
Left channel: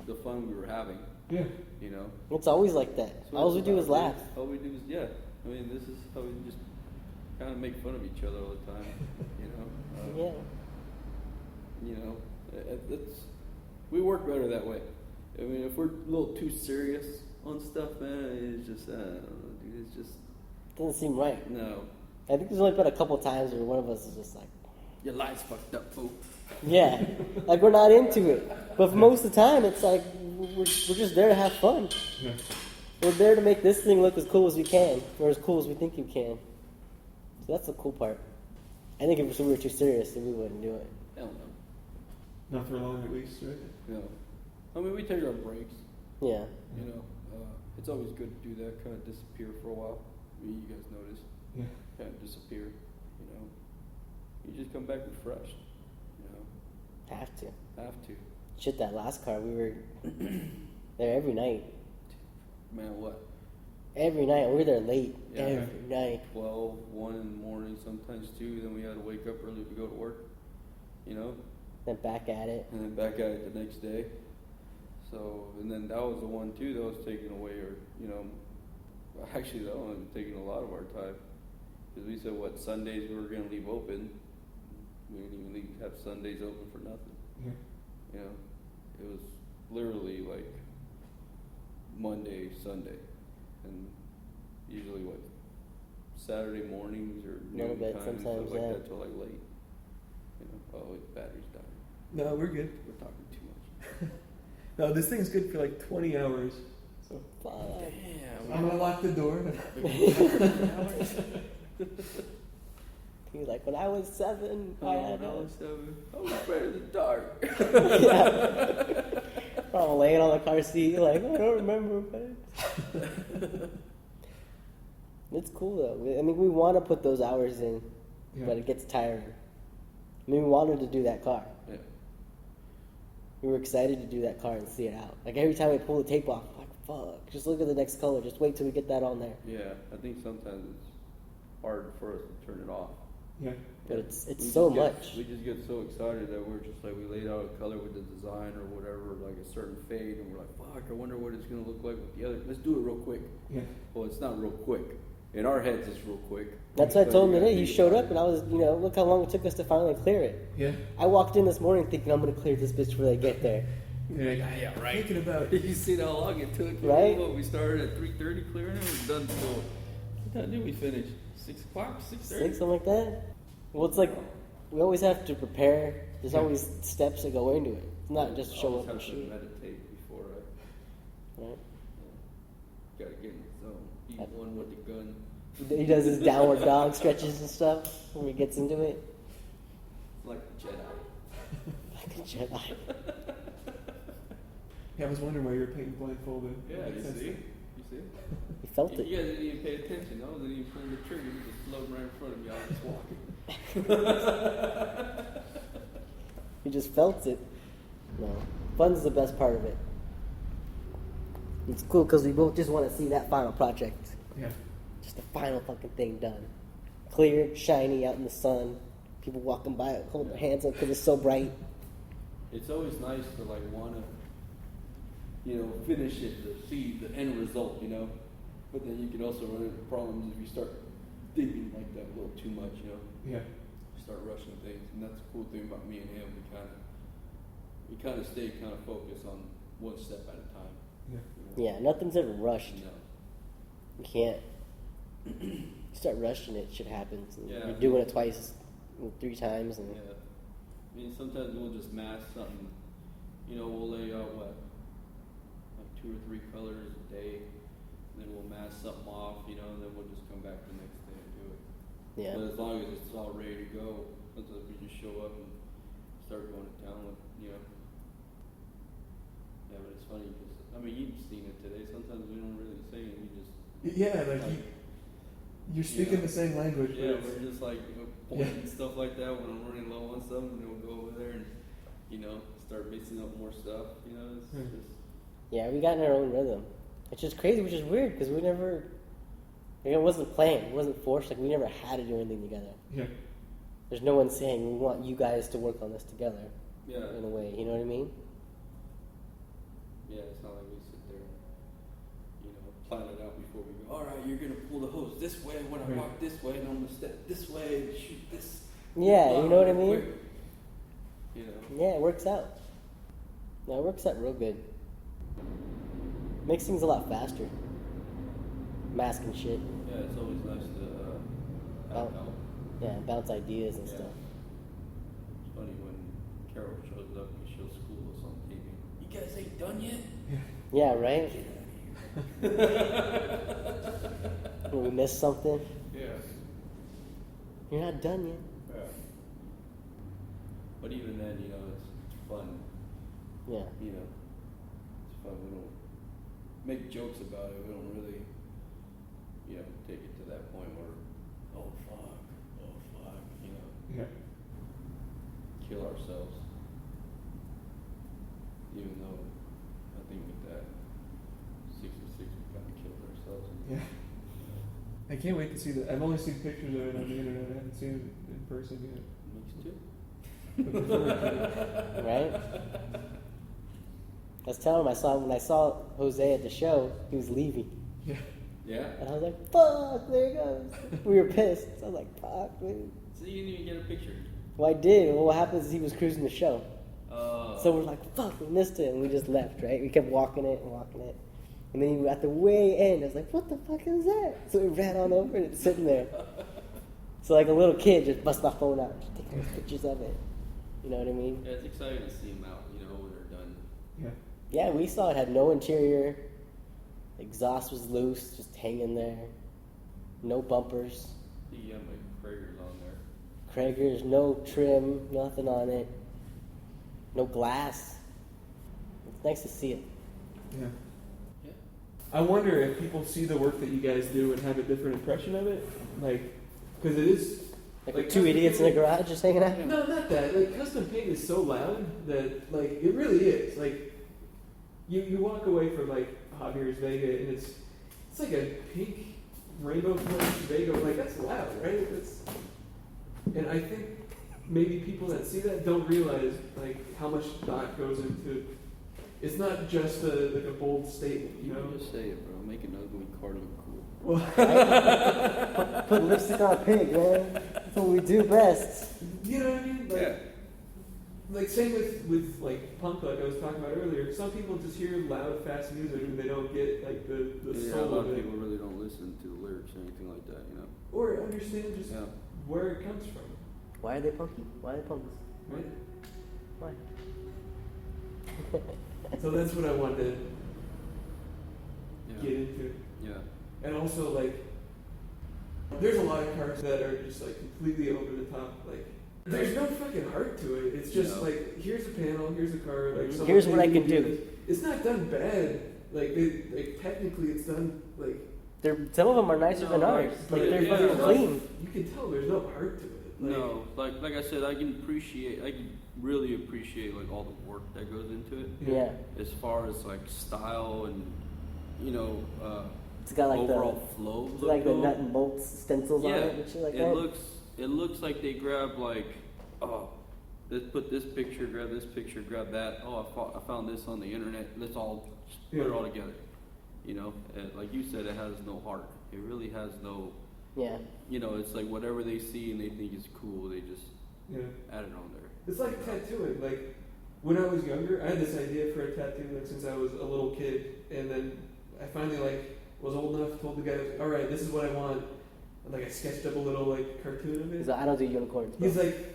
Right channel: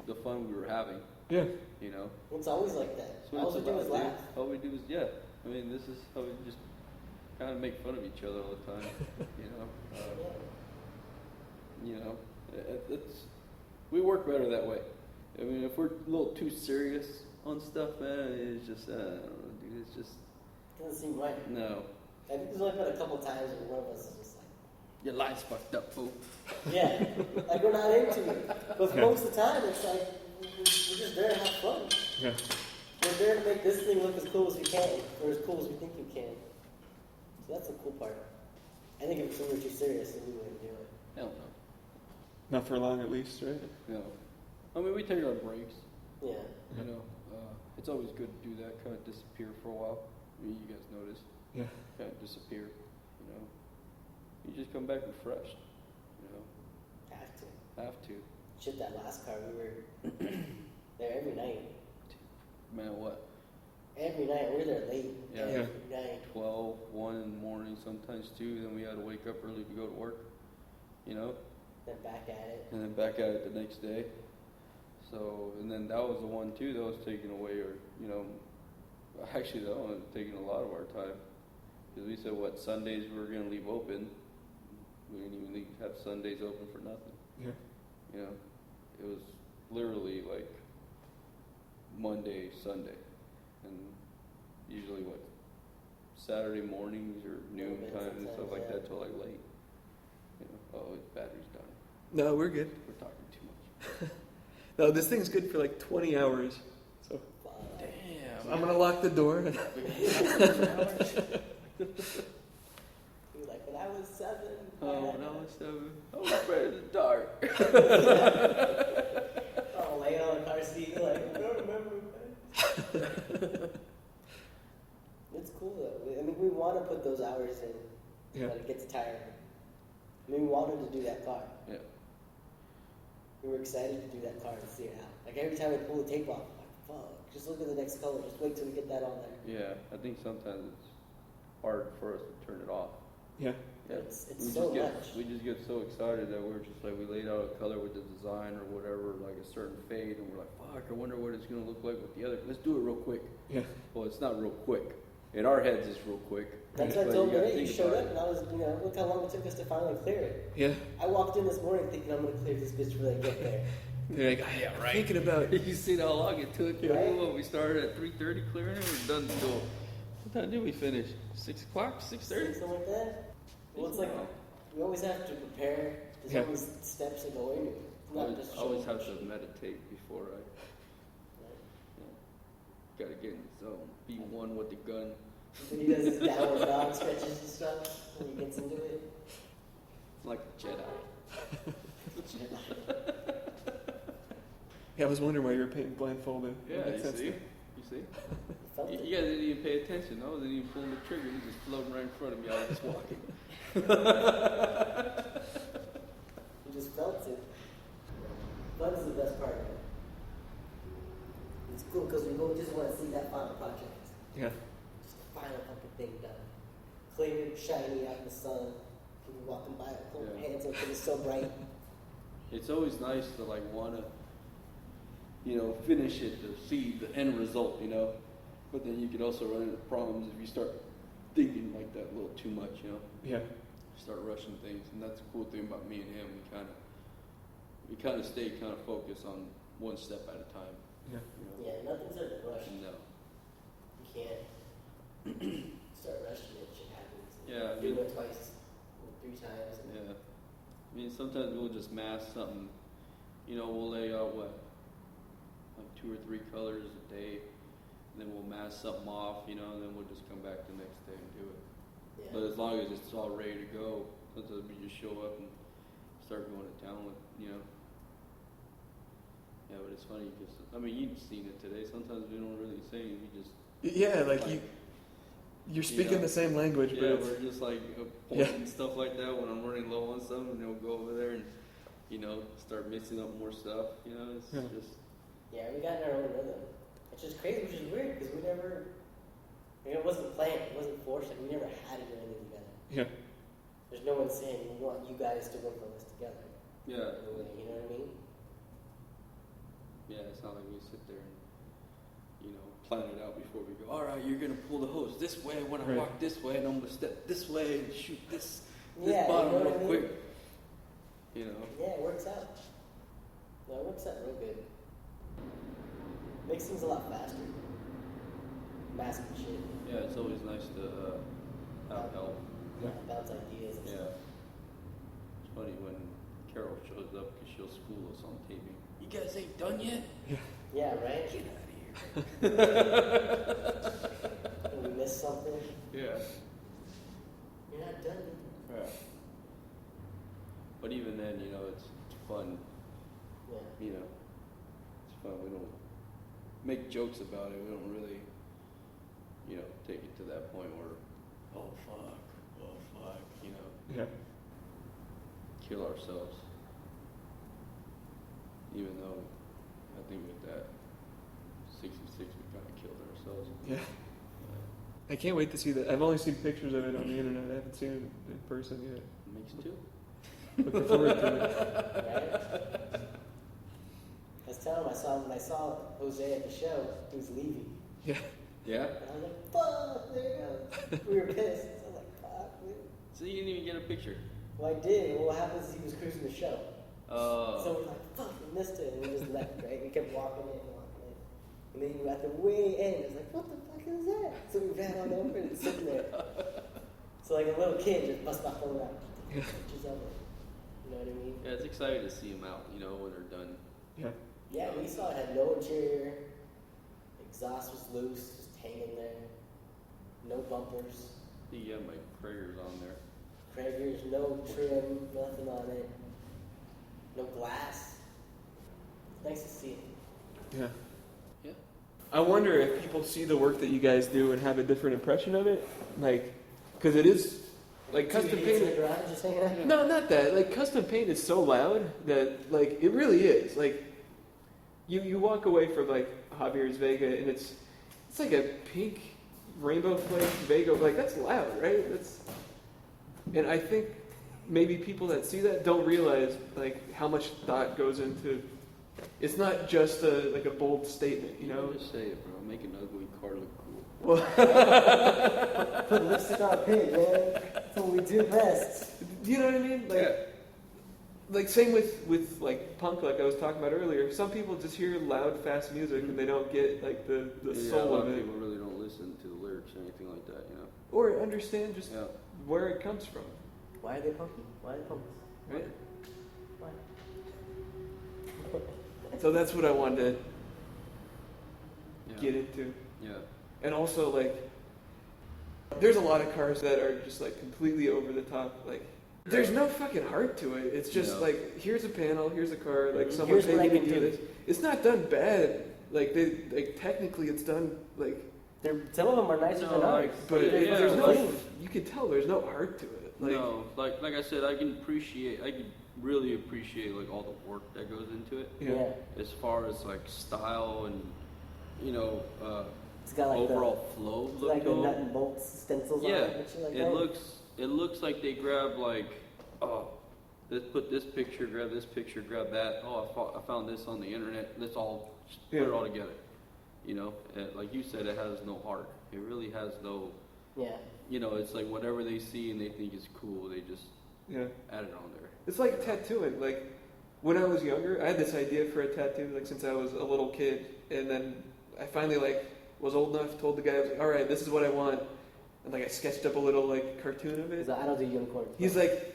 the fun we were It's always like that. All we do is laugh. All we do is, yeah. I mean, this is how we just kind of make fun of each other all the time. Yeah. You know, we work better that way. I mean, if we're a little too serious on stuff, man, it's just Doesn't seem right. no. I think there's only been a couple times where one of us is just like, Your life's fucked up, fool. yeah, like we're not into it. But for most of the time, it's like we're just there to have fun. Yeah. We're there to make this thing look as cool as we can, or as cool as we think you can. So that's the cool part. I think if we were too serious, then we wouldn't do it. Not for long, at least, right? Yeah. I mean, we take our breaks. Yeah. You know, it's always good to do that, kind of disappear for a while. You guys notice. Yeah. Disappear. You just come back refreshed. Have to. Have to. Shit, that last car, we were there every night. My what? Every night. We were there late. Every night. 12, 1 in the morning, sometimes 2, and then we had to wake up early to go to work. You know? Then back at it. And then back at it the next day. So, and then that was the one too that was taking away, you know, actually that one taking a lot of our time. And we said, what, Sunday that we were going to be open. We have Sundays open for nothing. Yeah. Yeah. It was literally like Monday, Sunday. And usually what, Saturday morning or A little bit, sometimes, yeah. That's all I like. And probably the battery's down. No, we're good. No, this thing's good for like 20 hours. So Fuck. I'm gonna lock the door. He's like, when I was 7, I had Dark. yeah. I'm laying on the car seat, like, I don't remember, but it's cool though. I mean, we want to put those hours in, but it gets tiring. I mean, we wanted to do that car. We were excited to do that car and see it out. Like every time we pull the tape off, I'm like, fuck, just look at the next color. Just wait till we get that on there. Yeah, I think sometimes it's hard for us to turn it off. Yeah. But it's so much. We just get so excited that we're just like, we lay out a color with the design or whatever, like a certain fade, and we're like, fuck, I wonder what it's going to look like. Yeah, let's do it real quick. Yeah. Well, it's not real quick. In our heads, it's real quick. That's what I told him today. You showed up and I was, look how long it took us to finally clear it. Yeah. I walked in this morning thinking I'm going to clear this bitch before they get there. They're like, I'm thinking about. You see how long it took? Right? We started at 3:30 clearing, we're done till, how did we finish? 6 o'clock? 6:30? 6, something like that? Well, it's like, we always have to prepare. There's always steps that go into it. It's not just show up and shoot. Meditate before, Right? gotta get some E1 with the gun. He does his downward dog stretches and stuff when he gets into it. It's like a Jedi. Like a Jedi. Yeah, I was wondering why you were paying blindfolded. Yeah, That makes sense. you then. see? He felt it. Yeah, you pay attention, no? Then you pull your trigger, you just float right in front of the guy. He just felt it. No. Fun's the best part of it. It's cool because we both just want to see that final project. Yeah. Just the final fucking thing done. Clear, shiny, out in the sun. People walking by, hold their hands up because it's so bright. It's always nice to like want to, finish it or see the end result, But then you can also run into problems if you start thinking like that a little too much, Yeah. You start rushing things, and that's the cool thing about me and him. We kind of stay focused on one step at a time. Yeah. Yeah, nothing's ever rushed. You know? You can't start rushing it, shit happens. And Yeah. You're doing it twice, 3 times, and Yeah. I mean, sometimes we'll just mask something. We'll lay out 2 or 3 colors a day, then we'll mask something off, and then we'll just come back the next day and do it. yeah. But as long as it's all ready to go, sometimes we just show up and start going to town, Yeah, but it's funny because, you've seen it today. Sometimes we don't really say anything, we just. Yeah, like you're speaking the same language, but it's. We're just like, Yeah. stuff like that when I'm running low on stuff, and then we'll go over there and, start mixing up more stuff, It's Yeah. just. Yeah, we got in our own rhythm. Which is crazy, which is weird, because we never, it wasn't planned, it wasn't forced, like we never had to do anything together. Yeah. There's no one saying, we want you guys to work on this together, Yeah. in a way, you know what I mean? Yeah, it's not like we sit there. plan it out before we go. All right, you're gonna pull the hose this way. When I walk this way, I'm gonna step this way. Shoot this. Yeah, you know what I mean? Quick. You know. Yeah, it works out. No, it works out real good. Makes things a lot faster. Mask and shit. Yeah, it's always nice to Bounce ideas and stuff. It's funny when Carol shows up and she'll school us on TV. You guys ain't done yet? Yeah, right? When we miss something, Yeah. you're not done yet. Right. But even then, you know, it's fun. Yeah. You know, it's fun. We'll make jokes about it. We don't really, you know, take it to that point where, oh fuck, you know, Yeah. kill ourselves. Even though I think with that, 66 we kind of killed ourselves. Yeah. I can't wait to see that. I've only seen pictures of it on the internet. I haven't seen it in person yet. Looking forward to it. Right? I was telling him when I saw Jose at the show, he was leaving. Yeah. Yeah. And I was like, fuck, there he goes. We were pissed. So I was like, fuck, dude. So you didn't even get a picture? Well, I did. Well, what happens is he was cruising the show. So we're like, fuck, we missed it. And we just left, right? We kept walking it. And then at the way end, I was like, what the fuck is that? So we ran on over and it's sitting there. So like a little kid just bust my phone out, just taking pictures of it. You know what I mean? Yeah, it's exciting to see them out, you know, when they're done. Yeah. Yeah, we saw it had no interior. Exhaust was loose, just hanging there. No bumpers. You got like Kragers on there. Kragers, no trim, nothing on it. No glass. It's nice to see it. Yeah. I wonder if people see the work that you guys do and have a different impression of it. Like, because it is like two custom idiots in paint- the garage just hanging out. No, not that. Like custom paint is so loud that like it really is. Like you walk away from like Javier's Vega and it's like a pink rainbow flame Vega. Like that's loud, right? And I think maybe people that see that don't realize like how much thought goes into. It's not just a bold statement, you know. Well, Put lipstick on pig, man. That's what we do best. you know what I mean? Like same with like punk, like I was talking about earlier. Some people just hear loud, fast music and they don't get like the soul of it, or understand just where it comes from. Why are they punky? Why are they punky? Right? Why? So that's what I wanted to get into. And also, like, there's a lot of cars that are just, like, completely over the top. Like, there's no fucking heart to it. It's just, like, here's a panel, here's a car, like, someone Here's what I paid me can to do do. this. It's not done bad. Like, technically it's done, like, Some of them are nicer than ours. but there's no, you can tell there's no heart to it. Like, like I said, I really appreciate like all the work that goes into it. yeah. As far as like style and, you know, It's got like overall flow. the nut and bolts stencils on it. Yeah, And shit like it that. looks like they grab like, oh, let's put this picture, grab that. Oh, I found this on the internet. Let's all put it all together. You know, and like you said, it has no heart. It really has no. Yeah. You know, it's like whatever they see and they think is cool, they just Yeah. add it on there. It's like tattooing. Like, when I was younger, I had this idea for a tattoo, like, since I was a little kid. And then I finally, like, was old enough, told the guy, I was like, all right, this is what I want. And, like, I sketched up a little, like, cartoon of it. So I don't do uniforms. He's like,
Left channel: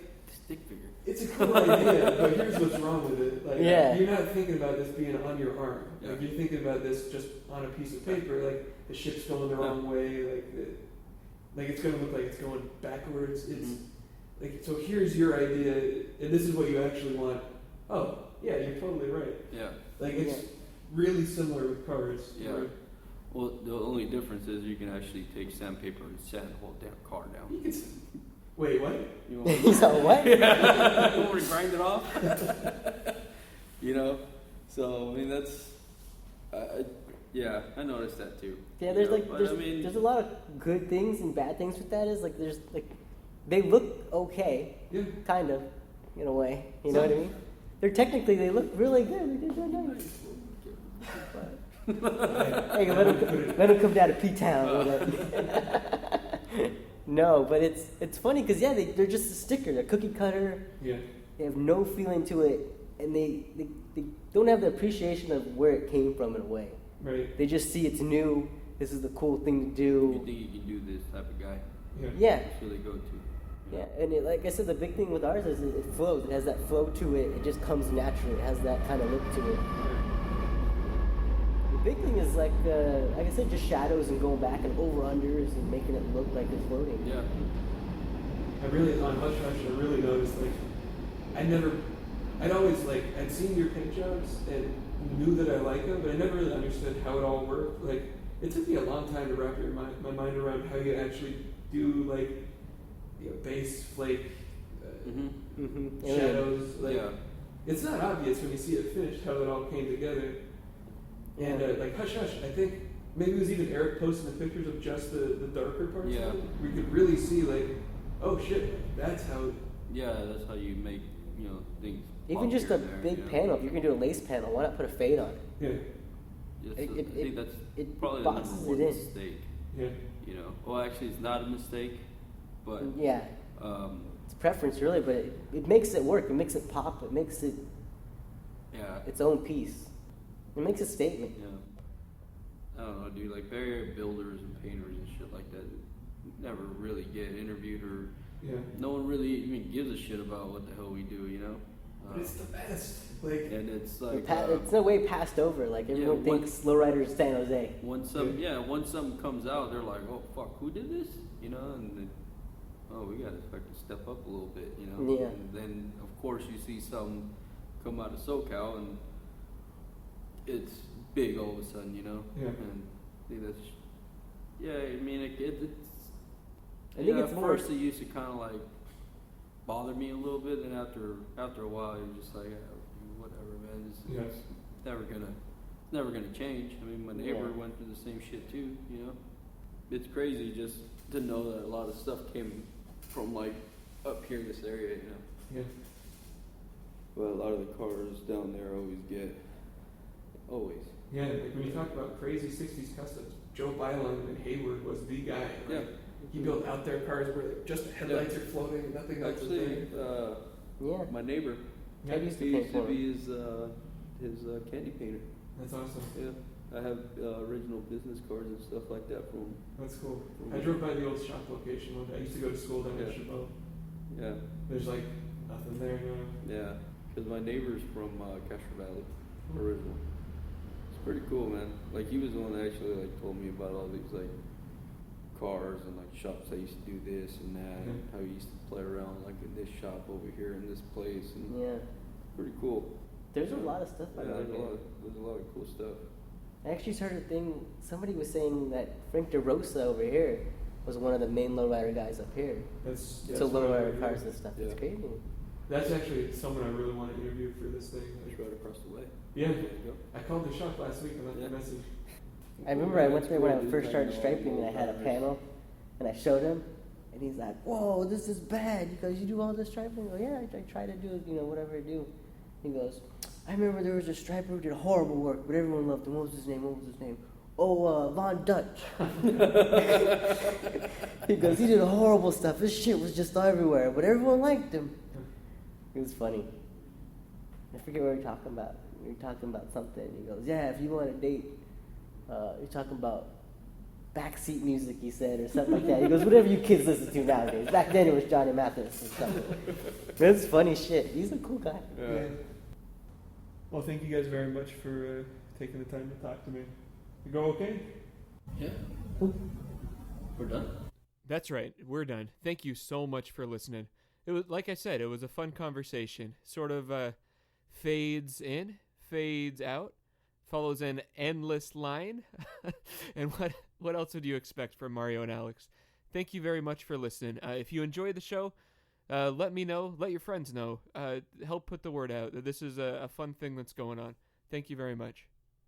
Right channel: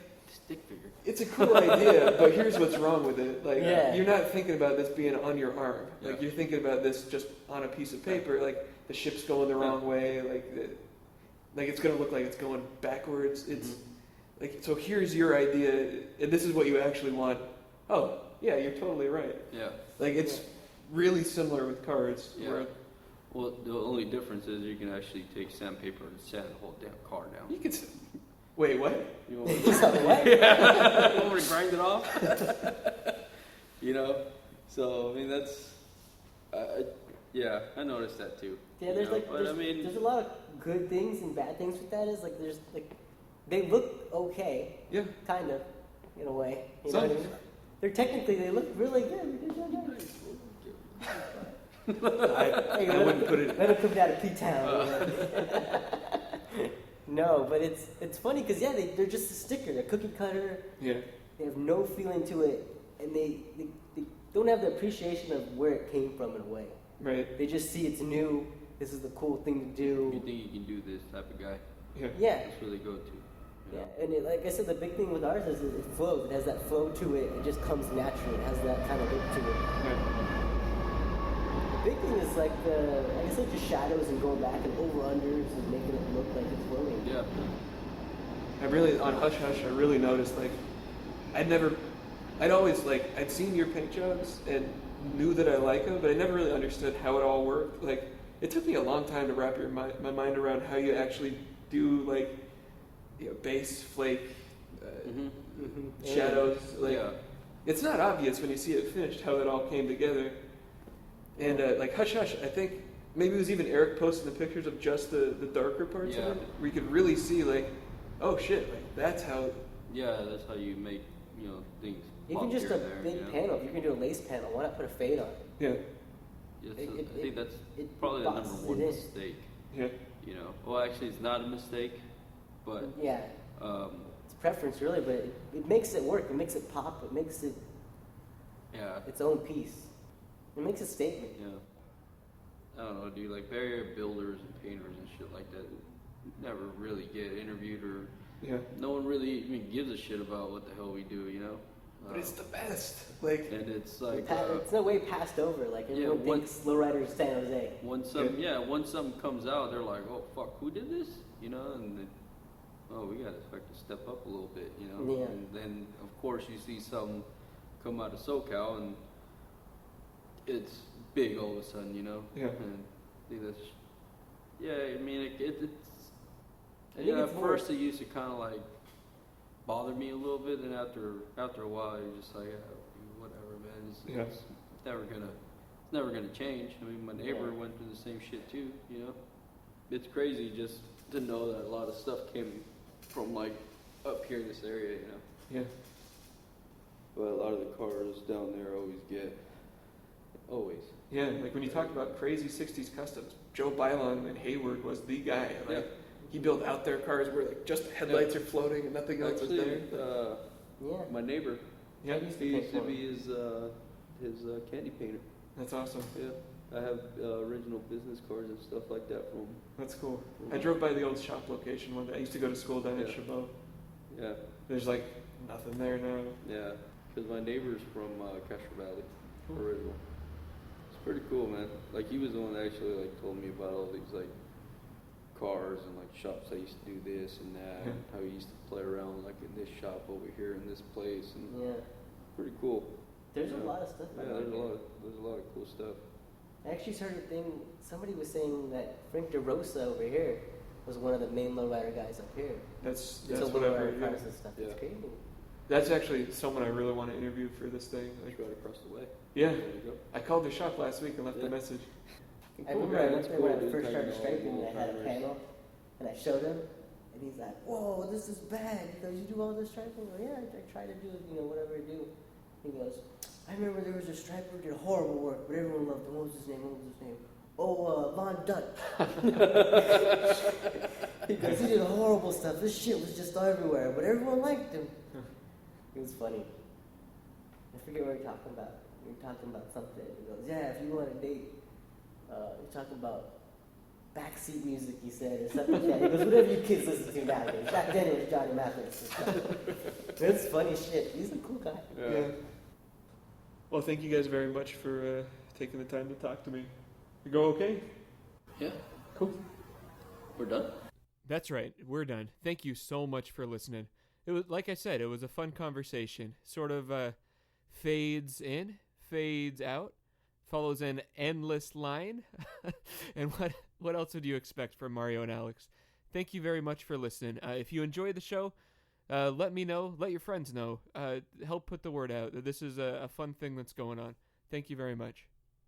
it's a cool idea, but here's what's wrong with it. Like, Yeah. you're not thinking about this being on your arm. Like, you're thinking about this just on a piece of paper. Like, the ship's going the wrong way. Like it's going to look like it's going backwards. It's, like, so here's your idea, and this is what you actually want. Oh, yeah, you're totally right. Yeah. Like, it's really similar with cars. Yeah. Where Well, the only difference is you can actually take sandpaper and set the whole damn car now. you could wait, what? He's like, what? Bring it off. You know, so I mean that's, yeah, I noticed that too. Yeah, there's a lot of good things and bad things with that. Is like they look okay, Yeah. kind of, in a way. You Some know? They look really good. I wouldn't put it. Better come down to P-Town. No, but it's funny because they're just a sticker, a cookie cutter. Yeah. They have no feeling to it, and they don't have the appreciation of where it came from in a way. Right. They just see it's new. This is the cool thing to do. You do this type of guy. Yeah. Yeah. That's really good to. Yeah, and like I said, the big thing with ours is it flows. It has that flow to it. It just comes naturally. It has that kind of to it. Yeah. It's like the shadows of people lacking. Yeah. I really, on Hush Hush, I really noticed, like, I'd always, like, I'd seen your paint jobs and knew that I like them, but I never really understood how it all worked. Like, it took me a long time to wrap my mind around how you actually do, like, you know, base, flake, shadows. Like, it's not obvious when you see it finished how it all came together. And, like, Hush Hush, I think maybe it was even Eric posting the pictures of just the darker parts of it, where you could really see, like, oh shit, like, that's how. Yeah, that's how you make things. Even just a big panel, if you're gonna do a lace panel, why not put a fade on it? Yeah. It Probably boxes a it in. mistake. Yeah. You know, well, actually, it's not a mistake, but Yeah, it's preference really, but it makes it work. It makes it pop. It makes it yeah. its own piece. It makes it statement. I don't know, dude, like barrier builders and painters and shit like that never really get interviewed or Yeah. no one really even gives a shit about what the hell we do, you know? But it's the best. Like, And it's like, It's in a way passed over. Like everyone thinks Lowrider San Jose. when something comes out, they're like, oh fuck, who did this? You know, and then, oh, we gotta fucking step up a little bit, you know? Yeah. And then, of course, you see something come out of SoCal and it's big all of a sudden, you know? Yeah. And, you know, yeah, I mean, it's, I think you know, it's at more. first it used to kind of like bother me a little bit, and after a while, I was just like, whatever, man, Yeah. it's never gonna change. I mean, when they were going through the same shit too, you know, it's crazy just to know that a lot of stuff came from like up here, this area, you know. yeah. But a lot of the cars down there always get always. Yeah, like when you talk about crazy 60s customs, Joe Bylon in Hayward was the guy. Like, he built out there cars where like just the headlights are floating and nothing else is there. Yeah. My neighbor. Yeah. He's his candy painter. That's awesome. Yeah. I have original business cards and stuff like that from him. That's cool. I drove by the old shop location one day. I used to go to school down in Chabot. Yeah. There's like nothing there now. Yeah. And my neighbor's from Pressure Valley. It's pretty cool, man. Like he was the one that actually like told me about all these cars and shops that used to do this and that. Yeah. I used to play around like in this shop over here in this place. And Yeah. pretty cool. There's a lot of stuff. Yeah, there's a lot of cool stuff. I actually heard a thing. Somebody was saying that Frank DeRosa over here was one of the main lowrider guys up here. That's So what I've heard. lowrider Yeah. cars and stuff. It's crazy. That's actually someone I really want to interview for this thing. Like, yeah, I called the shop last week and left a message. I remember I went there when I first started striping and I had a panel and I showed him and he's like, whoa, this is bad because you do all this striping? I go, yeah, I try to do, whatever I do. He goes, I remember there was a striper who did horrible work, but everyone loved him. What was his name? Oh, Von Dutt. He goes, he did horrible stuff. This shit was just everywhere, but everyone liked him. It was funny. I forget what we were talking about. We were talking about something. He goes, yeah, if you want to date, you're talking about backseat music, he said, or something. Yeah, he goes, whatever you kids listen to nowadays. Back then it was Johnny Mathis. That's funny shit. He's a cool guy. Yeah. Well, thank you guys very much for taking the time to talk to me. You go okay? Yeah. Cool. We're done. That's right. We're done. Thank you so much for listening. It was, like I said, it was a fun conversation. Sort of fades in, fades out, follows an endless line. And what else would you expect from Mario and Alex? Thank you very much for listening. If you enjoyed the show, let me know. Let your friends know. Help put the word out. This is a fun thing that's going on. Thank you very much.